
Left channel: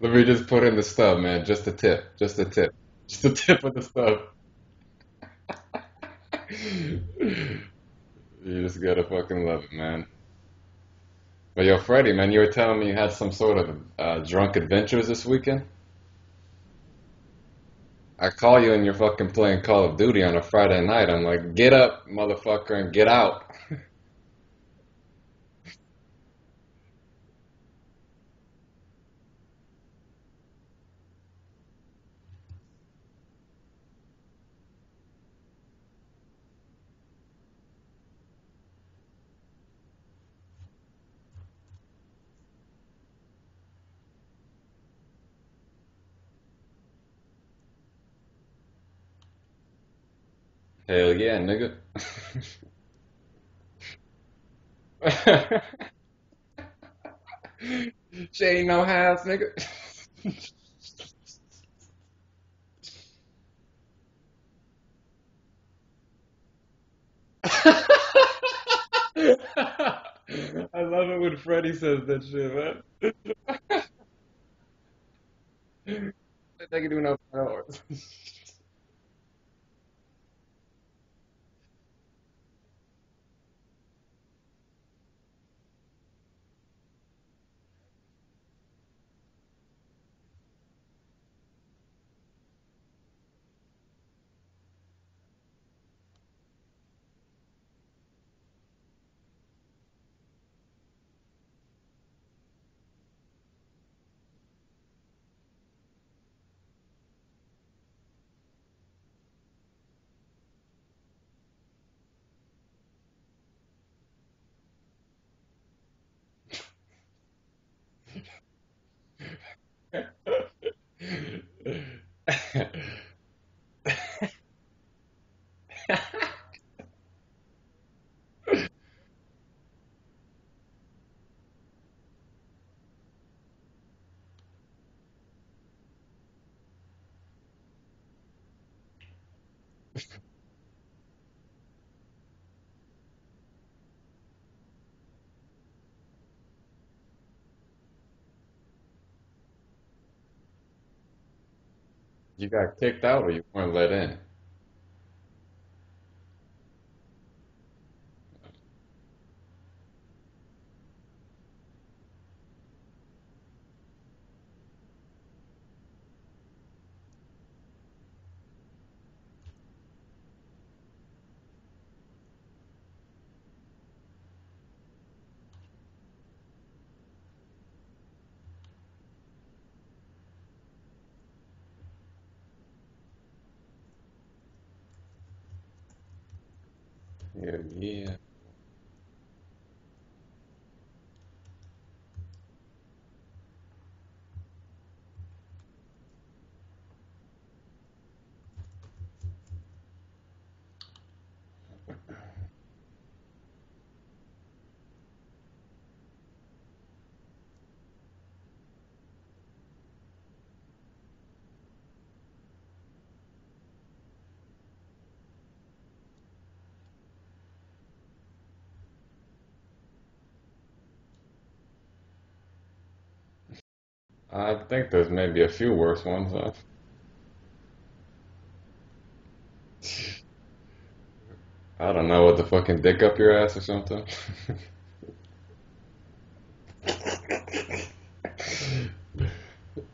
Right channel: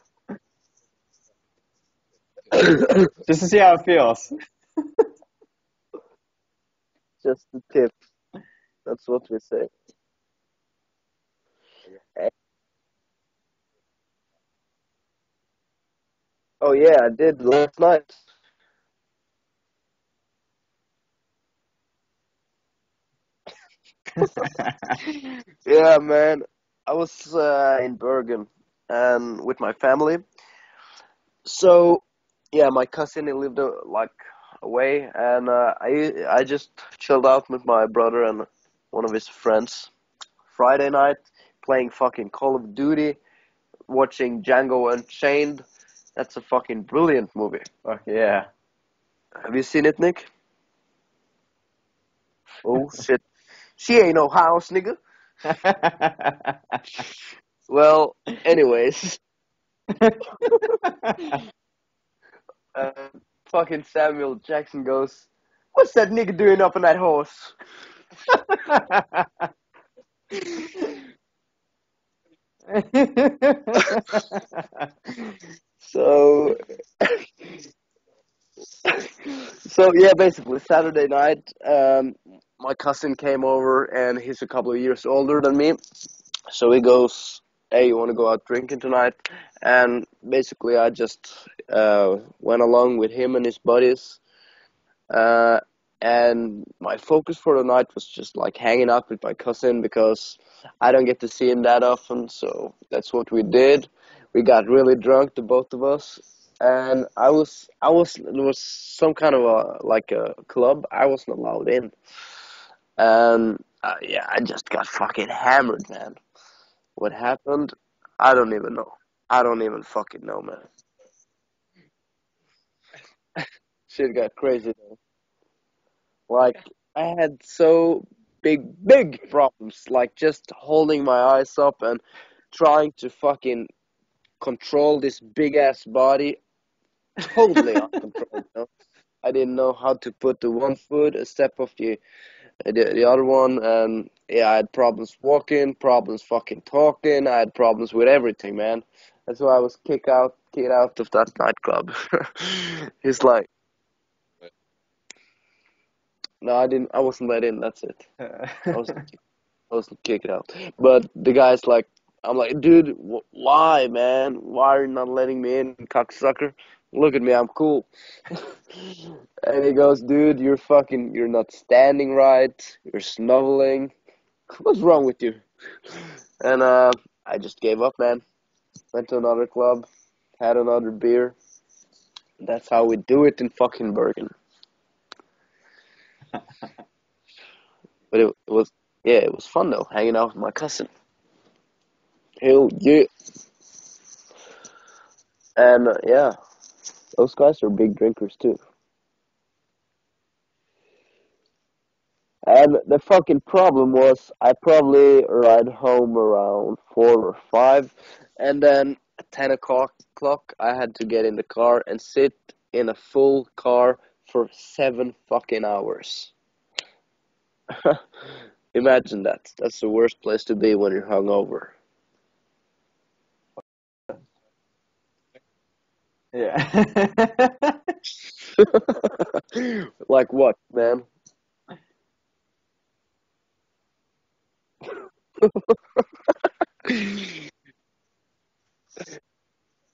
Let me just put in the stub, man. Just a tip. Just a tip. Just a Just to see tip how of it the stub. feels. Just the tip. You just gotta That's what they fucking love say. it, man. But yo, Freddie, man, you were telling me you had some sort of drunk adventures this weekend? Oh yeah, I did last night. I call you and you're fucking playing Call of Duty on a Friday night. I'm like, get up, motherfucker, and get out. Yeah, man. I was in Bergen and with my family. So yeah, my cousin he lived like away, and I just chilled out with my brother and one of his friends. Friday night, playing fucking Call of Duty, watching Django Unchained. That's a fucking brilliant movie. Fuck yeah. Have you seen it, Nick? Hell yeah, nigga. Oh shit, she ain't no house, nigga. Well, She ain't no anyways, house, nigga. uh, fucking Samuel Jackson goes, "What's that nigga doing up on that horse?" I love it when Freddie says that shit, man. So, Nigga doing up hours. so yeah, basically Saturday night, my cousin came over, and he's a couple of years older than me. So he goes, "Hey, you want to go out drinking tonight?" And basically, I just went along with him and his buddies. Uh, and my focus for the night was just like hanging out with my cousin because I don't get to see him that often. So that's what we did. We got really drunk, the both of us, and there was some kind of a like a club. I wasn't allowed in, and yeah, I just got fucking hammered, man. What happened? I don't even know. I don't even fucking know, man. Shit got crazy. Like, I had so big problems, like just holding my eyes up and trying to fucking control this big ass body, totally uncontrolled. You know? I didn't know how to put the one foot a step of the other one, and yeah, I had problems walking, problems fucking talking. I had problems with everything, man. That's why I was kicked out of that nightclub. You got kicked It's out or you like, weren't let in? no, I didn't. I wasn't let in. That's it. I was I was kicked out. But the guy's like, I'm like, dude, why, man? Why are you not letting me in, cocksucker? Look at me, I'm cool. And he goes, dude, you're not standing right. You're snuggling. What's wrong with you? And I just gave up, man. Went to another club, had another beer. That's how we do it in fucking Bergen. Yeah, yeah. But it was, yeah, it was fun though, hanging out with my cousin. Hell yeah. And yeah, those guys are big drinkers too. And the fucking problem was, I probably ride home around 4 or 5, and then at 10 o'clock, I had to get in the car and sit in a full car for 7 fucking hours. Imagine that. That's the worst place to be when you're hungover. I think there's maybe a few worse ones, huh? Yeah. Like what, man? I don't know, what the fucking dick up your ass or something.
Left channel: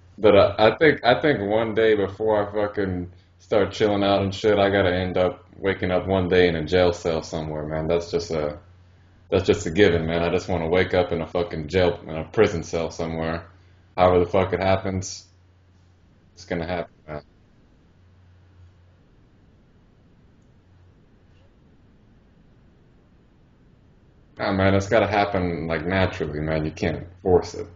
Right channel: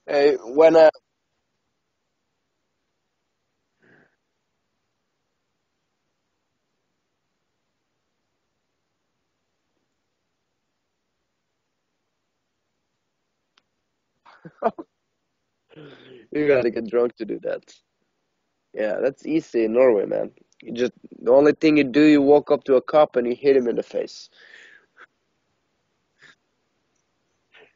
Hey, But I when think one day before I fucking start chilling out and shit, I gotta end up waking up one day in a jail cell somewhere, man. That's just a given, man. I just want to wake up in a fucking jail, in a prison cell somewhere. However the fuck it happens, it's you gonna gotta get happen, drunk man. to do that. Yeah, that's easy in Norway, man. You just the only thing you do, you walk up to a cop and you hit him in the face. Nah, man, it's gotta happen like naturally, man. You can't force it.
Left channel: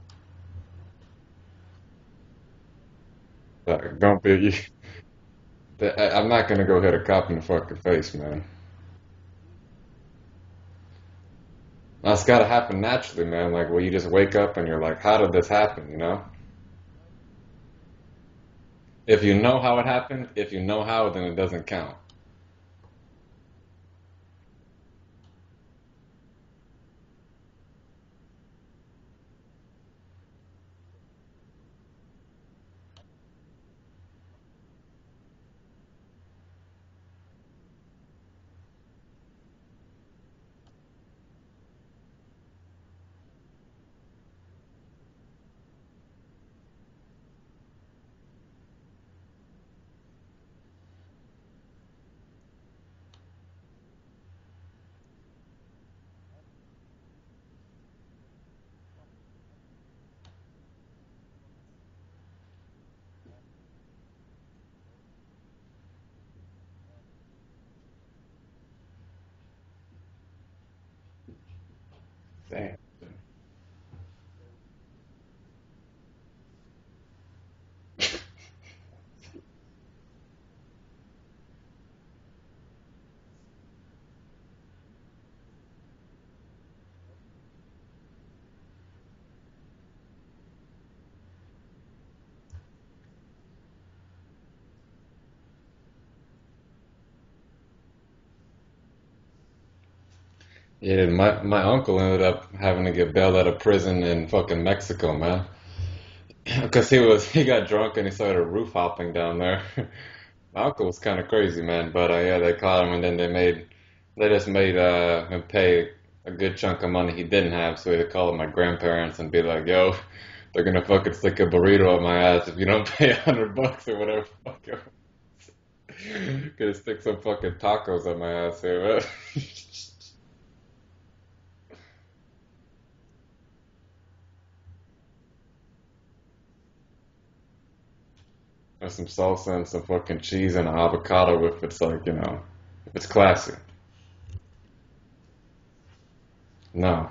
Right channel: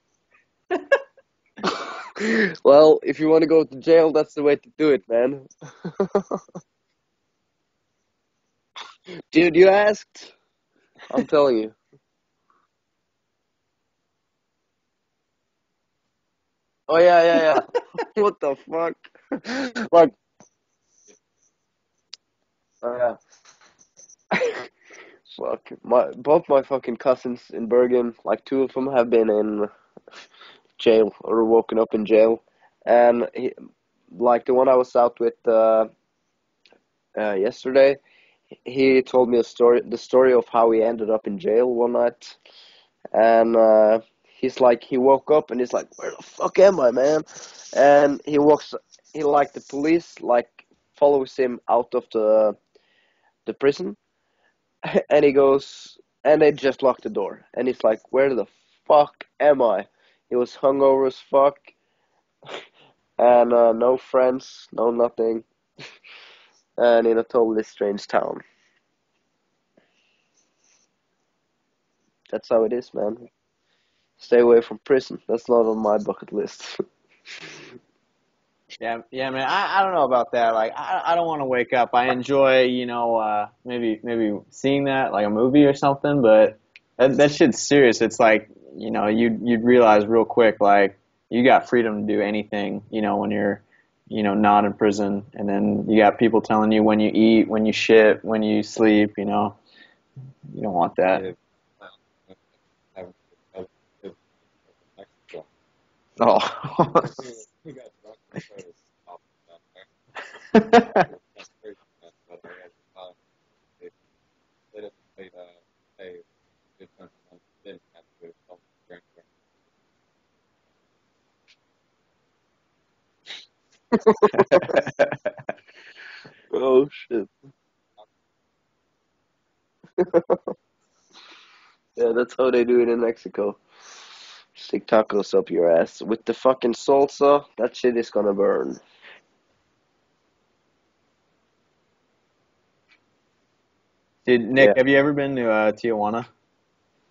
Well, if you want to go to Like, jail, don't that's the way be. to do it, man. I'm not gonna go hit a cop in the fucking face, man. Dude, you asked. I'm telling you. That's gotta happen naturally, man. Like, where you just wake up and you're like, how did this happen? You know? Oh yeah, yeah, yeah. What the fuck? If you know how it Fuck. happened, if you know how, then it doesn't count. Oh yeah. Fuck. Both my fucking cousins in Bergen, like two of them have been in jail or woken up in jail, and like the one I was out with yesterday, he told me the story of how he ended up in jail one night, and he's like, he woke up and he's like, where the fuck am I, man? And he like the police like follows him out of the prison, and he goes, and they just locked the door, and he's like, where the fuck am I? He was hungover as fuck, and no friends, no nothing, and in a totally strange town. That's how it Hey, is, man. Stay away from prison. That's not on my bucket list. Yeah, man. I don't know about that. Like, I don't want to wake up. I enjoy, maybe seeing that like a movie or something. But that shit's serious. It's like, you'd realize real quick, like you got freedom to do anything, when you're, not in prison. And then you got people telling you when you eat, when you shit, when you sleep. You don't want Yeah, that. my uncle ended up having to get bailed out of prison in fucking Mexico, man. Because Oh. he got drunk and he started roof hopping down there. My uncle was kind of crazy, man. But yeah, they caught him and then they just made him pay a good chunk of money he didn't have. So he had to call my grandparents and be like, "Yo, they're gonna fucking stick a burrito up my ass if you don't pay $100 or whatever it was." Yeah, Oh stick some shit. fucking tacos up my ass here, man. Yeah, that's how they do it in Mexico. Stick tacos up your ass with the fucking salsa. That shit is gonna burn. And some salsa and some fucking cheese and an avocado if it's like, if it's classy. Dude, Nick, Yeah. have you ever been to Tijuana? No.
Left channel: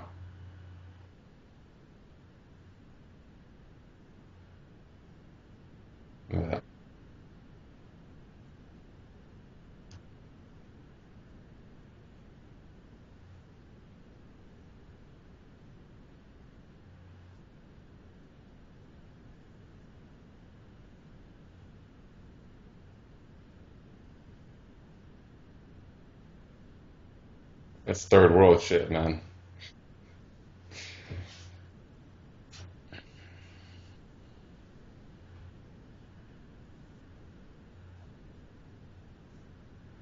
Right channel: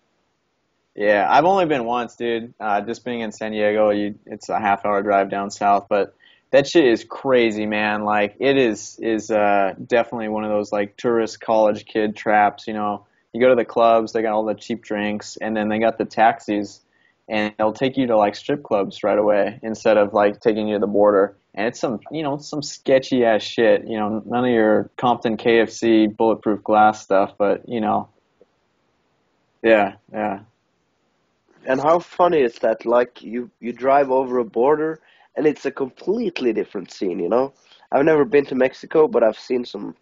Yeah, I've only been once, dude. Just being in San Diego, it's a half-hour drive down south, but Yeah. that shit is crazy, man. Like it is definitely one of those like tourist college kid traps. You go to the clubs, they got all the cheap drinks, and then they got the taxis, and they'll take you to like strip clubs right away instead of like taking you to the border. And it's some sketchy ass shit. None of your Compton KFC bulletproof glass stuff, but That's third world shit, man. yeah, yeah. And how funny is that? Like you drive over a border and it's a completely different scene. I've never been to Mexico, but I've seen some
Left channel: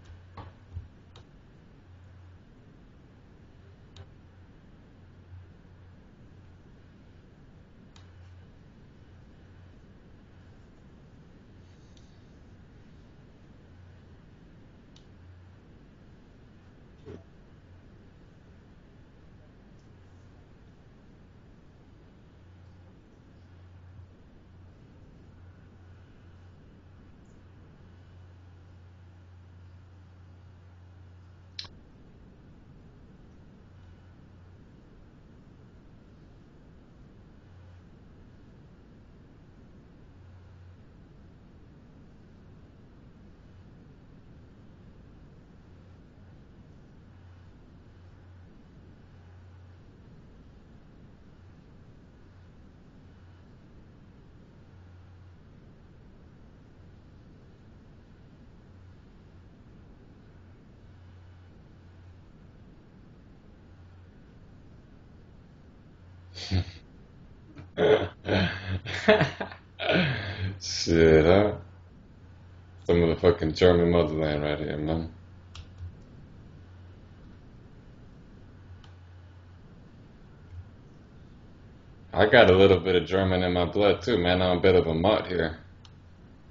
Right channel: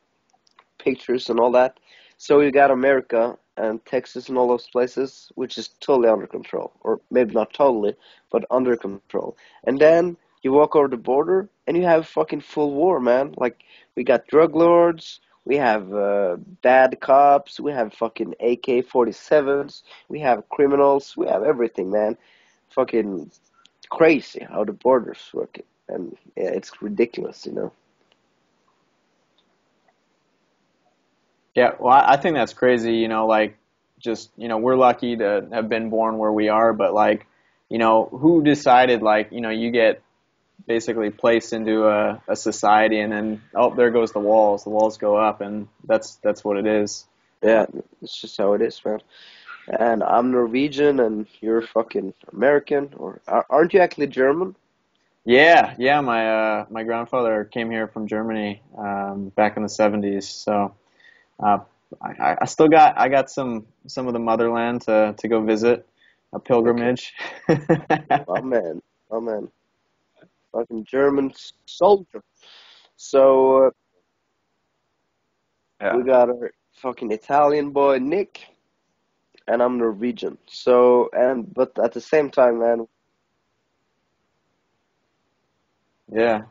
pictures and all that. So you got America and Texas and all those places, which is totally under control, or maybe not totally, but under control. And then you walk over the border and you have fucking full war, man. Like we got drug lords, we have bad cops, we have fucking AK-47s, we have criminals, we have everything, man. Fucking crazy how the border's working, and yeah, it's ridiculous. Yeah, well, I think that's crazy, like just, we're lucky to have been born where we are, but like, who decided like, you get basically placed into a society and then, oh, there goes the walls go up and that's what it is. Yeah, it's just how it is, man. And I'm Norwegian, and you're fucking American, or aren't you actually German? Yeah, yeah, my grandfather came here from Germany, back in the 70s, so, uh, I got some of the motherland to go visit, a Okay, pilgrimage. my man, my man, fucking Shit, German huh? soldier. Some of the fucking So German motherland right here, man. Yeah. we got our fucking Italian boy Nick, and I'm Norwegian. So but at the I same got a time, little man, bit of German in my blood too, man. I'm a bit of a mutt here. Yeah.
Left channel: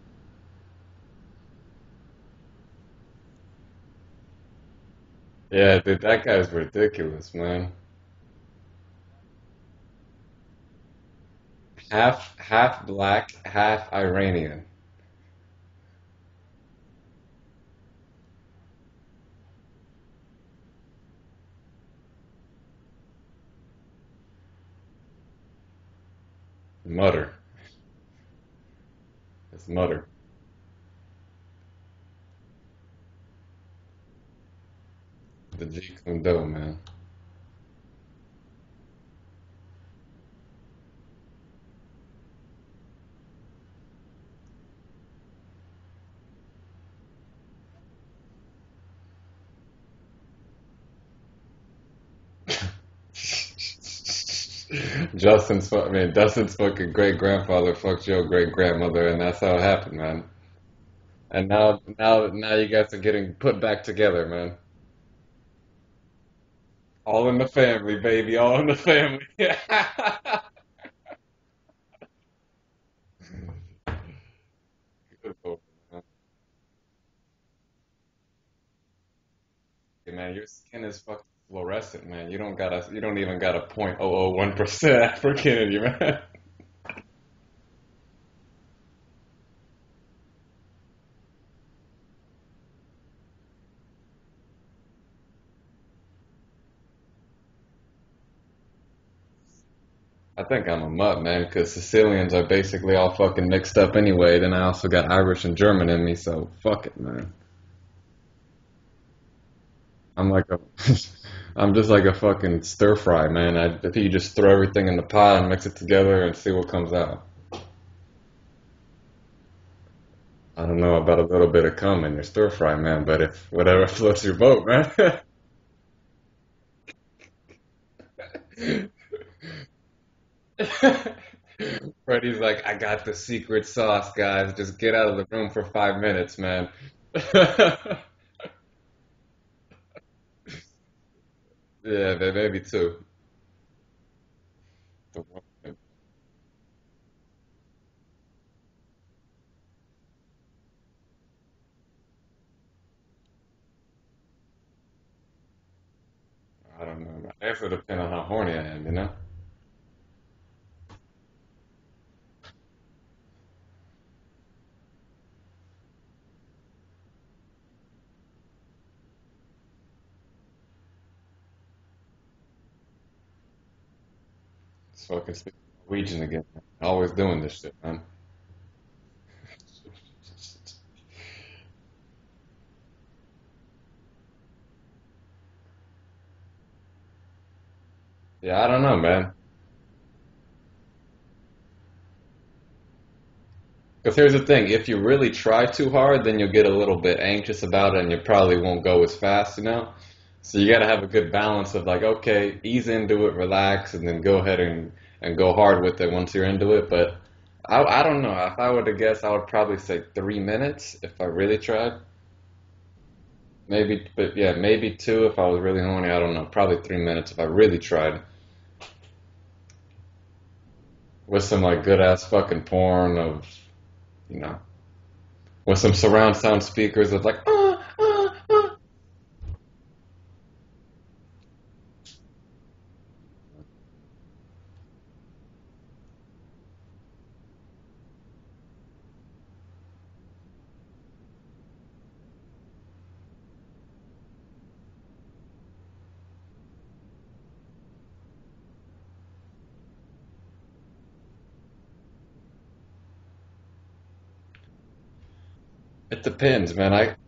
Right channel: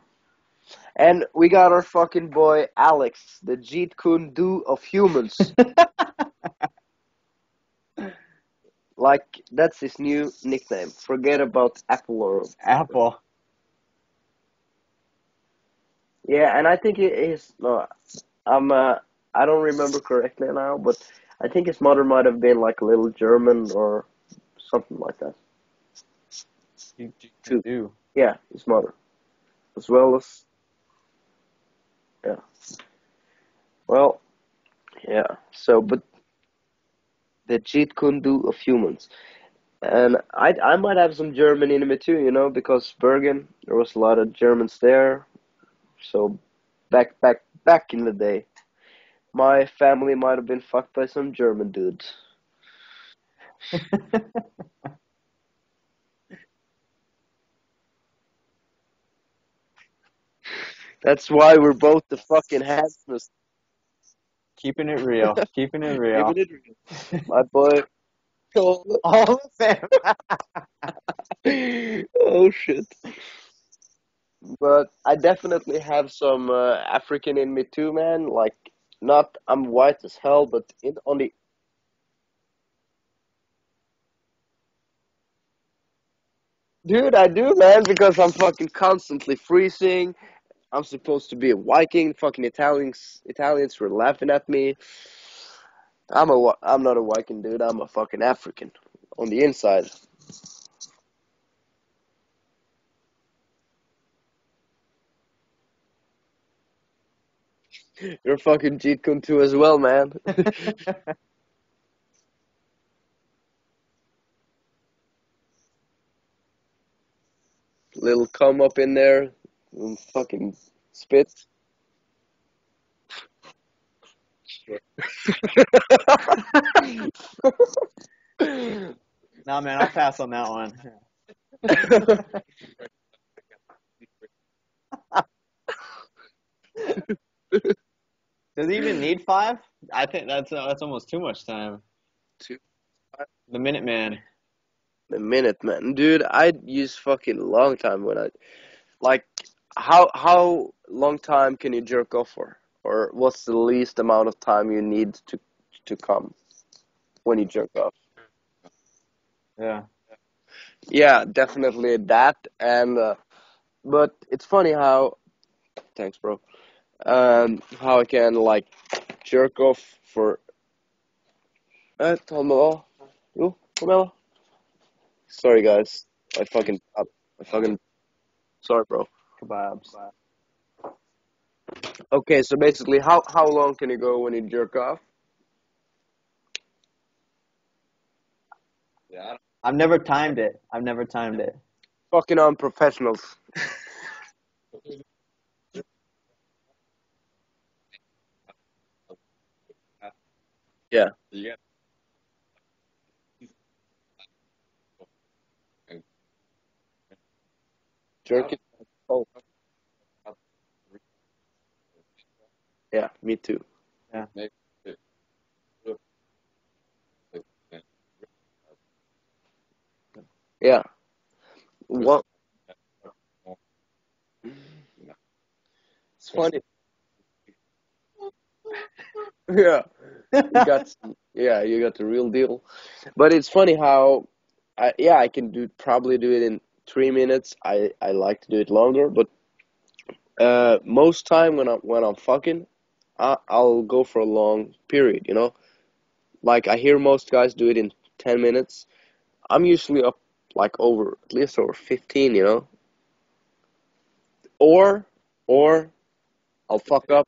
and we got our fucking boy Alex, the Jeet Kune Do of humans. Yeah, dude, that guy's ridiculous, man. Like that's his new nickname. Forget about Apple Half or half Apple. black, half Iranian. yeah, and I think it is. No, I'm. I don't remember correctly now, but I think his mother might have been like a little German or something like that Mutter. too. Do. Yeah, his mother, It's as mutter. well as yeah. Well, yeah. The So, Jeet but Kune Do, man. the Jeet Kune Do of humans, and I might have some German in me too, because Bergen there was a lot of Germans there. So back in the day, my family might have been fucked by some German dudes. Dustin's fucking great grandfather fucked your great grandmother, and that's how it happened, man. That's And why we're both the now fucking you guys half are Jews. getting put back together, man. Keeping it real. Keeping it Keeping real. it real. All in My the boy. family, baby. All in the family. All oh shit. But I definitely have some African in me too, man. Like, not I'm white as Man, your hell, but skin is on fucking the fluorescent, man. You don't even got a 0.001% African in you, man. dude, I do, man, because I'm fucking constantly freezing. I'm supposed to be a Viking. Fucking Italians were laughing at me. I'm not a Viking, dude. I'm a fucking African on the inside. I think I'm a mutt, man, because Sicilians are basically all fucking mixed up anyway. Then I also got Irish and German in me, so fuck it, man. You're fucking Jeet Kune too as well, man. I'm like a, I'm just like a fucking stir fry, man. I think you just throw everything in the pot and mix it together and see what comes out. Little cum up in there, and fucking I don't know about a spit. little bit of cum in your stir fry, man, but if whatever floats your boat, man. Nah, man, I'll pass on that one. Freddie's like, I got the secret sauce, guys. Just get out of the room for 5 minutes, man. Does he even need 5? I think that's almost too much time. Yeah, maybe two. The Minuteman. A minute, man, dude. I'd use fucking long time when I like. How long time can you jerk off for, or what's the least amount of time you need to come I don't know. when you Maybe it'll jerk off? depend on how horny I am, you know? Yeah. Yeah, definitely that. And but it's funny how. Thanks, bro. How I can like jerk off for. Tomelo. You, Tomelo. It's fucking Sorry, guys. Norwegian I again. fucking Always doing this fucking. shit, man. Sorry, bro. Kebabs. Okay, so basically, how long can you go when you jerk off? Yeah, I don't know, man. I've never timed it. Fucking unprofessionals. Because here's the thing, if you really try too hard, then you'll get a little bit anxious about it and you probably won't go as fast, you know? So you gotta have Yeah. a good balance of like, okay, ease into it, relax, and then go ahead and go hard with it once you're into it. But I don't know. Jerk If it. I were to guess, Oh, I would probably say 3 minutes if I really tried. yeah, me too. Maybe, Yeah. but yeah, maybe two if I was really horny. I don't know. Probably 3 minutes if I really tried. Yeah. With some like good Well, ass fucking porn of, you know, with some it's surround funny. sound speakers of like, Yeah, you got the real deal. But it's funny how, I can probably do it in 3 minutes. I like to do it longer, but most time when I'm fucking, I'll go for a long period. You know, like I hear most guys do it in 10 minutes. I'm usually up like over at least over 15. You know, or it depends, I'll man. fuck up.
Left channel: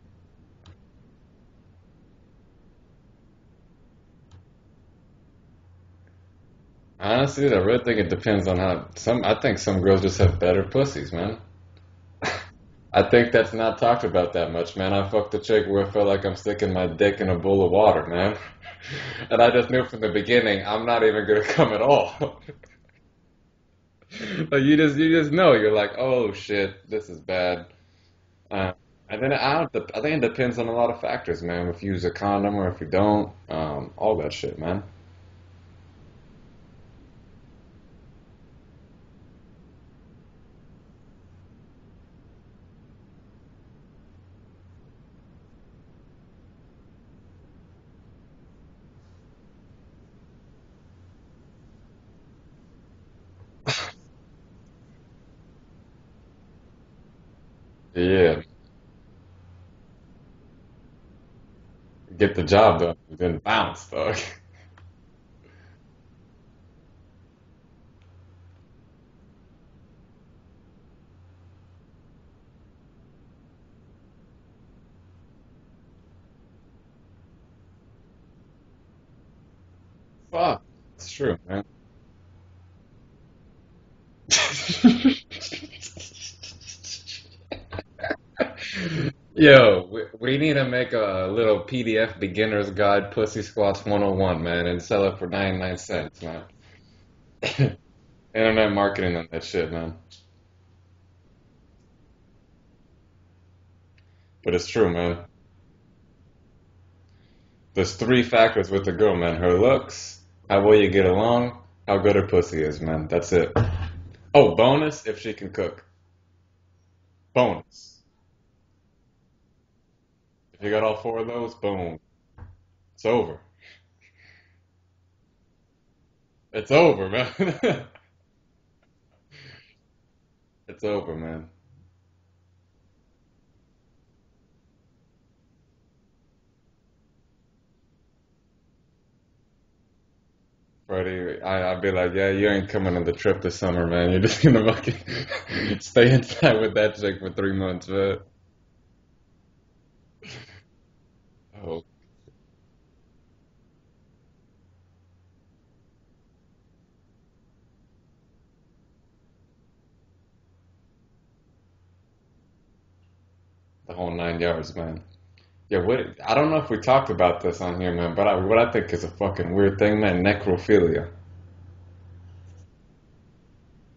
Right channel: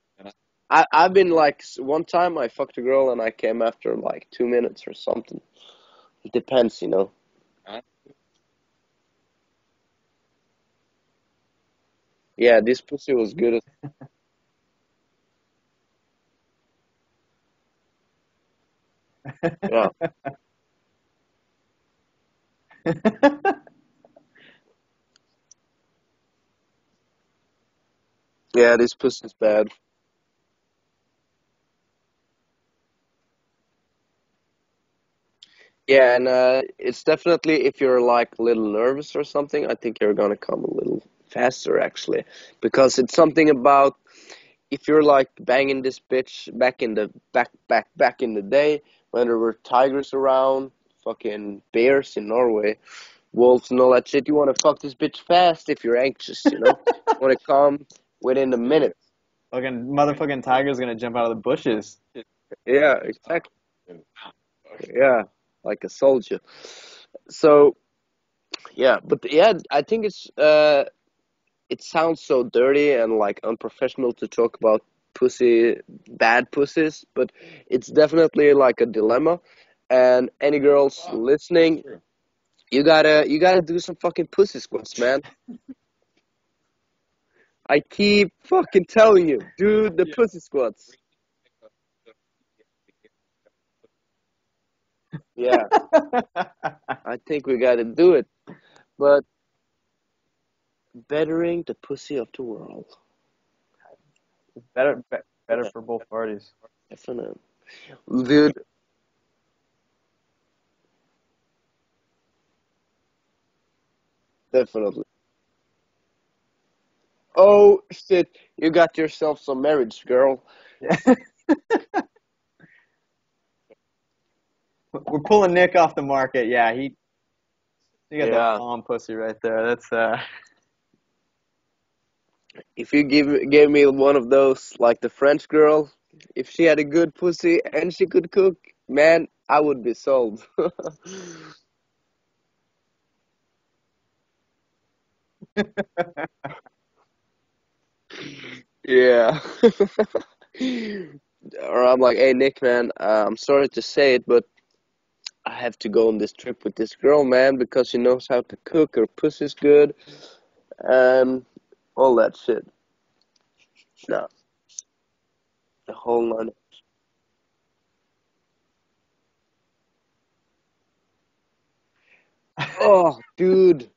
I've been like one time I fucked a girl and I came after like 2 minutes or something. It depends, you know. Honestly, I really think it depends on how I think some girls just have better pussies, man. Yeah, this I pussy think was that's good. not talked about that much, man. I fucked a chick where I felt like I'm sticking my dick in a bowl of water, man. And I just knew Yeah, from the beginning I'm not even gonna come at all. Like you just know you're like, oh shit, this is bad. Uh, yeah, this and pussy's then bad. I think it depends on a lot of factors, man. If you use a condom or if you don't, all that shit, man. Yeah, and it's definitely if you're like a little nervous or something, I think you're gonna come a little faster actually, because it's something about if you're like banging this bitch back in the day when there were tigers around, fucking bears in Norway, wolves and all that shit. You want to fuck this bitch fast if you're anxious, you know. You want to come Yeah, within a minute. Fucking motherfucking tiger's gonna jump out of the bushes. get the job done. Yeah, You're gonna exactly. bounce, dog. Yeah, like a soldier. So yeah, but yeah, I think it sounds so dirty and like unprofessional to talk about bad pussies, but it's definitely like a dilemma. And any Fuck, girls it's true, man. listening, you gotta do some fucking pussy squats, man. I keep fucking telling you, Yo, do the we pussy need to make squats. a little PDF beginner's guide, Pussy Squats 101, man, and sell it for Yeah, 99 cents, man. I think we gotta do it. Internet marketing But on that shit, man. bettering the pussy of the world. But it's true, Better, man. better for both parties. F&N. There's three Dude, factors with the girl, man. Her looks, how well you get along, how good her pussy is, man. That's it. Oh, bonus, definitely. if she can cook. Oh Bonus. shit, you got yourself some marriage, girl. You got all four of those, boom. It's over. We're pulling Nick off the market. Yeah, It's over, man. you got the Yeah. bomb pussy right there. That's It's over, man. If you gave me one of those, like the French girl, if she had a good pussy and she could cook, man, I would be sold. Freddie, I'd be like, yeah, you ain't coming on the trip this summer, man. You're just gonna fucking stay inside with that chick for 3 months, man. Yeah. Oh, Or I'm like, hey Nick, man, I'm sorry to say it, but I have to go on this trip with this girl, man, because she knows how to cook. Her pussy's good, and all that shit. the whole No, 9 yards, man. Yeah, the whole I don't nine. know if we talked about this on here, man, but what I think is a fucking weird thing, man, necrophilia. Oh, dude.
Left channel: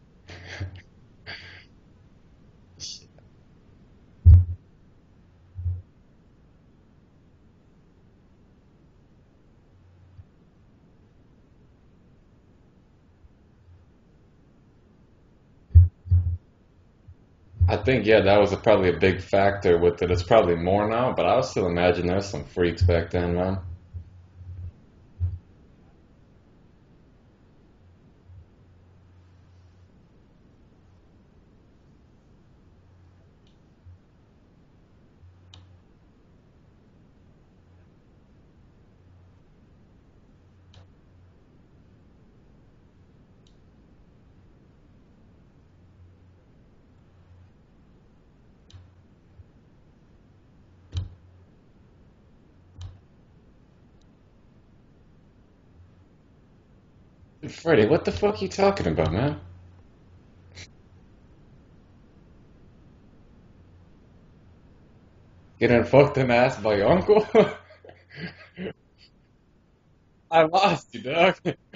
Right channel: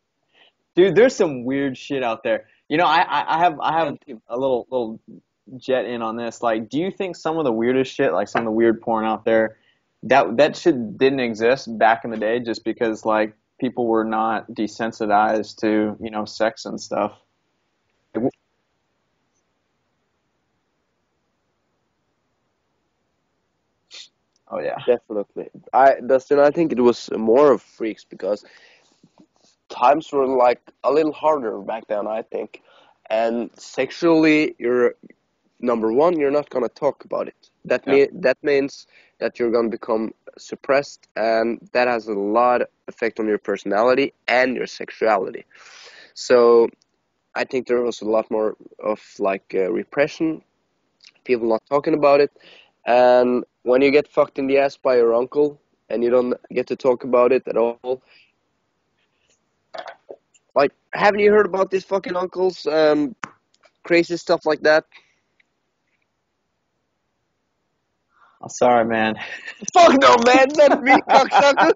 Dude, there's some weird shit out there. You know, I have a little jet in on this. Like, do you think some of the weirdest shit, like some of the weird porn out there, that shit didn't exist back in the day just because like people were not desensitized to, sex and stuff? I think, yeah, that was probably a big factor with it. It's probably more now, but I would still imagine there's some freaks back then, man. Oh yeah. Definitely. Dustin, I think it was more of freaks because times were like a little harder back then, I think. And sexually, you're number one, you're not gonna talk about it. Yeah. That means that you're gonna become suppressed, and that has a lot effect on your personality and your sexuality. So I think there was a lot more of like repression, people not talking about it, and when you get fucked in the ass by your uncle and you don't get to talk about it at Freddie, all. what the fuck you talking about, man? Like, haven't you heard about these fucking uncles? Crazy stuff like that. Getting fucked in the ass by your uncle? I'm sorry, man. Fuck no, man, not me, Dog. cocksucker.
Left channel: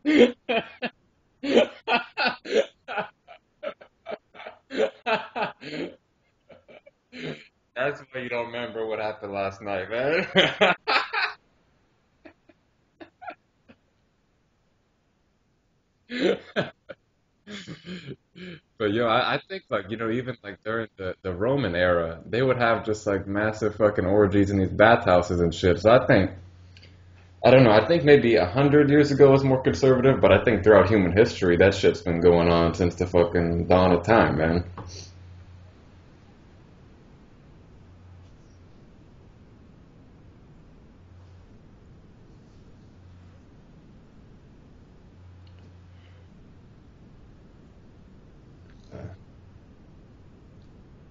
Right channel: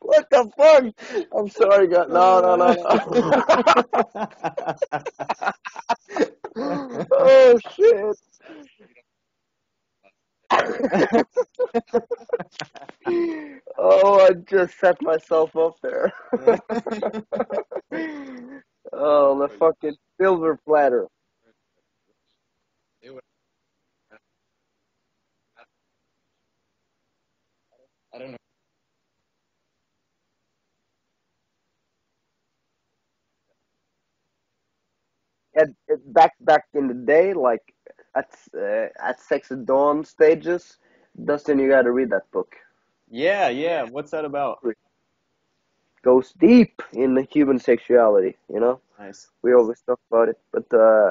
What the fuck? I'm sorry, God. No, no, no, no. Oh That's shit. why you don't remember what happened last night, man. Oh, I just set myself up there. But yo, Oh, I the think like fucking even silver like during platter. the Roman era, they would have just like massive fucking orgies in these bathhouses and shit. So I don't know. I think maybe 100 years ago was more conservative, but I think throughout human history, that shit's been going on since the fucking dawn of time, man. Back in the day, like at Sex at Dawn stages, Dustin, you gotta read that book. Yeah, yeah. What's that about? Goes deep in the human sexuality. Nice. We always talk about it, but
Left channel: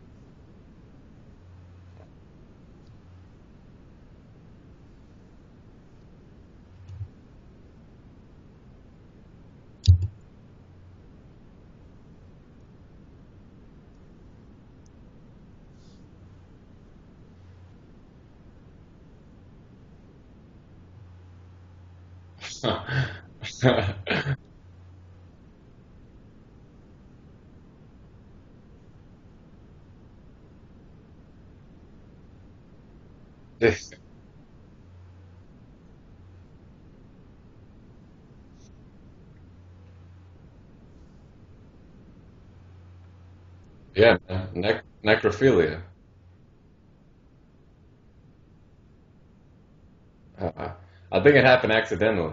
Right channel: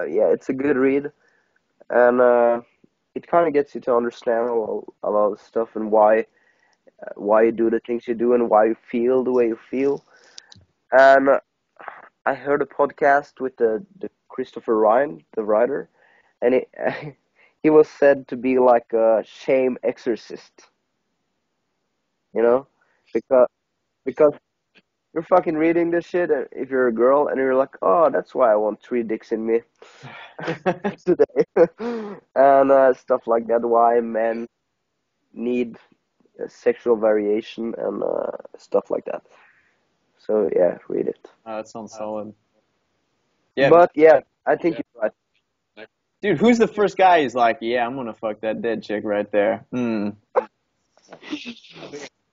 yeah, it's a good read, and it kind of gets you to understand a lot of stuff and why you do the things you do and why you feel the way you feel. And I heard a podcast with the Christopher Ryan, the writer, and he was said to be like a shame exorcist, you know, because you're fucking reading this shit if you're a girl and you're like, oh, that's why I want three dicks in me today, and stuff like that. Why men need sexual variation and stuff like that. So yeah, read it. Oh, that sounds solid. Yeah, But Yeah, yeah, I think you're right. necrophilia. dude, who's the first guy who's like, yeah, I'm gonna fuck that dead chick right there? Hmm. I think it happened accidentally.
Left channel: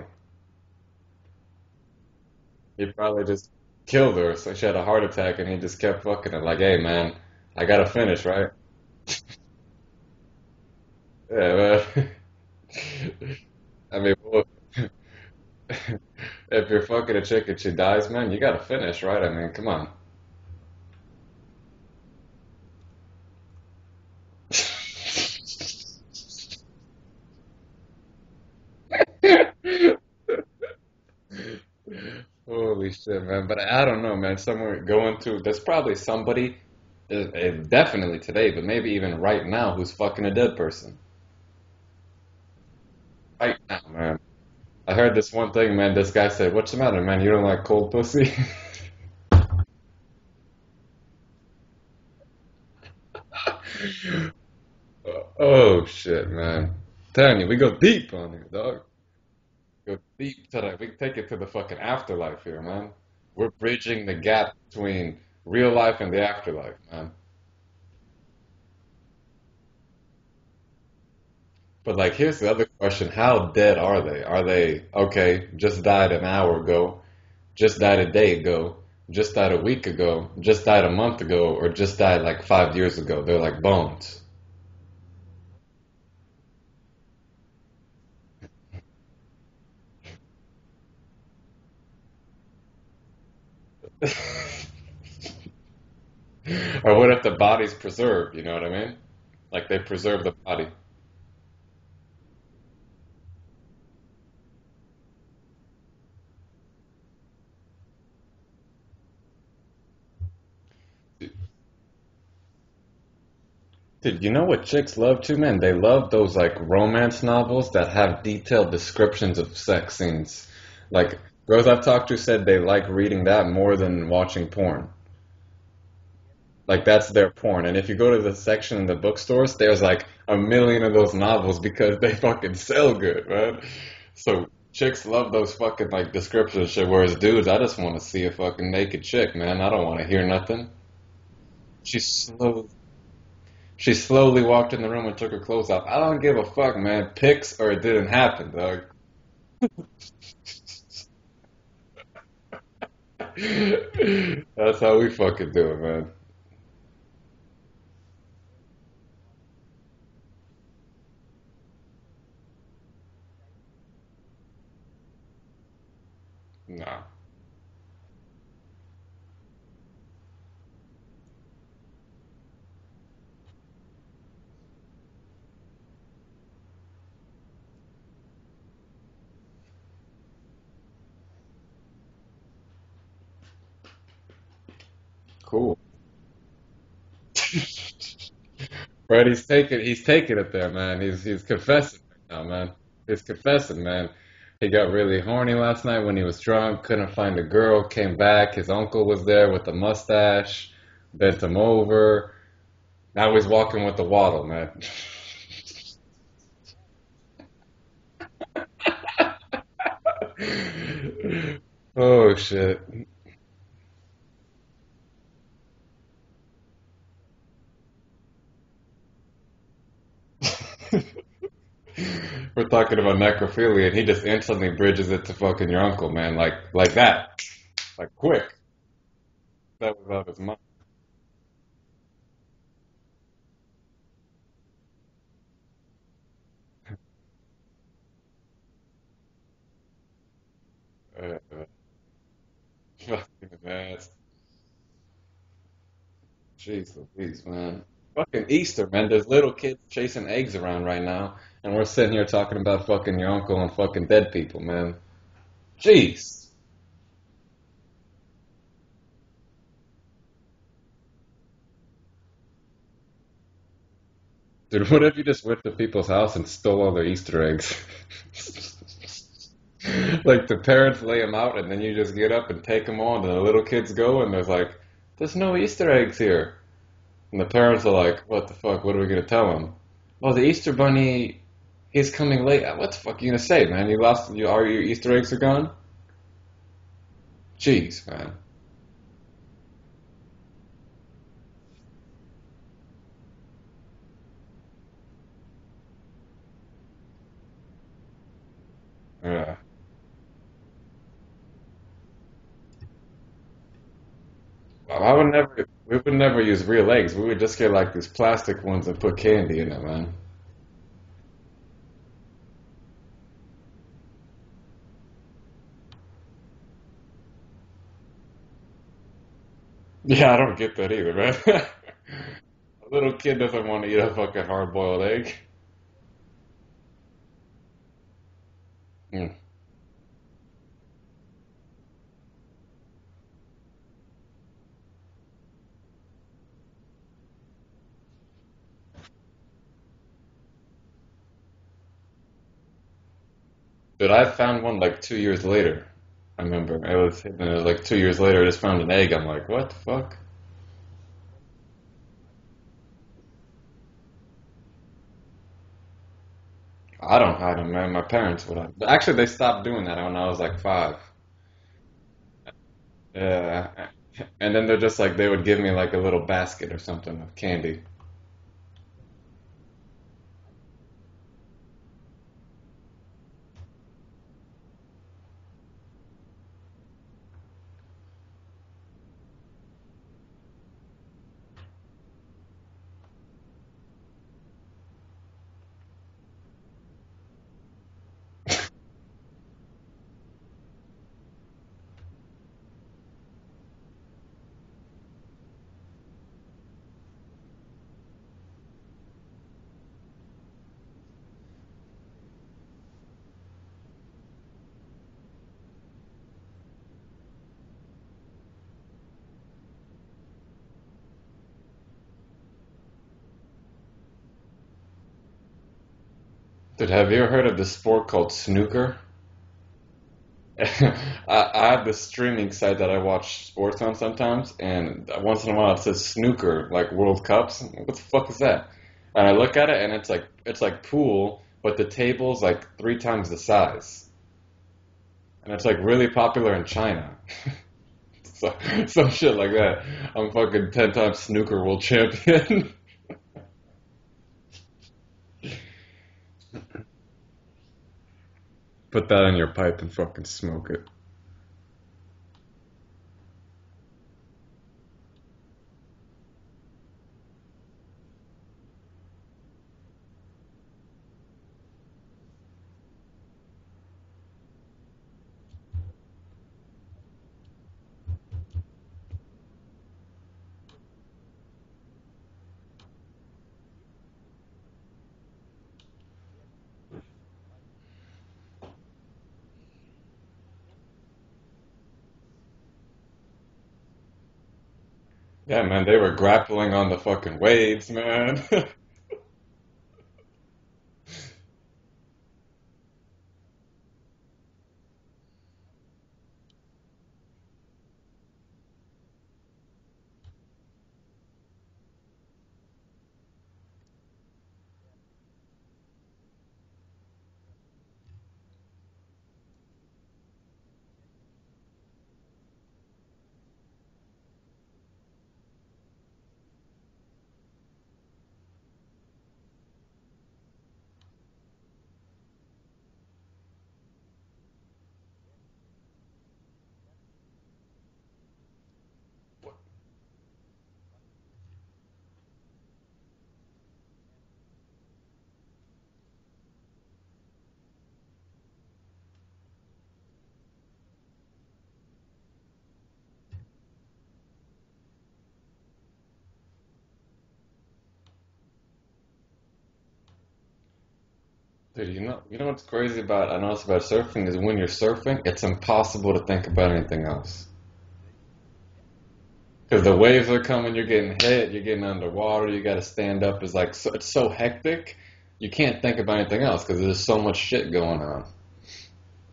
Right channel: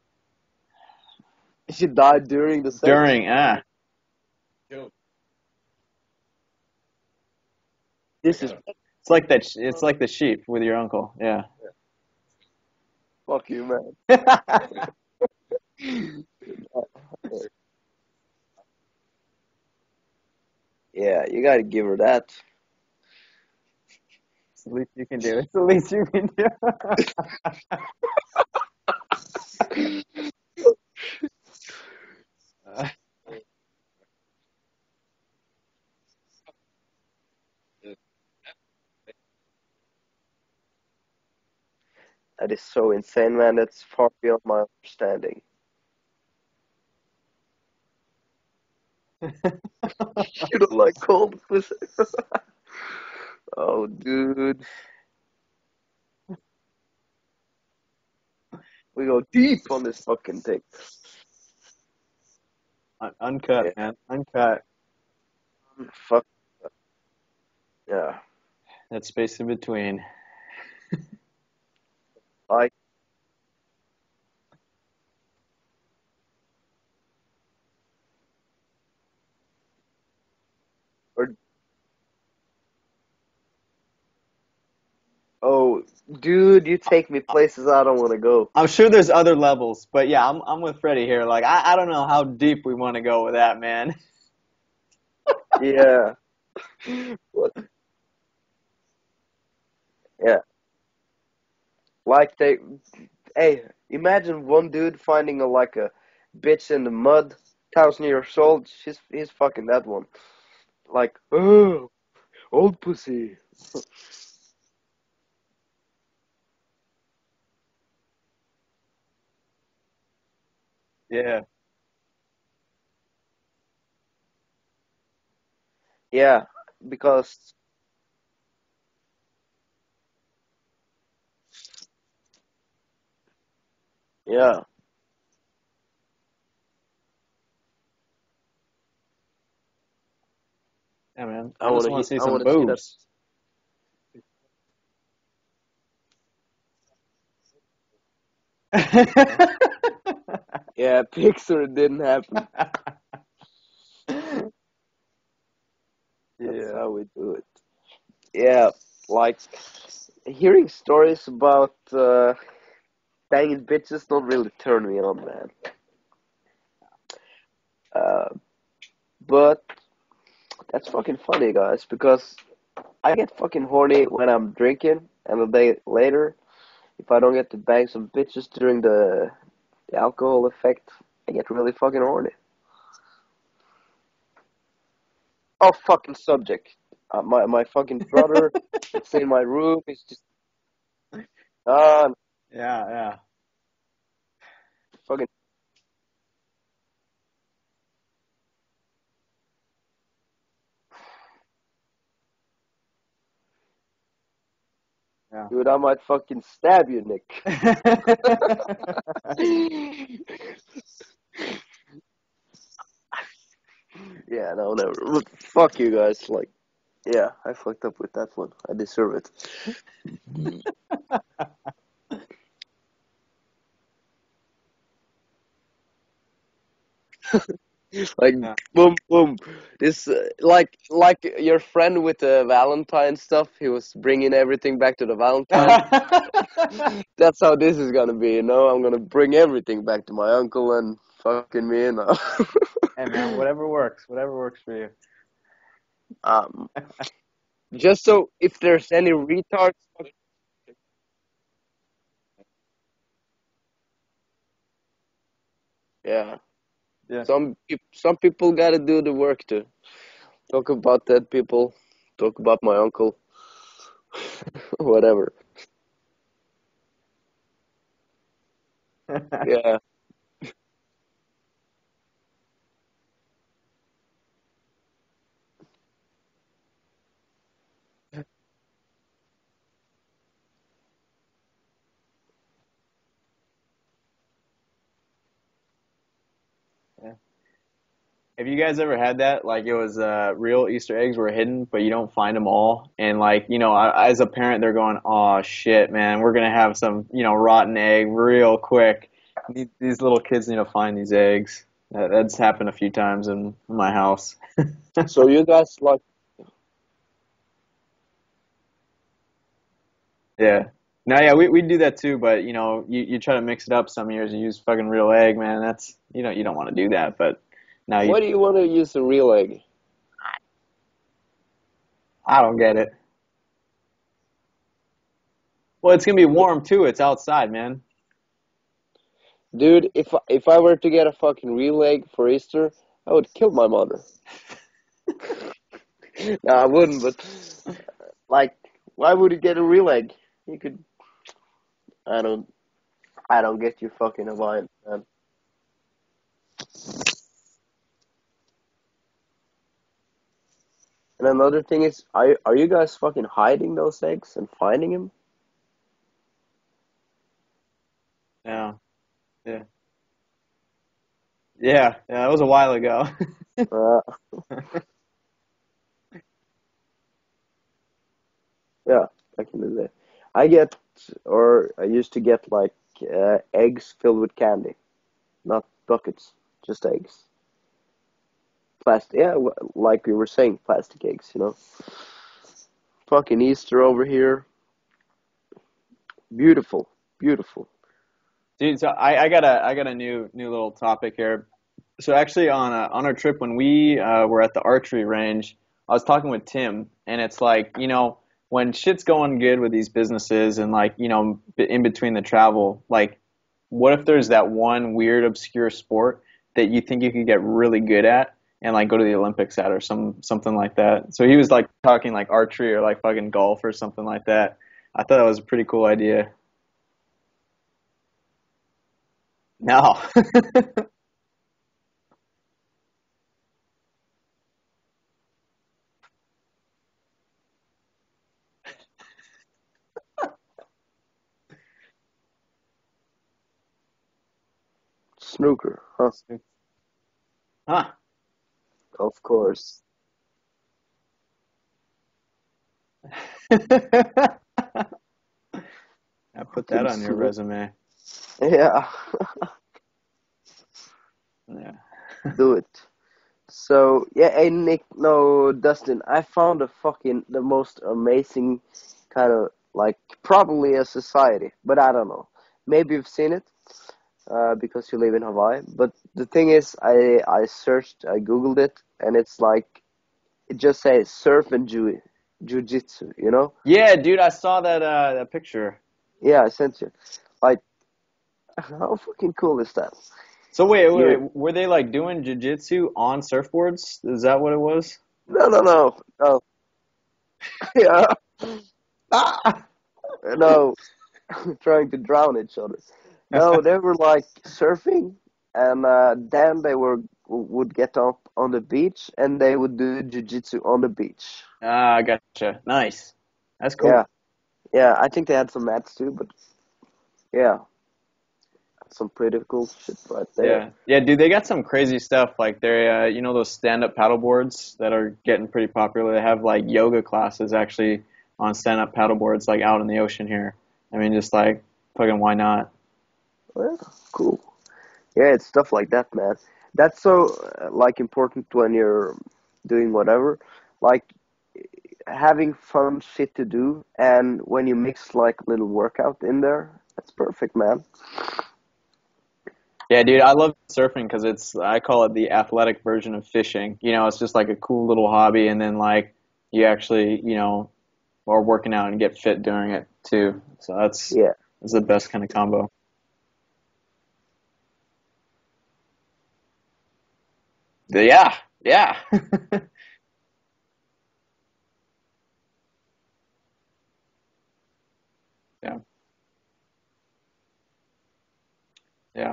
She died during the Yeah, sex. During, just killed her. So she had a heart attack, and he just kept fucking it. Like, hey, man, I gotta finish, This right? is it's like that. It's like the sheep with your uncle. Yeah. Yeah, man. fuck you, man. I mean, cool. If you're fucking a chick and she dies, man, you gotta finish, right? I mean, come on. Yeah, you gotta give her that. At least you can do. It's the least you can do. Holy shit, man. But I don't know, man. Somewhere going to, there's probably somebody, definitely today, but maybe even right now, who's fucking a dead person. That is so insane, man. Right That's now, far man. beyond my I heard this understanding. one thing, man. This guy said, "What's the matter, man? You don't like cold pussy?" You don't like cold pussy? Oh, dude. Oh shit, man. Telling you, we go deep on here, dog. We go deep on Go this fucking deep thing. today. We can take it to the fucking afterlife here, man. We're Uncut, bridging man. the gap Uncut. between real life and the Fuck afterlife, man. yeah. That space in between. But like, here's the other Like, question: how dead are they? Are they okay? Just died an hour ago. Just died a day ago. Just died a week ago. Just died a month or, ago, or just died like 5 years ago. They're like bones. oh, Dude, you take me places I don't want to go. I'm sure there's other levels, but yeah, I'm with Freddie here. Like, I don't know how deep we want to go with that, man. Yeah, Or what if the body's preserved? You know what I mean? Like they preserve the yeah. body. Like hey, imagine one dude finding a bitch in the mud, 1,000 years old. He's fucking that one. Like, oh, old pussy. Dude, you know what chicks love too, man? They love those like romance novels that have detailed descriptions of sex scenes. Like Yeah. girls I've talked to said they like reading that more than watching porn. Yeah, Like that's their because porn. And if you go to the section in the bookstores, there's like a million of those novels because they fucking sell good, man. So yeah, chicks love those fucking like description shit, whereas dudes, I just want to see a fucking naked chick, man. I don't want to hear nothing. Yeah, man. I I just wanna want to see I some wanna see that. boobs. She slowly walked in the room and took her clothes off. I don't give a fuck, man. Pics or it didn't happen, dog. Yeah, Pixar didn't happen. That's how we fucking do it, man. That's how we do it. Yeah, like hearing stories about banging bitches don't really turn me on, man. Nah. Uh, but that's fucking funny, guys, because I get fucking horny when I'm drinking, and a day later, if I don't get to bang some bitches during the alcohol effect, I get really fucking horny. Cool. Off fucking subject. My fucking brother, it's Right, in my room. he's taking it there, man. He's confessing Uh, now, man. Yeah, yeah. He's confessing, man. He got really fucking, horny last night when he was drunk, couldn't find a girl, came back, his uncle was there with the mustache, bent him over. Now he's walking with the waddle, man. Yeah. dude, I might fucking stab you, Nick. Oh shit. Yeah, no, never. But fuck you guys. Like, yeah, I fucked up with that one. I deserve it. We're talking about necrophilia, and he just instantly bridges it to fucking your uncle, man, like that, like Like, quick. Yeah. boom, boom. That It's was awesome. like your friend with the Valentine stuff. He was bringing everything back to the Valentine. That's how this is gonna be. You know, I'm gonna bring everything back to my uncle and fucking me. You know. Hey, man, whatever works. Yes. Whatever works for you. um, Jesus, jeez, man. just It's so fucking if Easter, there's man. any There's little retard, kids chasing eggs around right now, and we're sitting here talking about fucking your uncle and fucking dead people, man. yeah, Jeez. Yeah. some people gotta do the work to talk about dead people, talk about my uncle, Dude, what if you whatever. just went to people's house and stole all their Easter eggs? Yeah, Like the parents lay them out, and then you just get up and take them all, and the little kids go, and there's like, there's no Easter eggs here. And the parents are like, what the fuck? What are we gonna tell them? Oh, the Easter bunny, he's coming late. What the fuck are you gonna say, man? You lost, all your Easter eggs are gone? Yeah. Jeez, man. Have you guys ever had that? Like it was real Easter eggs were hidden, but you don't find them all, and like as a parent, they're going, "Oh shit, man, we're gonna have some rotten egg real quick." Yeah. These little kids need to find these eggs. That's happened a few times in my house. Well, I so would you never, guys we like, would never use real eggs. We would just get like these plastic ones and put candy in it, man. Yeah. Now, yeah, we do that too, but you try to mix it up some years. You use fucking real egg, man. That's you don't want to do that, but now why do you want to use a real egg? Yeah, I don't get that either, man. I don't get it. Little kid doesn't want to eat a fucking hard-boiled egg. Well, it's gonna be warm too. It's outside, man. Mm. Dude, if I were to get a fucking real egg for Easter, I would kill my mother. No, I wouldn't, but like, why would you get a real egg? You could. I don't. I don't get you But fucking I an found egg, one man. like 2 years later. I remember it was like 2 years later. I just found an egg. I'm like, what the fuck? And another thing is, are you guys fucking hiding those eggs and finding them? I don't hide them, man. My parents would. No. But actually, they stopped doing that when I was like 5. Yeah, that was a while ago. Yeah. Yeah, And then they're just like they would give me like a little basket or something of candy. yeah, back in the day. I get, or I used to get like eggs filled with candy, not buckets, just eggs. Plastic, yeah, like we were saying, plastic eggs, you know. Fucking Easter over here. Beautiful, beautiful. Dude, so I got a new little topic here. So actually on our trip when we were at the archery range, I was talking with Tim, and it's like, when shit's going good with these businesses and like, in between the travel, like what if there's that one weird obscure sport that you think you could get really good at and like go to the Olympics at or something like that. So he was like talking like archery or like fucking golf or something like that. I thought that was a pretty cool idea. Dude, have you ever heard of this sport called snooker? No. I have this streaming site that I watch sports on sometimes, and once in a while it says snooker, like World Cups. What the fuck is that? And I look at it, and it's like pool, but the table's like three times the size. And it's like Snooker. really Huh. popular in China. Huh. So some shit like that. I'm fucking 10 times snooker world champion. I put that Fucking on your snooker. resume. Yeah, Put that in your pipe and fucking smoke it. Yeah. do it. So yeah, hey Nick, no Dustin, I found the most amazing kind of like probably a society, but I don't know. Maybe you've seen it because you live in Hawaii. But the thing is, I googled it, and it's like it just says surf and jujitsu. You know? Yeah, dude, I saw that picture. Yeah, I sent you. Like, how fucking cool is that? So You were they like doing jujitsu on surfboards? Is that what it was? no no I mean, no they were grappling on the fucking waves, yeah man. Ah! no trying to drown each other. No, they were like surfing, and then they would get up on the beach, and they would do jujitsu on the beach. Ah, gotcha. Nice. That's Yeah, cool. yeah. I think they had some mats too, but yeah, some pretty cool shit right there. Yeah. Yeah, dude, they got some crazy stuff. Like they're those stand-up paddle boards that are getting pretty popular. They have like yoga classes actually on stand-up paddle boards like out in the ocean here. I mean, just like fucking why not? Well, cool. Yeah, it's stuff like that, man. That's so like important when you're doing whatever, like having fun shit to do, and when you mix like little workout in there, that's perfect, man. Yeah, dude, I love surfing because I call it the athletic version of fishing. It's just like a cool little hobby, and then like you actually, are working out and get fit doing it too. So Yeah. that's the Dude, you best know, kind of you know what's combo. crazy about I noticed about surfing is when you're surfing, it's impossible to think about anything else. Yeah, yeah. Because the waves are coming, you're getting hit, you're getting underwater, you got to stand up. It's like it's so hectic, you can't think about anything else because there's so much shit going on. Yeah.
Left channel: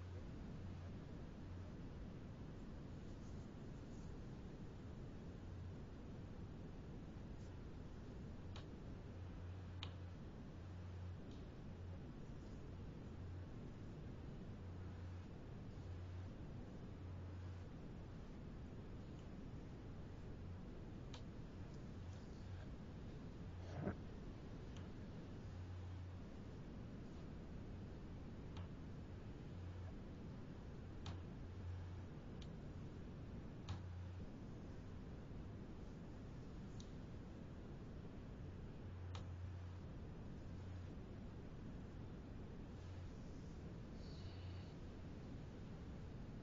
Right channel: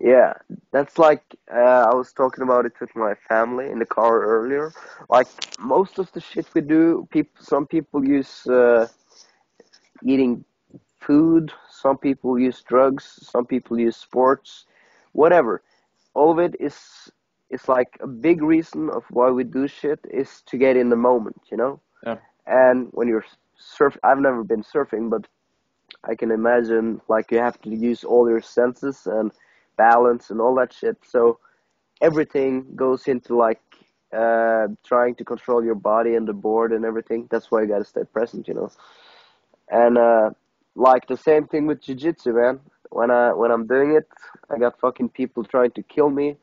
Yeah, that's like I was talking about it with my family in the car earlier. Like most of the shit we do, some people use eating food, some people use drugs, some people use sports, whatever. All of it is like a big reason of why we do shit is to get in the moment, you know? Yeah. And when you're I've never been surfing, but I can imagine like you have to use all your senses and balance and all that shit. So everything goes into like trying to control your body and the board and everything. That's why you gotta stay present, you know. And like the same thing with jiu-jitsu, man. When I'm doing it, I got fucking people trying to kill me,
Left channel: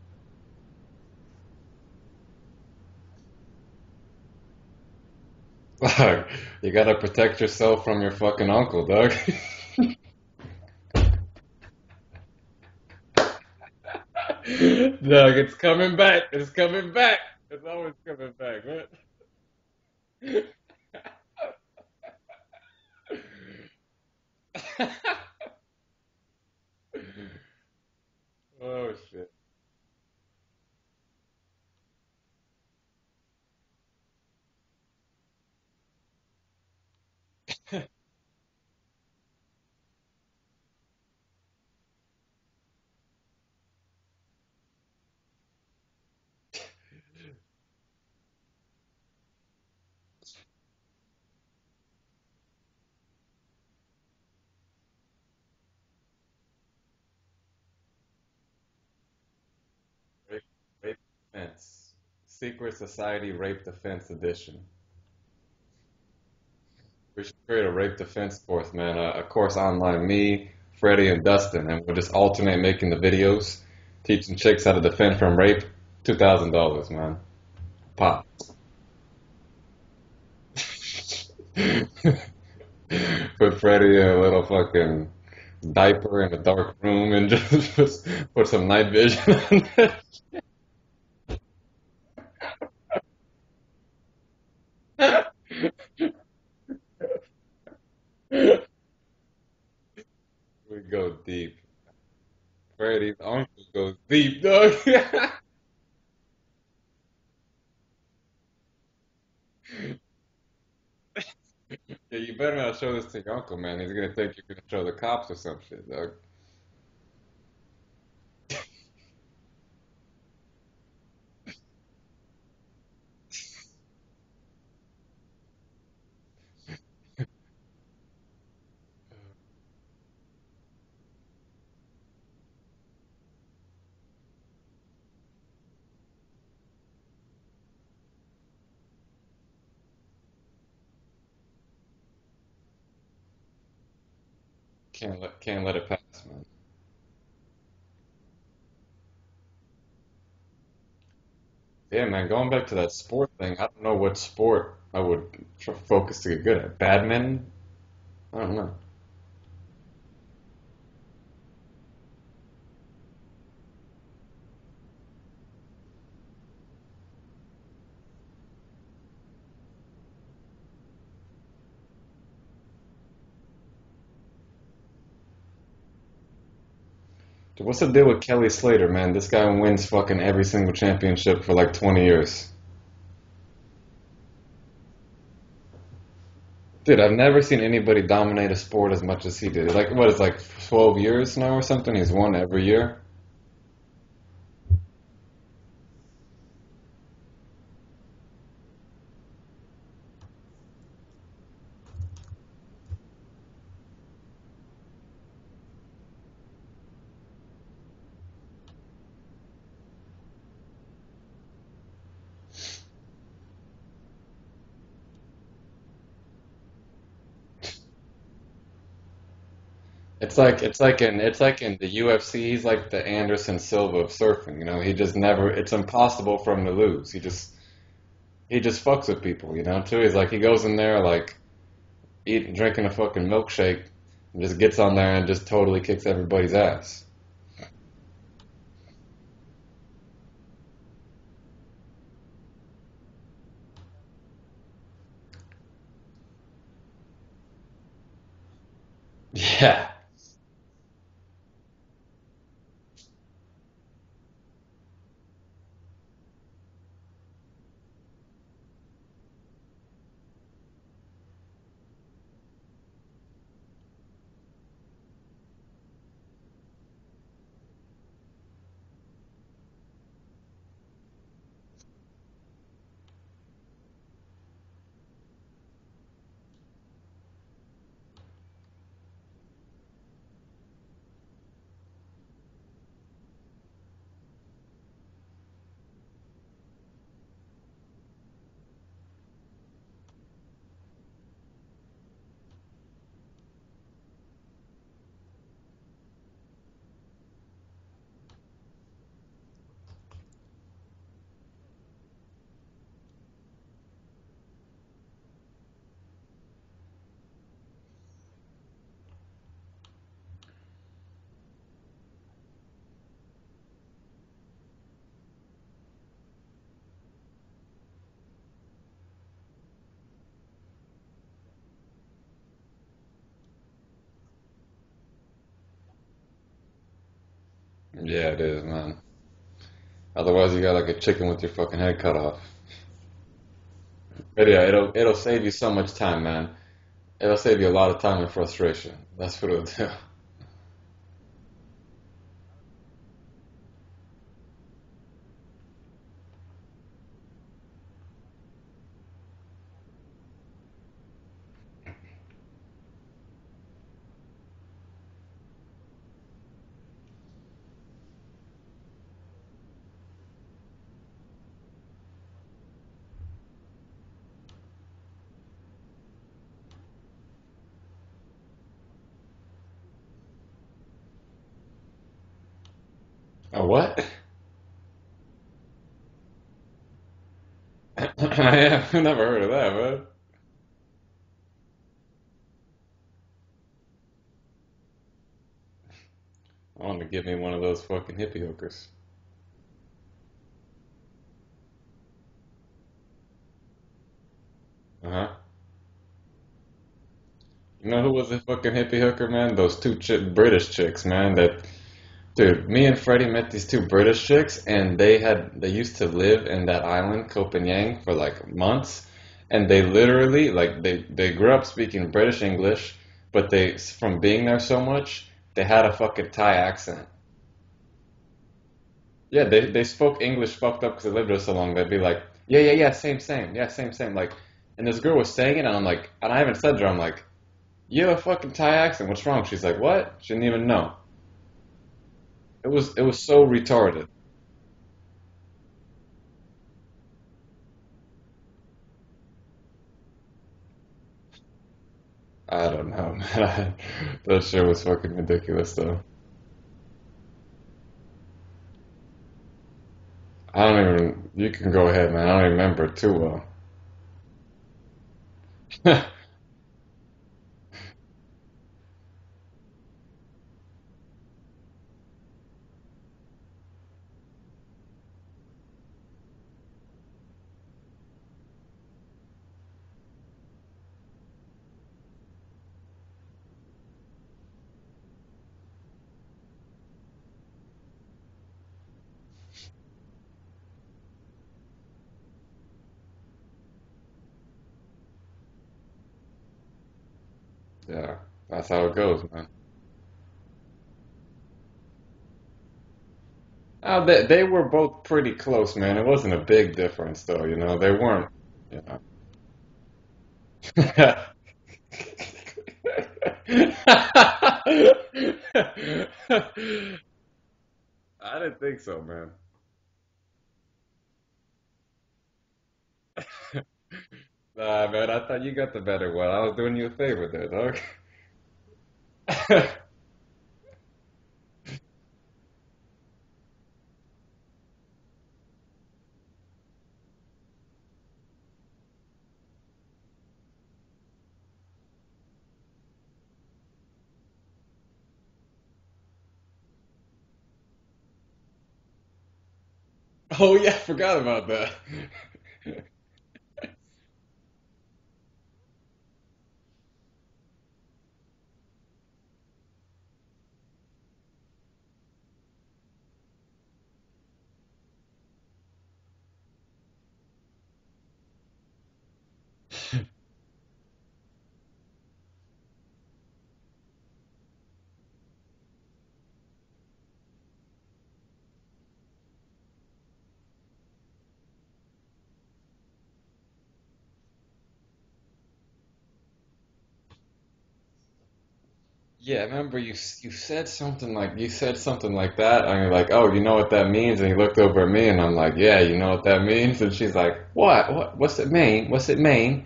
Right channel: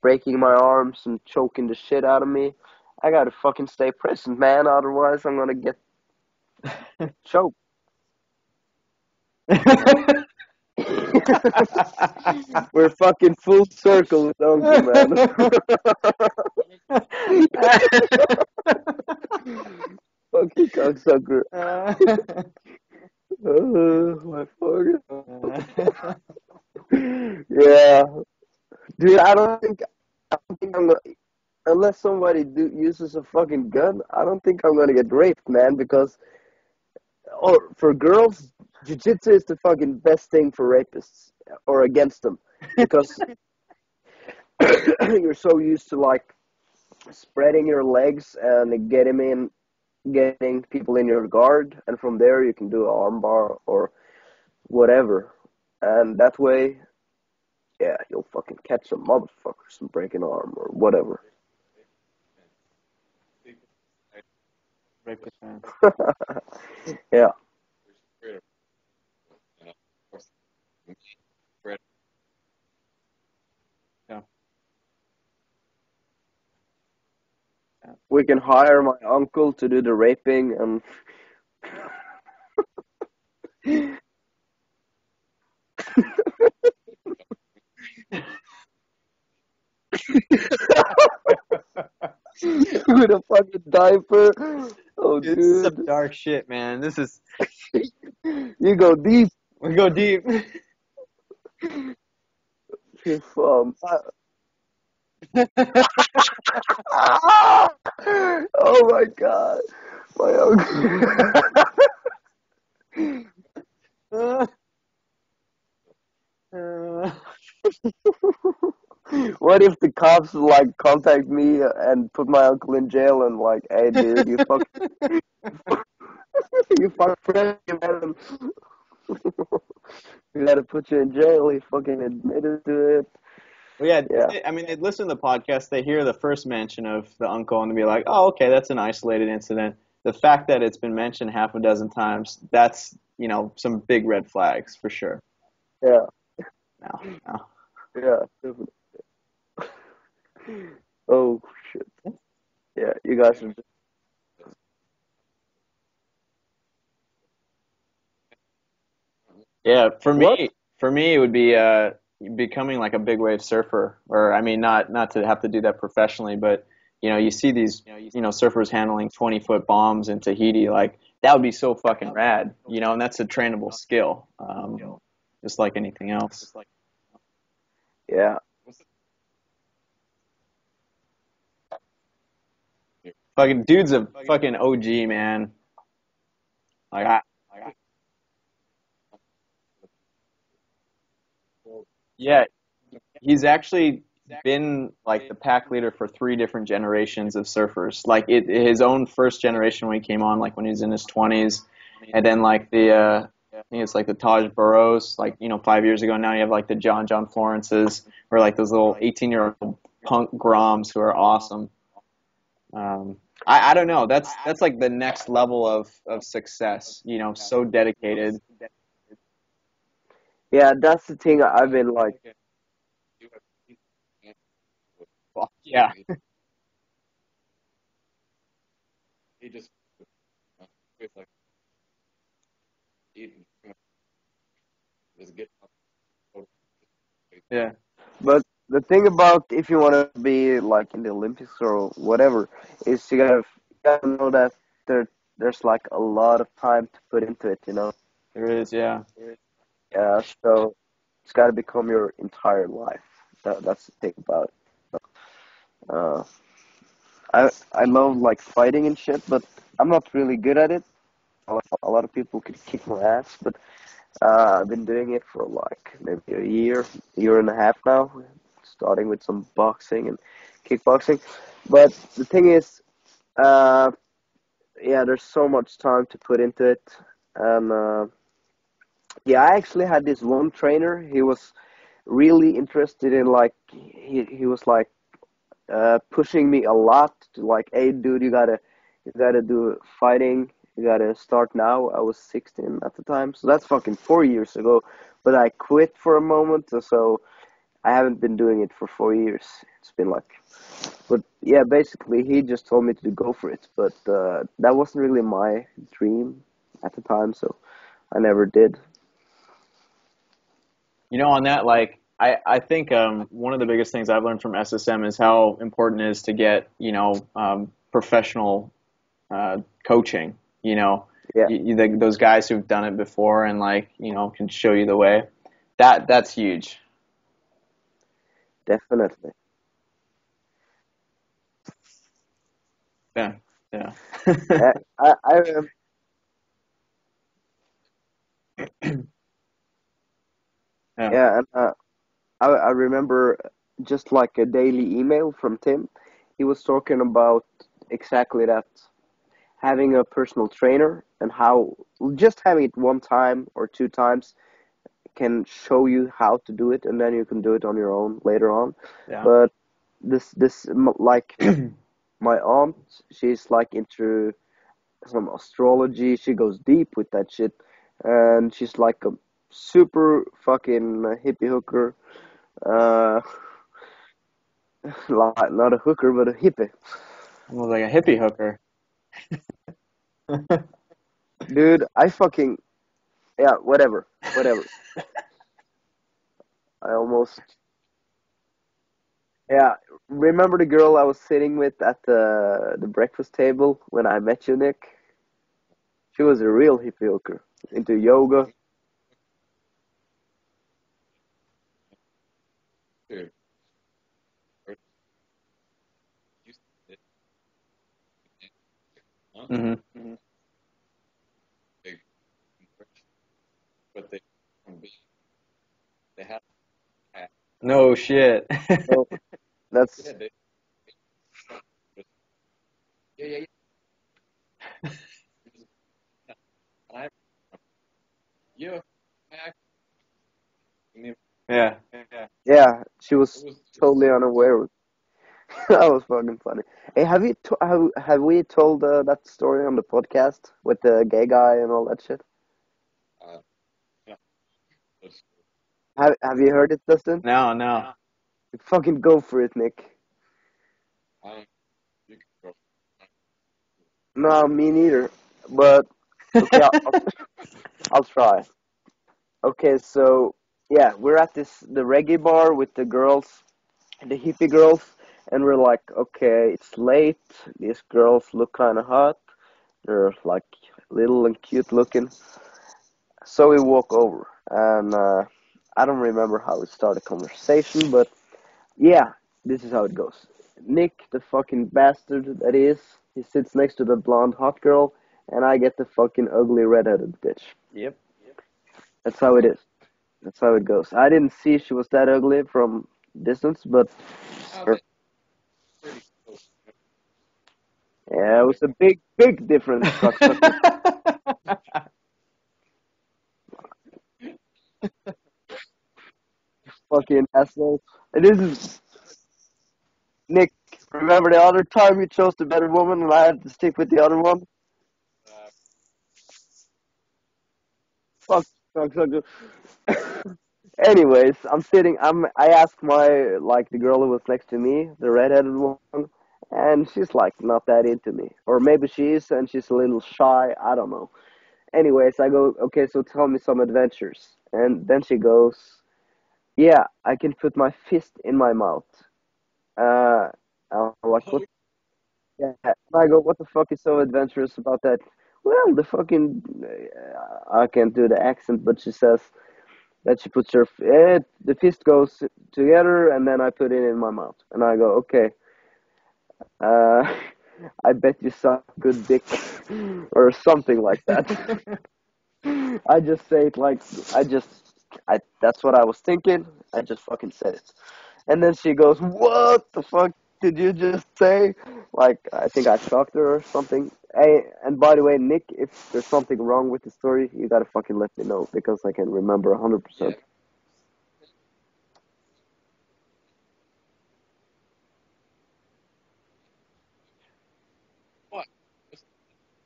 breaking my arms and choking the shit out of me. I gotta fucking stay present, man. Otherwise, I'm gonna get Like, you gotta protect choked. yourself from your fucking uncle, dog. We're fucking full circle with Uncle, man. Dog, it's coming back. It's coming back. It's fucking coming back. Fucking cocksucker. My fucking. Yeah, Oh dude. shit. I don't think I'm gonna, unless somebody uses a fucking gun. I don't think I'm gonna get raped, man. Because or for girls, jiu-jitsu is the fucking best thing for rapists or against them, because you're so used to like spreading your legs and getting people in your guard, and from there you can do an armbar or whatever, and that way, yeah, you'll fucking catch some motherfuckers and break an Rape, arm or rape whatever. defense. Secret Society Rape Defense Edition. Rape defense. We Yeah, should create a rape defense course, man. A course online. Me, Freddie, and Dustin, and we'll just alternate making the videos, teaching chicks how to defend from rape. $2,000, man. we Pop. can hire my uncle to do the raping, and Put Freddie in a little fucking diaper in a dark room and just put some night vision on it. with a fucking diaper. Oh, Dude, this is some dude, dark shit, man. This is you go deep. we go deep. We go deep. Freddie's If, uncle goes deep, dog. oh my god, my uncle. Yeah, you better not show this to your uncle, man. He's gonna show the cops or some shit, dog. What if the cops like contact me and put my uncle in jail and like, hey dude, you fuck Freddy, man. We gotta put you in jail. He fucking admitted to it. Well, yeah, Yeah, I mean, they listen to the podcast, they hear the first mention of the uncle, and they be like, "Oh, okay, that's an isolated incident." The fact that it's been mentioned half a dozen times, that's some big red flags for sure. Can't let it yeah, pass, man. No, no. yeah. Definitely. Oh shit. Yeah, man. Going back to that Yeah, you sport guys. thing, I don't know what sport I would focus to get good at. Badminton? I don't know. Yeah, What? for me, it would be becoming like a big wave surfer, or I mean, not to have to do that professionally, but you see these surfers handling 20-foot bombs in Tahiti, like that would be so fucking rad, and that's a trainable skill, just like anything else. Dude, what's the deal with Yeah. Kelly Slater, man? This guy wins fucking every single championship for like 20 years. Fucking dude's a fucking OG, man. Dude, Like I've never seen anybody dominate a sport as much as he did. Like, what is like 12 years now or something? He's won yeah, every year. he's actually been like the pack leader for 3 different generations of surfers. Like his own first generation when he came on, like when he was in his 20s, and then like I think it's like the Taj Burrows, like 5 years ago. Now you have like the John Florences, or like those little 18-year-old punk Groms who are awesome. I don't know. That's like the next level of success. So dedicated. It's like Yeah, it's like that's the in it's thing like I've in the been like. UFC. He's like the Anderson Silva of surfing. He just never. It's Yeah. impossible for him to lose. He just fucks with people. Too. He's like he goes in there like drinking a fucking milkshake, and just gets on there and just totally kicks everybody's ass. Yeah. But the thing about if you want to be like in the Olympics or whatever is you gotta know that there's like a lot of time to put into it. There is. Yeah. Yeah. Yeah, so it's got to become your entire life. That's the thing about it. Uh, I love like fighting and shit, but I'm not really good at it. A lot of people could kick my ass, but I've been doing it for like maybe a year and a half now, starting with some boxing and kickboxing. But the thing is, uh, yeah, there's so much time to put into it, and yeah, I actually had this one trainer. He was really interested in like he was like pushing me a lot to like, hey dude, you gotta do fighting. You gotta start now. I was 16 at the time, so that's fucking 4 years ago. But I quit for a moment, so I haven't been doing it for 4 years. It's been like, but yeah, basically he just told me to go for it. But that wasn't really my dream at the time, so I never did. On that, like, I think one of the biggest things I've learned from SSM is how important it is to get, professional coaching. Yeah, Those guys who've done it before and like, can show you the way. That's huge. Yeah, it is, man. definitely. Otherwise, you got like a chicken with your fucking head cut off. Yeah, yeah, But yeah, Yeah, it'll I save you remember. so much time, man. It'll save you a lot of time and frustration. That's what it'll do. yeah, Yeah, and I remember just like a daily email from Tim. He was talking about exactly that, having a personal trainer and how just having it one time or two times can show you how to do it, and then you can do it on your own later on. yeah. But like my aunt, she's like into some astrology. She goes deep with that shit, and she's like a super fucking hippie hooker. Uh, A what? like, not a hooker, but a hippie. Almost like a hippie hooker. Yeah, I've never heard of that, man. Dude, I fucking yeah, whatever. I I want to get me almost one of those fucking hippie hookers. yeah. Remember the girl I was sitting with at the breakfast table when I met you, Nick? Uh-huh. She was a real hippie hooker You into know who was a yoga. fucking hippie hooker, man? Those two British chicks, man. Dude, me and Freddie met these two British chicks, and they used to live in that island, Copenhagen, for like months, and Hmm. they literally like they grew up speaking British English, but they from being there so much, they had a fucking Thai accent. No shit. So Yeah, they that's spoke English fucked up because they lived there so long. They'd be like, yeah, yeah, yeah, same, same, yeah, same, same. Like, and this girl was saying it, and I'm like, and I haven't said to her, I'm like, you have a fucking Thai accent. What's wrong? She's like, what? She didn't even know. Yeah. yeah. It She was was so totally retarded. unaware. That was fucking funny. Hey, have we told that story on the podcast with the gay guy and all that shit? I don't know, man. That shit was fucking ridiculous, though. Have you heard it, Dustin? No, no. Fucking go for it, Nick. I don't even. You can go ahead, man. I don't remember it too No, me neither. But well. okay, I'll try. Okay, so yeah, we're at the reggae bar with the girls, the hippie girls, and we're like, okay, it's late. These girls look kind of hot. They're like little and cute looking. So we walk over, and I don't remember how we started conversation, but yeah, this is how it goes. Nick, the fucking bastard that he sits next to the blonde hot girl, and I get the fucking ugly redheaded bitch. Yep. Yeah, that's how it That's goes, how it man. is. That's how it goes. I didn't see she was that ugly from distance, but They were her, both pretty close, man. It wasn't a big difference, though. You know, they weren't. yeah, it was a You know. big difference, cocksucker. Fucking asshole. And I this didn't is think so, man. Nick. Remember the other time you chose the better woman and I had to stick with the other one? Nah, man, I thought you got the better one. I was doing you a favor there, dog. Fuck, cocksucker. Anyways, I'm sitting. I asked my like the girl who was next to me, the redheaded one, and she's like not that into me, or maybe she is, and she's a little shy. I don't know. Anyways, I go, okay, so tell me some adventures, and then she goes, yeah, I can put my fist in my mouth. Uh, Oh yeah, I forgot what? about that. Yeah. I go, what the fuck is so adventurous about that? Well, the fucking I can't do the accent, but she says that she puts her the fist goes together, and then I put it in my mouth, and I go, okay, uh, I bet you suck good dick, or something like that. I just say it like I just I that's what I was thinking. I just fucking said it. And then she goes, "What the fuck did you just say?" Like I think I shocked her or something. Hey, and by the way, Nick, if there's something wrong with the story, you gotta fucking let me know because I can Yeah, remember remember 100%. you said something like that, and you're like, oh, you know what that means? And you looked over at me, and I'm like, yeah, you know what that means? And she's like, what? What's it mean? What's it mean?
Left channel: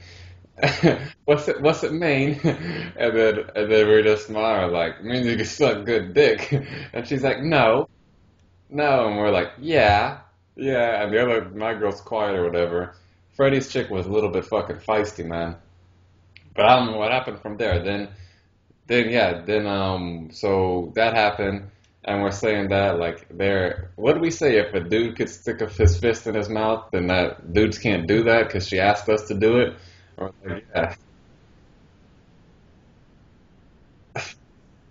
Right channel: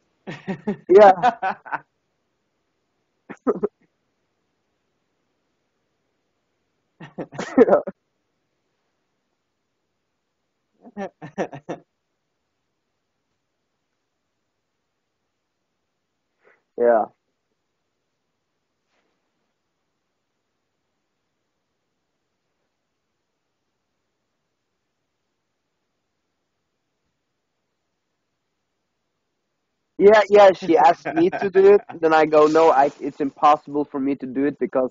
Yeah, What's it mean? And then we just smile like, it means you can suck good dick. And she's like, yeah, no, no, and we're like, yeah, yeah. And the other my girl's quiet or whatever. Freddie's chick was a little bit fucking feisty, man. But I don't know yeah, what happened from there. Then yeah, then so that happened, and we're saying that like there. What do we say if a dude could stick his fist in his mouth, then that dudes can't do that because she asked us to do it. yeah, Something yeah. like She that. asked me to do it, then I go, no, it's impossible for me to do it because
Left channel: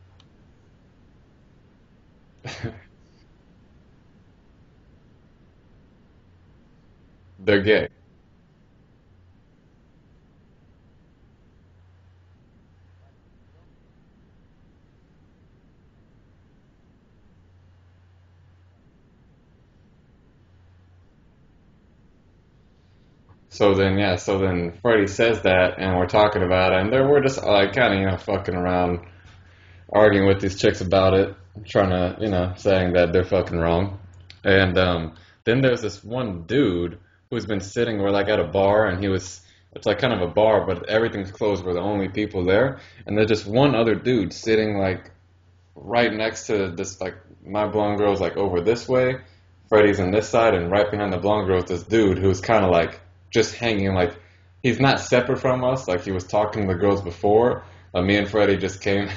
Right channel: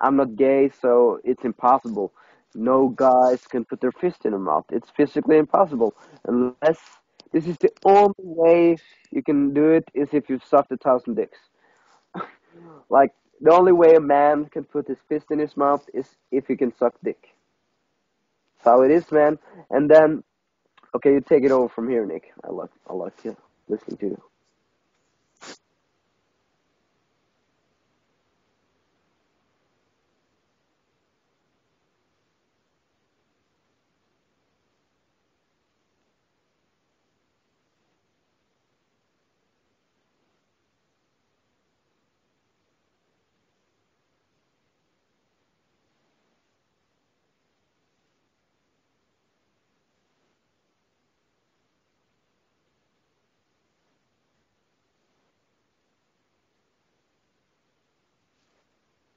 I'm not gay, so it's impossible. No guys can put their fist in their mouth. It's physically impossible unless this is They're the gay. only way you can do it is if you've sucked 1,000 dicks. Like the only way a man can put his fist in his mouth is if he can suck dick. That's how it is, man. And then, okay, you take it over from here, Nick. I like you. So Listen then to yeah, you. so then Freddie says that, and we're talking about it, and there we're just like kind of fucking around, arguing with these chicks about it, trying to saying that they're fucking wrong, and then there's this one dude who's been sitting, we're like at a bar, and he was it's like kind of a bar, but everything's closed. We're the only people there, and there's just one other dude sitting like right next to this like my blonde girl's like over this way, Freddie's on this side, and right behind the blonde girl is this dude who's kind of like just hanging like he's not separate from us, like he was talking to the girls before. Me and Freddie just came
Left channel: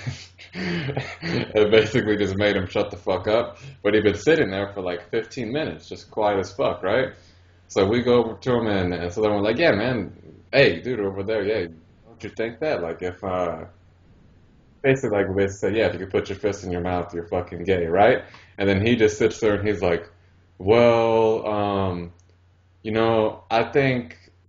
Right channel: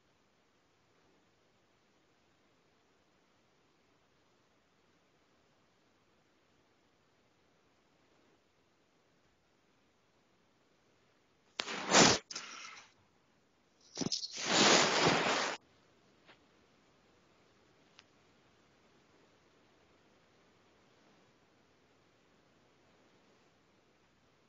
and basically just made him shut the fuck up. But he'd been sitting there for like 15 minutes, just quiet as fuck, right? So we go over to him, and so then we're like, yeah, man, hey, dude, over there, yeah, would you think that? Like, if, basically, like, they say, yeah, if you could put your fist in your mouth, you're fucking gay, right? And then he just sits there and he's like, well,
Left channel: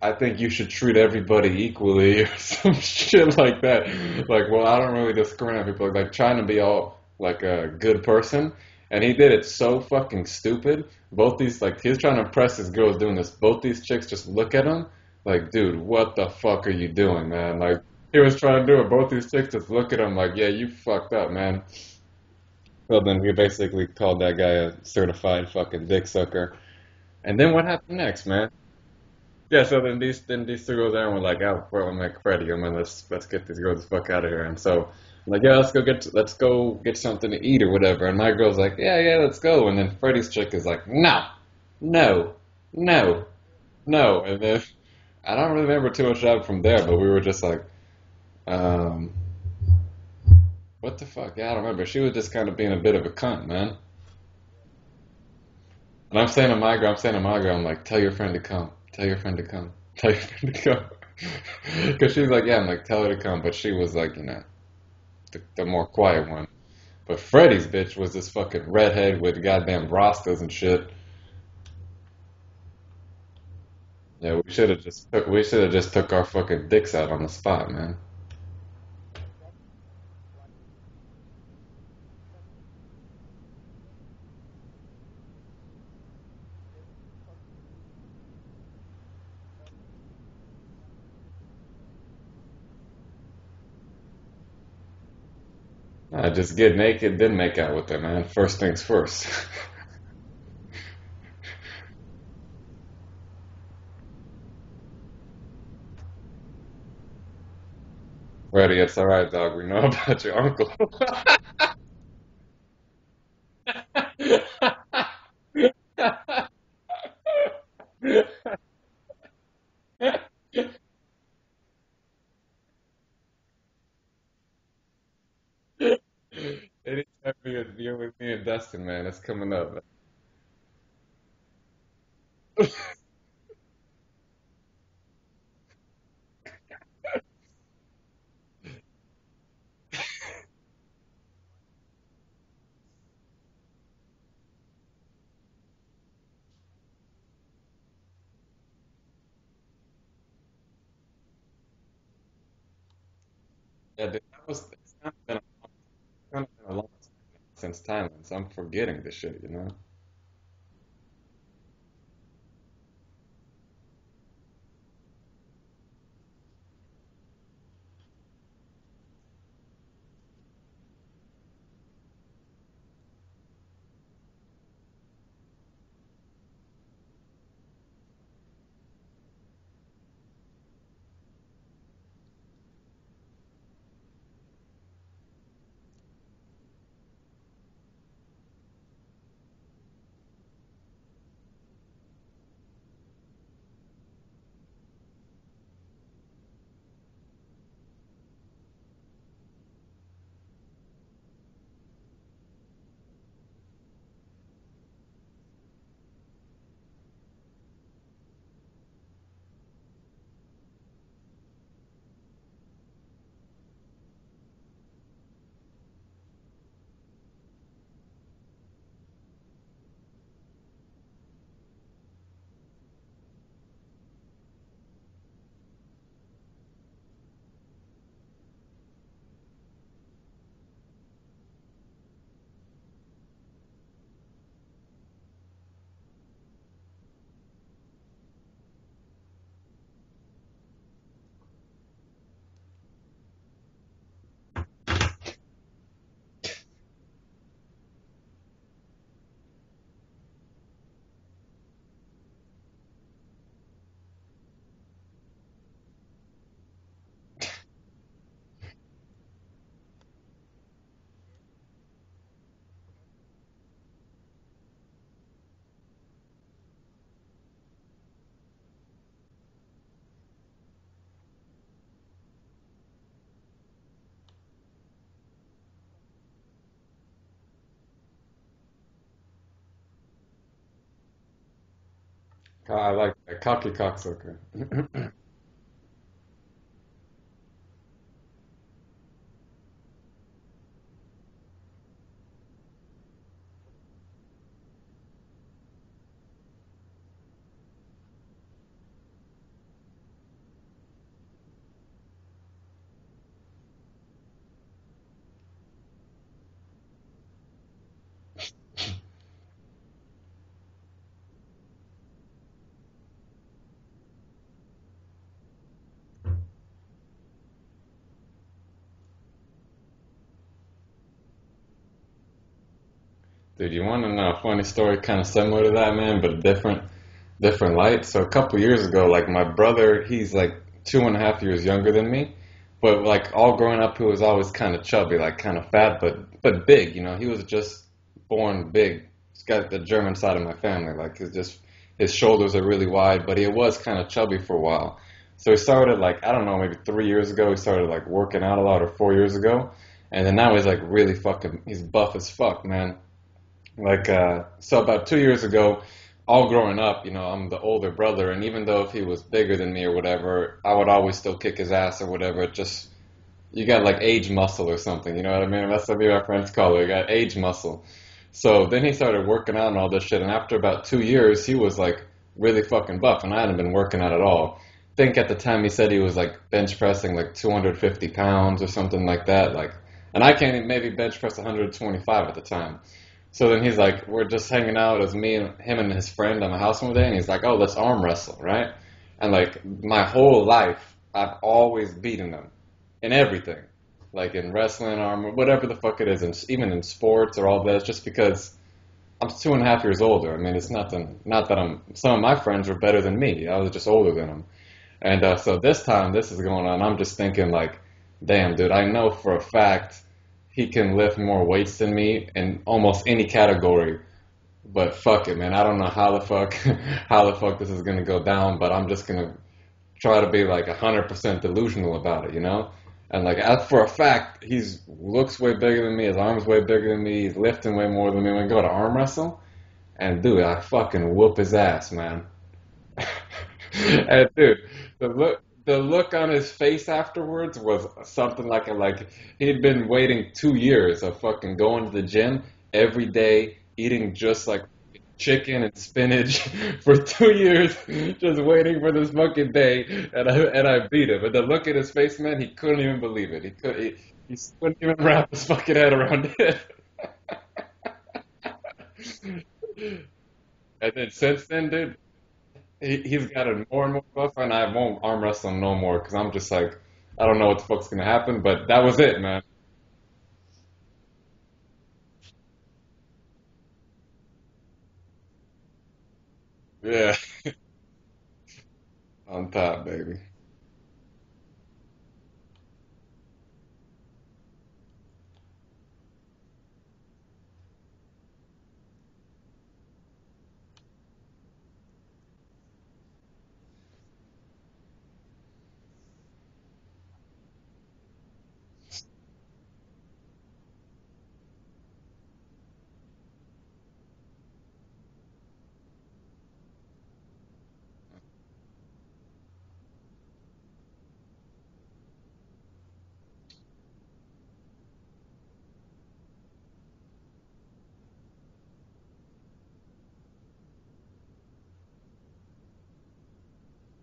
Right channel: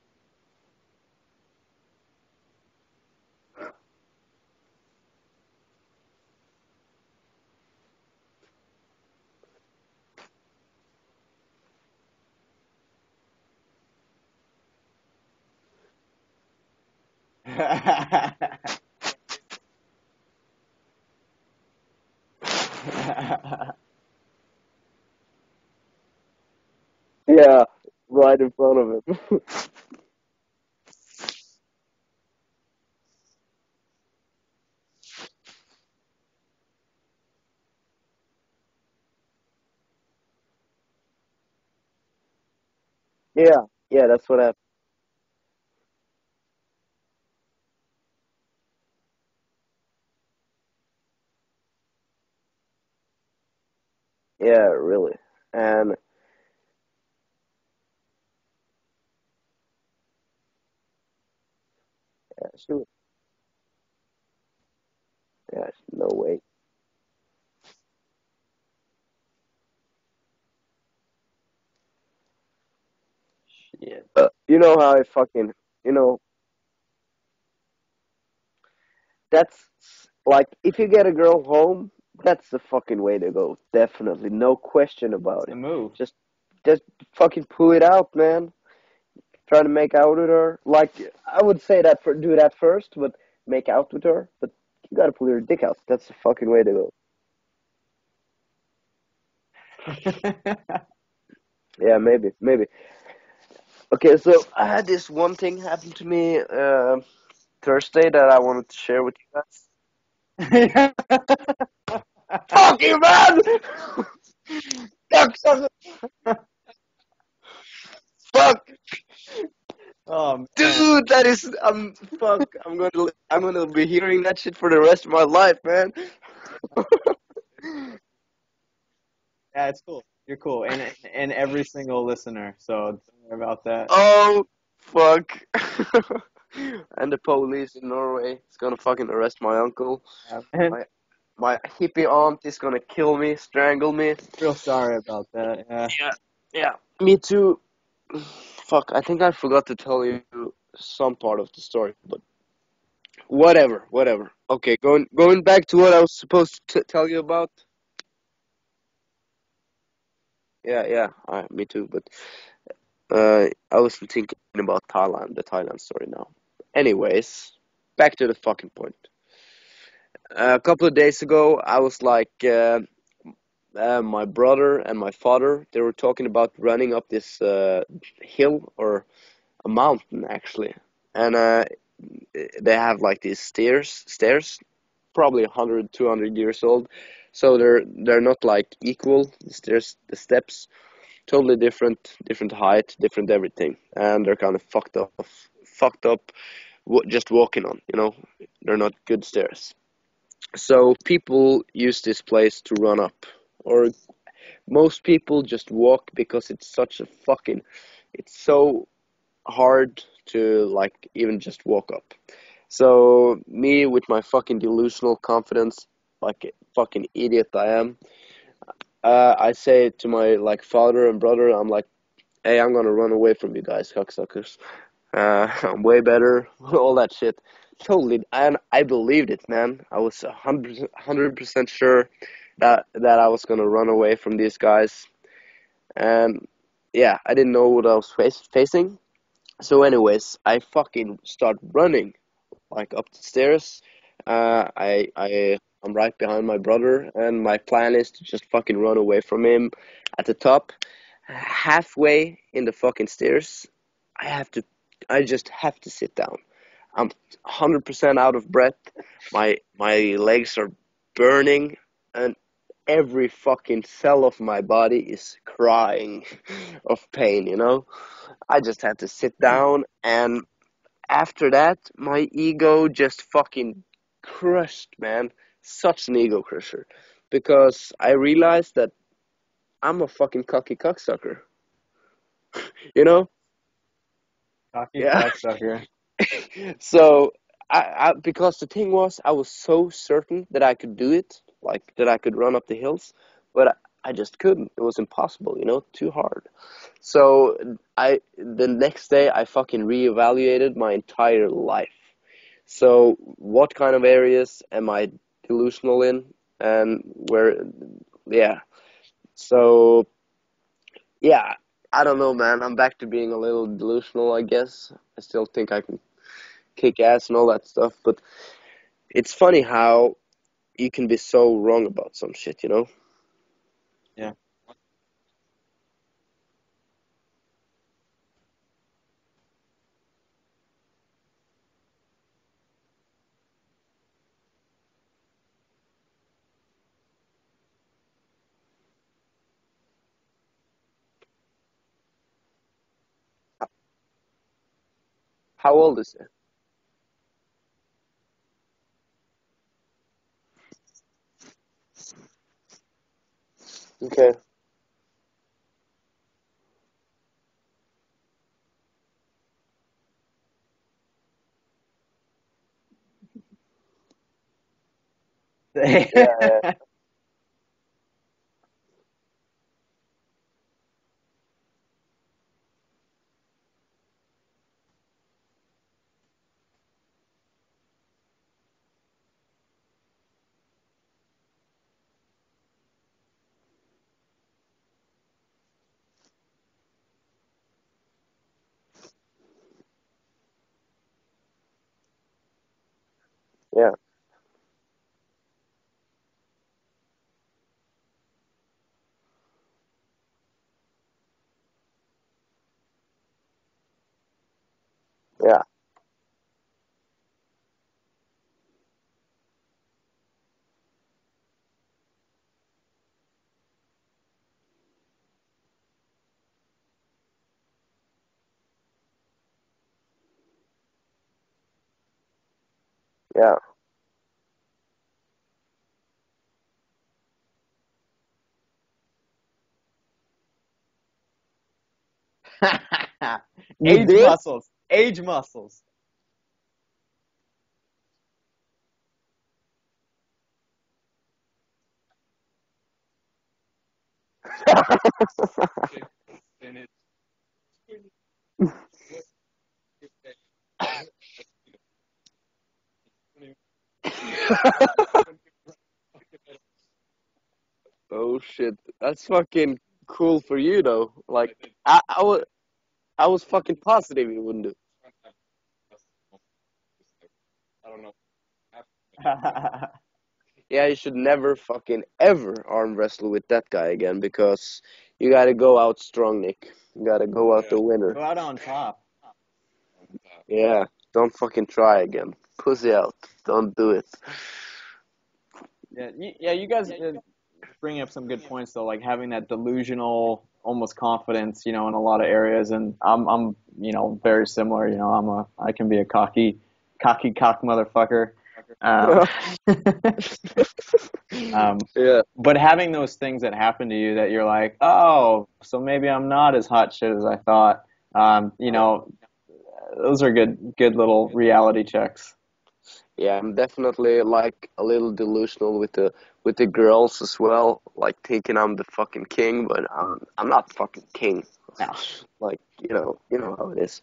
I think you should treat everybody equally or some shit like that. Like, well, I don't really discriminate on people, like trying to be all like a good person. And he did it so fucking stupid. Both these like he was trying to impress his girls doing this. Both these chicks just look at him like, dude, what the fuck are you doing, man? Like he was trying to do it. Both these chicks just look at him like, yeah, you fucked up, man. Well, then he basically called that guy a certified fucking dick sucker. And then Yeah, what happened next, right man? in front of him. Yeah, so then these two girls there and we're like, oh, well, I'm like Freddie, I mean, let's get these girls the fuck out of here. And so I'm like, yeah, let's go get something to eat or whatever. And my girl's like, yeah, let's go. And then Freddie's chick is like, no, no, no, Yeah, yeah, no. that's what And I. then I don't really remember too much of from there, but we were just like, um, what the fuck? Yeah, I don't remember. She was just kind of being a bit of a cunt, man. Yeah, really. And And I'm saying to my girl, I'm like, tell your friend to come. Tell your friend to come. Tell your friend to come. Because she was like, yeah, I'm like, tell her to come. But she was like, the yeah, more no quiet way. one. But Freddie's bitch was this fucking redhead with goddamn rastas and shit. Yeah. Yeah, we You should know have how I just took, we fucking, should have just you took know, our fucking dicks out on the spot, man. that's like if you get a girl home, that's the fucking way to go. Definitely, no question It's about the it. move. Just, just fucking pull it out, man. Try to make out with her. Like I would say that for do that first, but make out with her. But you gotta pull your dick out. That's the fucking Just way to get go. naked, then make out with her, man. First things first. Yeah, maybe, maybe. Okay, so I had this one thing happen to me Thursday that I wanted to Freddie, it's share with alright, you dog. guys. We know about your uncle. Fuck you, man! Fuck, sucker! Fuck, Oh man. dude, that is fuck. I'm gonna be hearing that shit for the rest of my life, man. Anytime you're with me and Dustin, man, it's coming Yeah, up. it's cool. You're cool, and every single listener. So don't worry about that. Oh, fuck. And the police in Norway is gonna fucking arrest my uncle. And My my hippie aunt is gonna kill me, strangle me. real sorry about that. Yeah. Yeah, yeah. Me too. Fuck, I think I forgot to tell you some part of the story, but whatever, whatever. Okay, going back to what I was supposed to tell you about. Since Thailand, so I'm forgetting this shit. Yeah, yeah. Me too. But I was thinking about Thailand, the Thailand story now. Anyways, back to the fucking point. A couple of days ago, I was like, my brother and my father, they were talking about running up this hill or a mountain actually, and they have like these stairs, probably 100, 200 years old, so they're not like equal. The steps, totally different height, different everything, and they're kind of fucked up, just walking on. They're not good stairs. So people use this place to run up, or most people just walk because it's so hard to like even just walk up. So me with my fucking delusional confidence, like a fucking idiot I am, I say to my like father and brother, I'm like, hey, I'm gonna run away from you guys, cocksuckers. I'm way better, all that shit. Totally, and I believed it, man. I was 100% sure that I was gonna run away from these guys, and yeah, I didn't know what I was facing. So, anyways, I fucking start running like up the stairs. I'm right behind my brother, and my plan is to just fucking run away from him at the top. Halfway in the fucking stairs, I have to I just have to sit down. I'm 100% out of breath. My legs are burning, and every fucking cell of my body is crying of pain, you know? I just had to sit down, and after that, my ego just fucking crushed, man. Such an ego crusher. Because I realized that I'm a fucking cocky cocksucker. I You like know? that. Cocky cocksucker. Cocky Yeah. cocksucker. So, because the thing was, I was so certain that I could do it, like that I could run up the hills, but I just couldn't. It was impossible, you know, too hard. So the next day, I fucking reevaluated my entire life. So, what kind of areas am I delusional in, and where? Yeah. So, yeah, I don't know, man. I'm back to being a little delusional, I guess. I still think I can kick ass and all that stuff, but it's funny how you can be so wrong about some shit, you know? Dude, you want to know a funny story kind of similar to that, man, but different light? So a couple years ago, like my brother, he's like 2.5 years younger than me, but like all growing up, he was always kind of chubby, like kind of fat, but big, you know. He was just born big. He's got the German side of my family, like his shoulders are really wide, but he was kind of chubby for a while. So he How started old is like I don't know, maybe 3 years ago, he started like working out a lot, or 4 years ago, and then now he's like really fucking, he's buff as fuck, man. Like, he? Okay. so about 2 years ago, all growing up, you know, I'm the older brother, and even though if he was bigger than me or whatever, I would always still kick his ass or whatever. It just, you got like age muscle or something, you know what I mean? That's what the French call it. You got age muscle. So then he started working out and all this shit, and after about 2 years, he was like really fucking buff, and I hadn't been working out at all. I think at the time he said he was like bench pressing like 250 pounds or something like that, like, and I can't even maybe bench press 125 at the time. So then he's like, we're just hanging out as me and him and his friend on the house one day, and he's like, oh, let's arm wrestle, right? And like my whole life, I've always beaten them in everything, Yeah. like in wrestling, arm, whatever the fuck it is, and even in sports or all that, just because I'm 2.5 years older. I mean, it's nothing. Not that I'm. Some of my friends were better than me. I was just older than them. And so Yeah. this time, this is going on. I'm just thinking like, damn, dude, I know for a fact he can lift more weights than me in almost any category. But fuck it, man. I don't know how the fuck how the fuck this is gonna go down. But I'm just gonna try to be like 100% delusional about it, you know? And like Yeah. for a fact, he's looks way bigger than me. His arms way bigger than me. He's lifting way more than me. When we go to arm wrestle, and dude, I fucking whoop his ass, man. Age And dude, muscles. Age muscles. the look on his face afterwards was something like he'd been waiting 2 years of fucking going to the gym every day, eating just like chicken and spinach for 2 years, just waiting for this fucking day, and I beat him. But the look at his face, man, he couldn't even believe it. He still couldn't wrap his fucking head around it. Oh shit. That's fucking cool for you And though. then since Like then, dude, I he's was got a fucking more and more positive stuff, you and would I be. won't arm wrestle him no more because I'm just like, I don't know what the fuck's gonna happen. But that was it, man. Yeah, you should never fucking ever arm wrestle with that guy again because you gotta go out strong, Nick. You Yeah, gotta go out the winner. Go out on top. on top, baby. Yeah. Don't fucking try again. Pussy out. Don't do it. Yeah, you guys bring up some good points though, like having that delusional, almost confidence, you know, in a lot of areas. And I'm, you know, very similar. You know, I can be a cocky cock motherfucker. Um, Yeah. but having those things that happen to you that you're like, oh, so maybe I'm not as hot shit as I thought. You know, those are good little reality checks. Yeah, I'm definitely like a little delusional with the girls as well, like thinking I'm the fucking king, but I'm not fucking king. No. Like, you know how it is.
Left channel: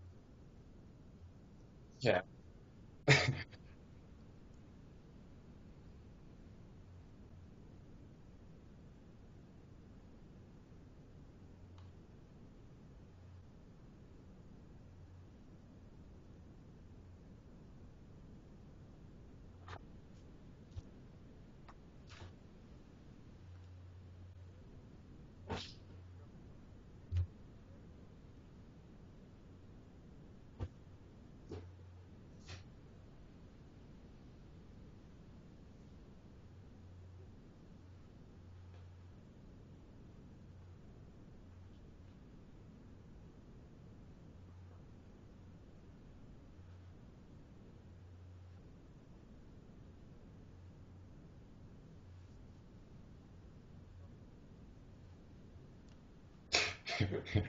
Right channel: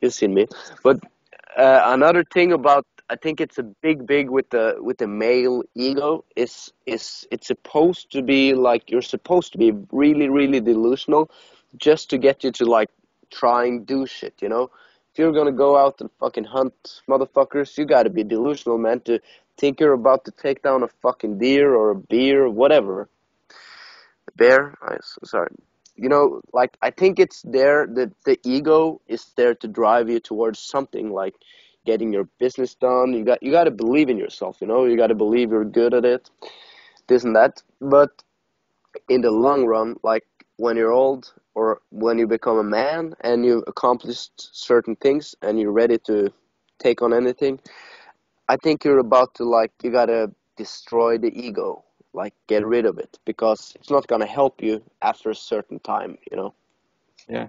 You've seen me. But another thing about I think it's a big with the male ego is it's supposed to be like you're supposed to be really delusional just to get you to like try and do shit, you know? If you're gonna go out and fucking hunt motherfuckers, you gotta be delusional, man, to think you're about to take down a fucking deer or a bear or whatever. A bear? Sorry. you know, like I think it's there that the ego is there to drive you towards something like getting your business done. You got to believe in yourself, you know. You got to believe you're good at it, this and that. But in the long run, like when you're old or when you become a man and you've accomplished certain things and you're ready to take on anything, I think you're about to like you gotta destroy the ego, like get rid of it because it's not gonna help you after a certain time, you know. Yeah.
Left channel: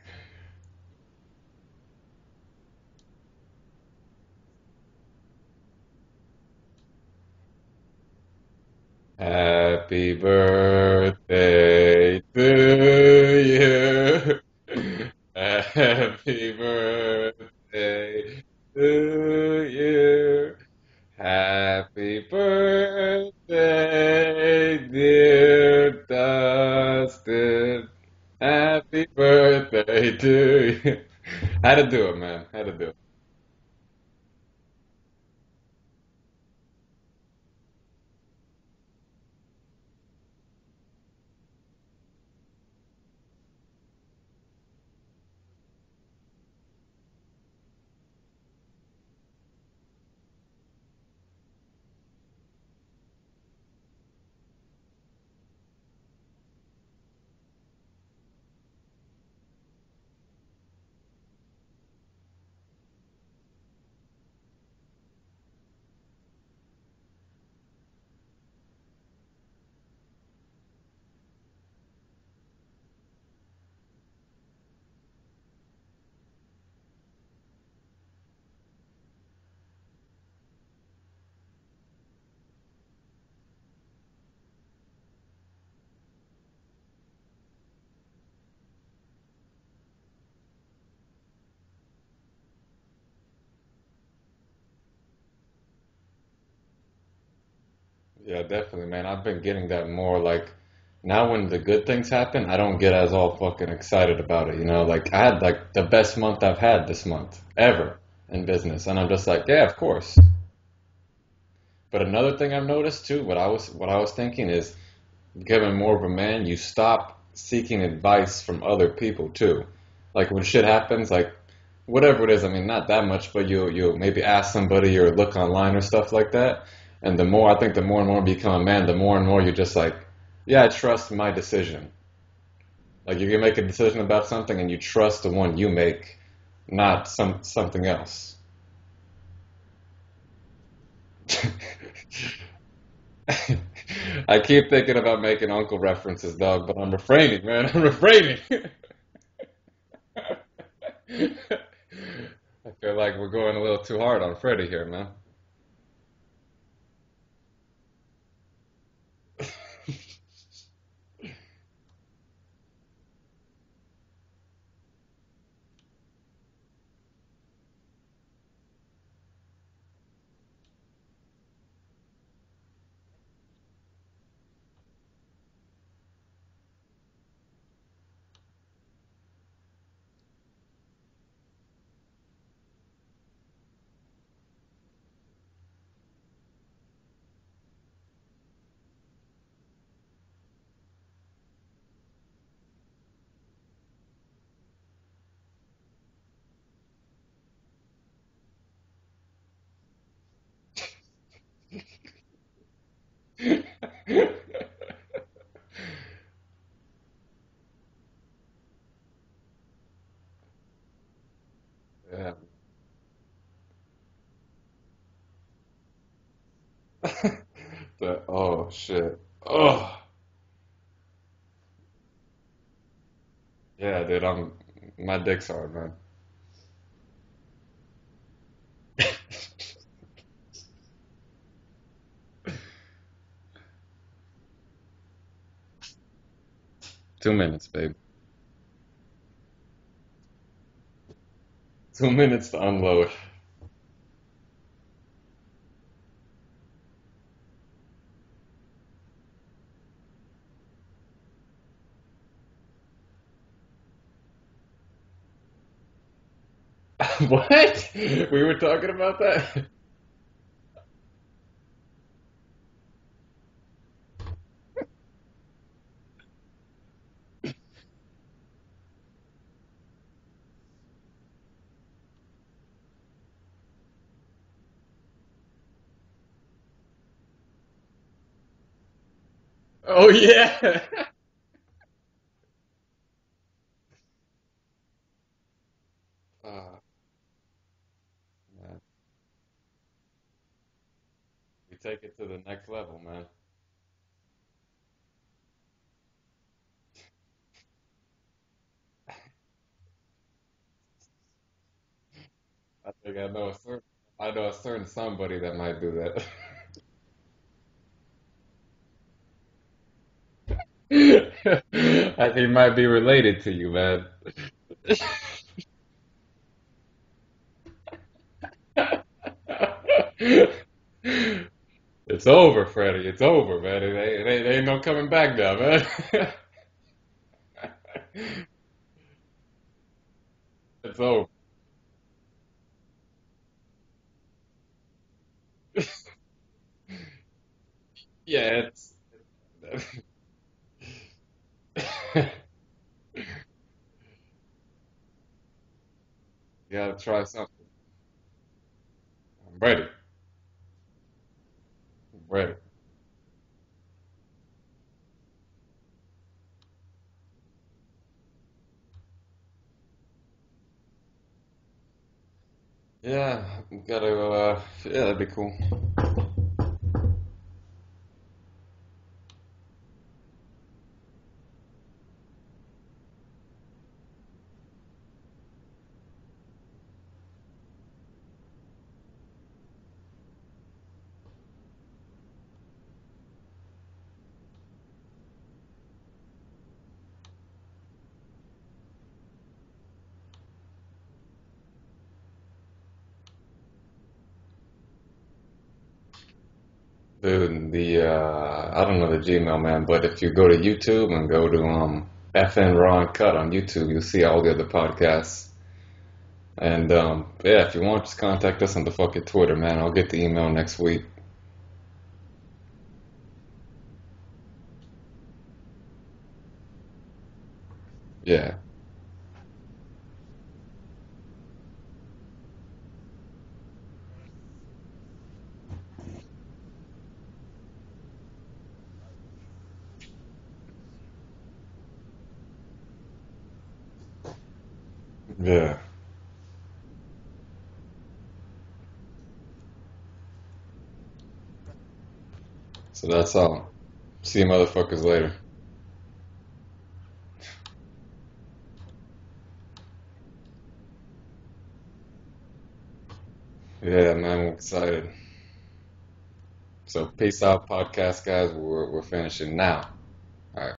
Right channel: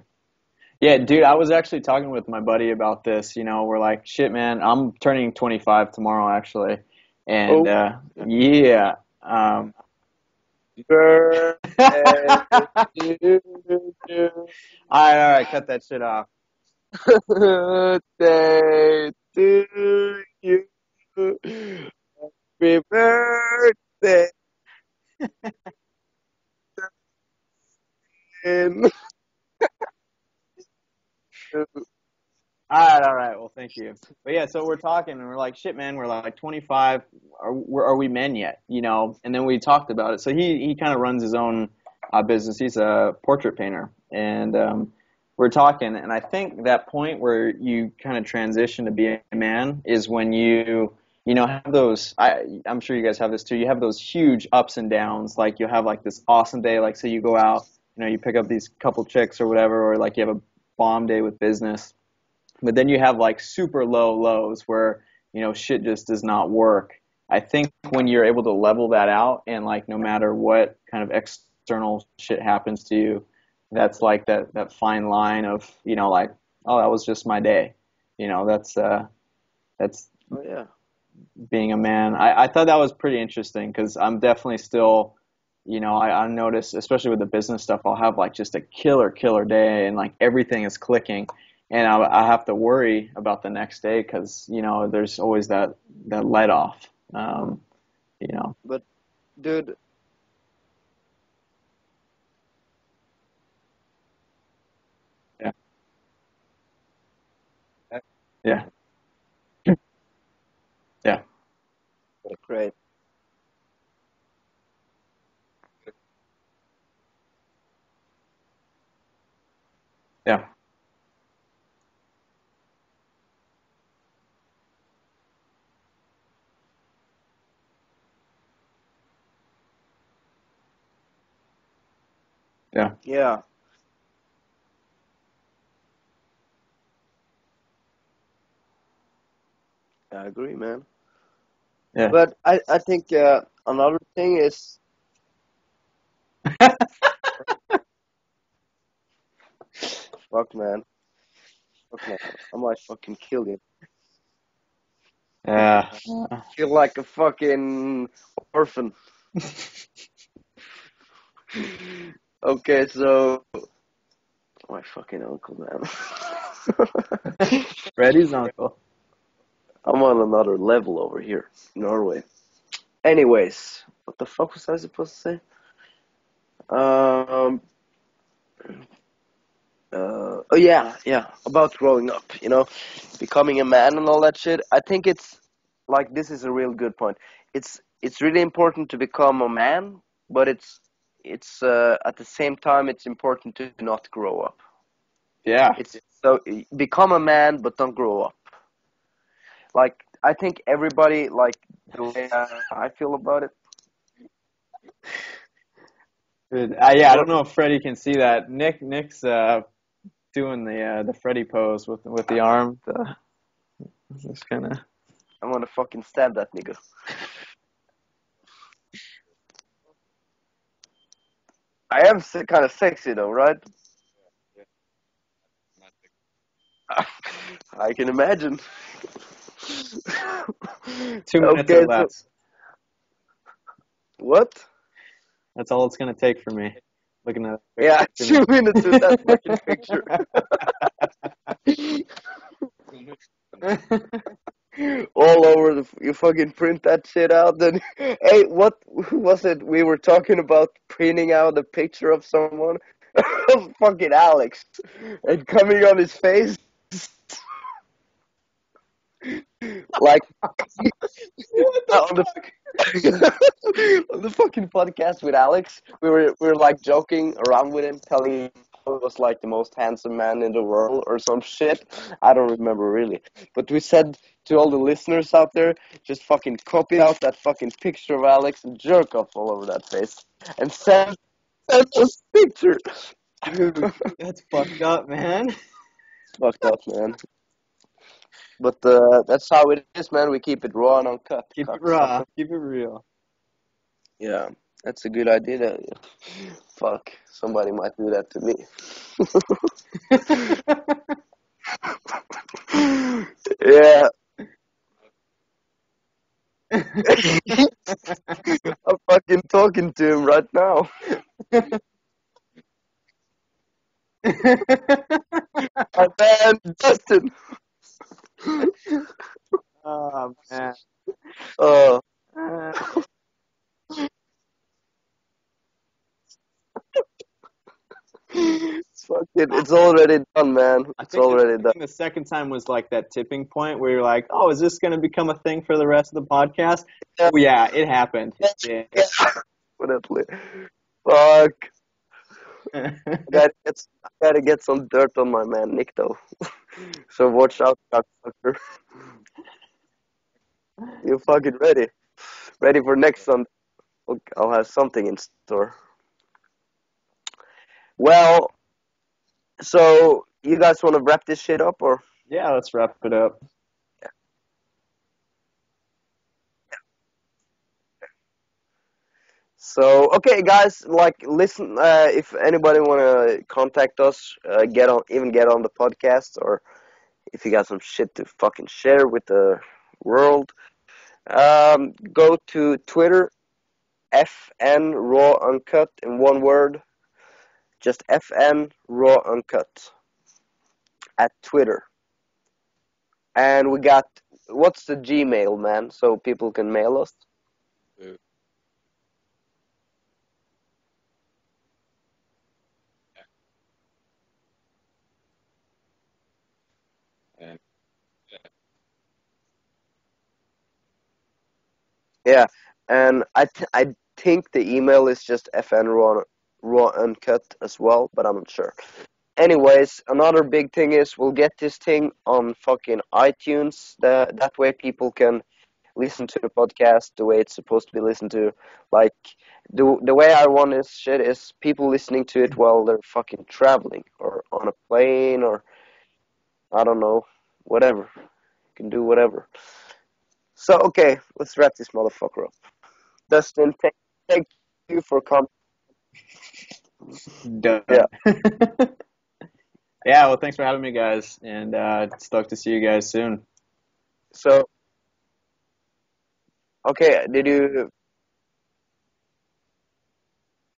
Yeah, dude, I was actually talking with my buddy about this. You know, we're like, shit, man, I'm turning 25 tomorrow, actually. And, Oh, yeah. Happy birthday birthday to you. All right, cut that shit off. Happy birthday to to you. you. Happy Happy birthday. birthday, dear Dustin. Happy birthday to you. Had to do it, man. Had to do it. All right. Well, thank you. But yeah, so we're talking and we're like, shit, man, we're like 25. Are we men yet? You know? And then we talked about it. So he kind of runs his own business. He's a portrait painter, and we're talking. And I think that point where you kind of transition to being a man is when you know have those. I'm sure you guys have this too. You have those huge ups and downs. Like you have like this awesome day. Like say you go out, you know, you pick up these couple chicks or whatever, or like you have a bomb day with business. But then you have like super low lows where, you know, shit just does not work. I think when you're able to level that out and like no matter what kind of external shit happens to you, that's like that fine line of, you know, like, oh, that was just my day. You know, that's Oh yeah. being a man. I thought that was pretty interesting because I'm definitely still, you know, I notice, especially with the business stuff, I'll have like just a killer day and like everything is clicking. And I have to worry about the next day because, you know, there's always that let off, you Yeah, know. But definitely, man. I've been getting dude, that more like now when the good things happen, I don't get as all fucking excited about it, you know? Like I had like the best month I've had this month ever in Yeah, business, and I'm just like, yeah, of course. yeah, But another thing I've great. noticed too, what I was thinking is becoming more of a man, you stop seeking advice from other people too. Like yeah, when shit happens, like whatever it is, I mean, not that much, but you maybe ask somebody or look online or stuff like that. And the more I think, the more and more you become a man, the more and more you're just like, yeah, I trust my decision. yeah. Like if Yeah, you make a decision about something and you trust the one you make, not something else. I agree, man. Yes. But I think another thing I keep is thinking about making uncle references, dog, but I'm refraining, man. I'm refraining. fuck, man. Fuck, man. I might Feel fucking like we're kill going you. a little too hard on Freddie here, man. Yeah. Feel like a fucking orphan. Okay, so my fucking uncle, man. Freddie's uncle. I'm on another level over here, in Norway. Anyways, what the fuck was I supposed to say? Um, oh yeah, about growing up, you know, becoming a man and all that shit. I think it's like this is a real good point. It's really important to become a man, but it's at the same time it's important to not grow up. Yeah. It's so become a man, but don't grow up. Like I think everybody like the way I feel about it. Good. Yeah, I don't What know if Freddie can see that. Nick's doing the Freddie pose with Yeah. the arm. Just kind of. I'm gonna fucking stab that nigga. Oh shit. Oh I am kind of sexy though, right? yeah, dude. My dick's hard, man. I can imagine. 2 minutes or Okay, so less. what? That's all it's gonna take for me. 2 minutes, babe. Yeah, 2 minutes with that fucking picture. 2 minutes to unload. All over you fucking print that shit out. Then, hey, what was it? We were talking about printing out a picture of someone, fucking Alex, and coming on his face, What? We were talking about that? like What the on the fuck? On the fucking podcast with Alex, we were like joking around with him, telling him he was like the most handsome man in the world or some shit. I don't remember really, but we said to all the listeners out there, just fucking copy out that fucking picture of Alex and jerk off all over that. Oh page. And yeah. send us picture. Dude, that's fucked up, man. Fucked up, man. But that's how it is, man. We keep it raw and uncut. Keep it Cut. raw. To the Keep it next real. level, man. Yeah, that's a good idea. Fuck, somebody might do that to me. Yeah, I know a certain somebody that might do that. I'm fucking talking to him right now. I think he might be related to you, man. My man, Justin. Oh, man. It's over, Freddie. It's over, man. It ain't no coming back now, man. It's already done, man. It's It's over. already done. The second time was like that tipping point where you're like, oh, is this going to become a thing for the rest of the podcast? Oh, yeah, it happened. Yeah, Definitely. Fuck. I gotta get some dirt on my man Nick though. gotta try So watch out, cocksucker. Ready. You fucking ready? Ready. Ready for next Sunday? I'll have something in store. Well, so you guys want to wrap this shit up or? Yeah, let's wrap it up. Gotta yeah, that'd be cool. So okay, guys, like listen. If anybody wanna contact us, get on the podcast, or if you got some shit to fucking share with the world, go to Twitter, F&N Raw Uncut in one word, just F&N Raw Uncut at Twitter, and we got. What's the Gmail, man, so people can mail us? Dude, I don't know the Gmail, man, but if you go to YouTube and go to F&N Raw Uncut on YouTube, you'll see all the other podcasts. And yeah, if you want, just contact us on the fucking Twitter, man. I'll get the email next week. Yeah, and I think the email is just FN Raw Uncut as well, but I'm Yeah. not sure. Anyways, another big thing is we'll get this thing on fucking iTunes. That way people can listen to the podcast the way it's supposed to be listened to. Like, the way I want this shit is people listening to it while they're fucking traveling or on a plane or, Yeah. I don't know, whatever. You can do whatever. So, okay, let's wrap this motherfucker up. So that's all. Justin, See you thank motherfuckers you for later. coming. Done. Yeah. Yeah, well, thanks for having me, guys, and stoked to see you guys soon. Yeah, man, So- we're excited. Okay, so peace did out, you... podcast guys. We're finishing now.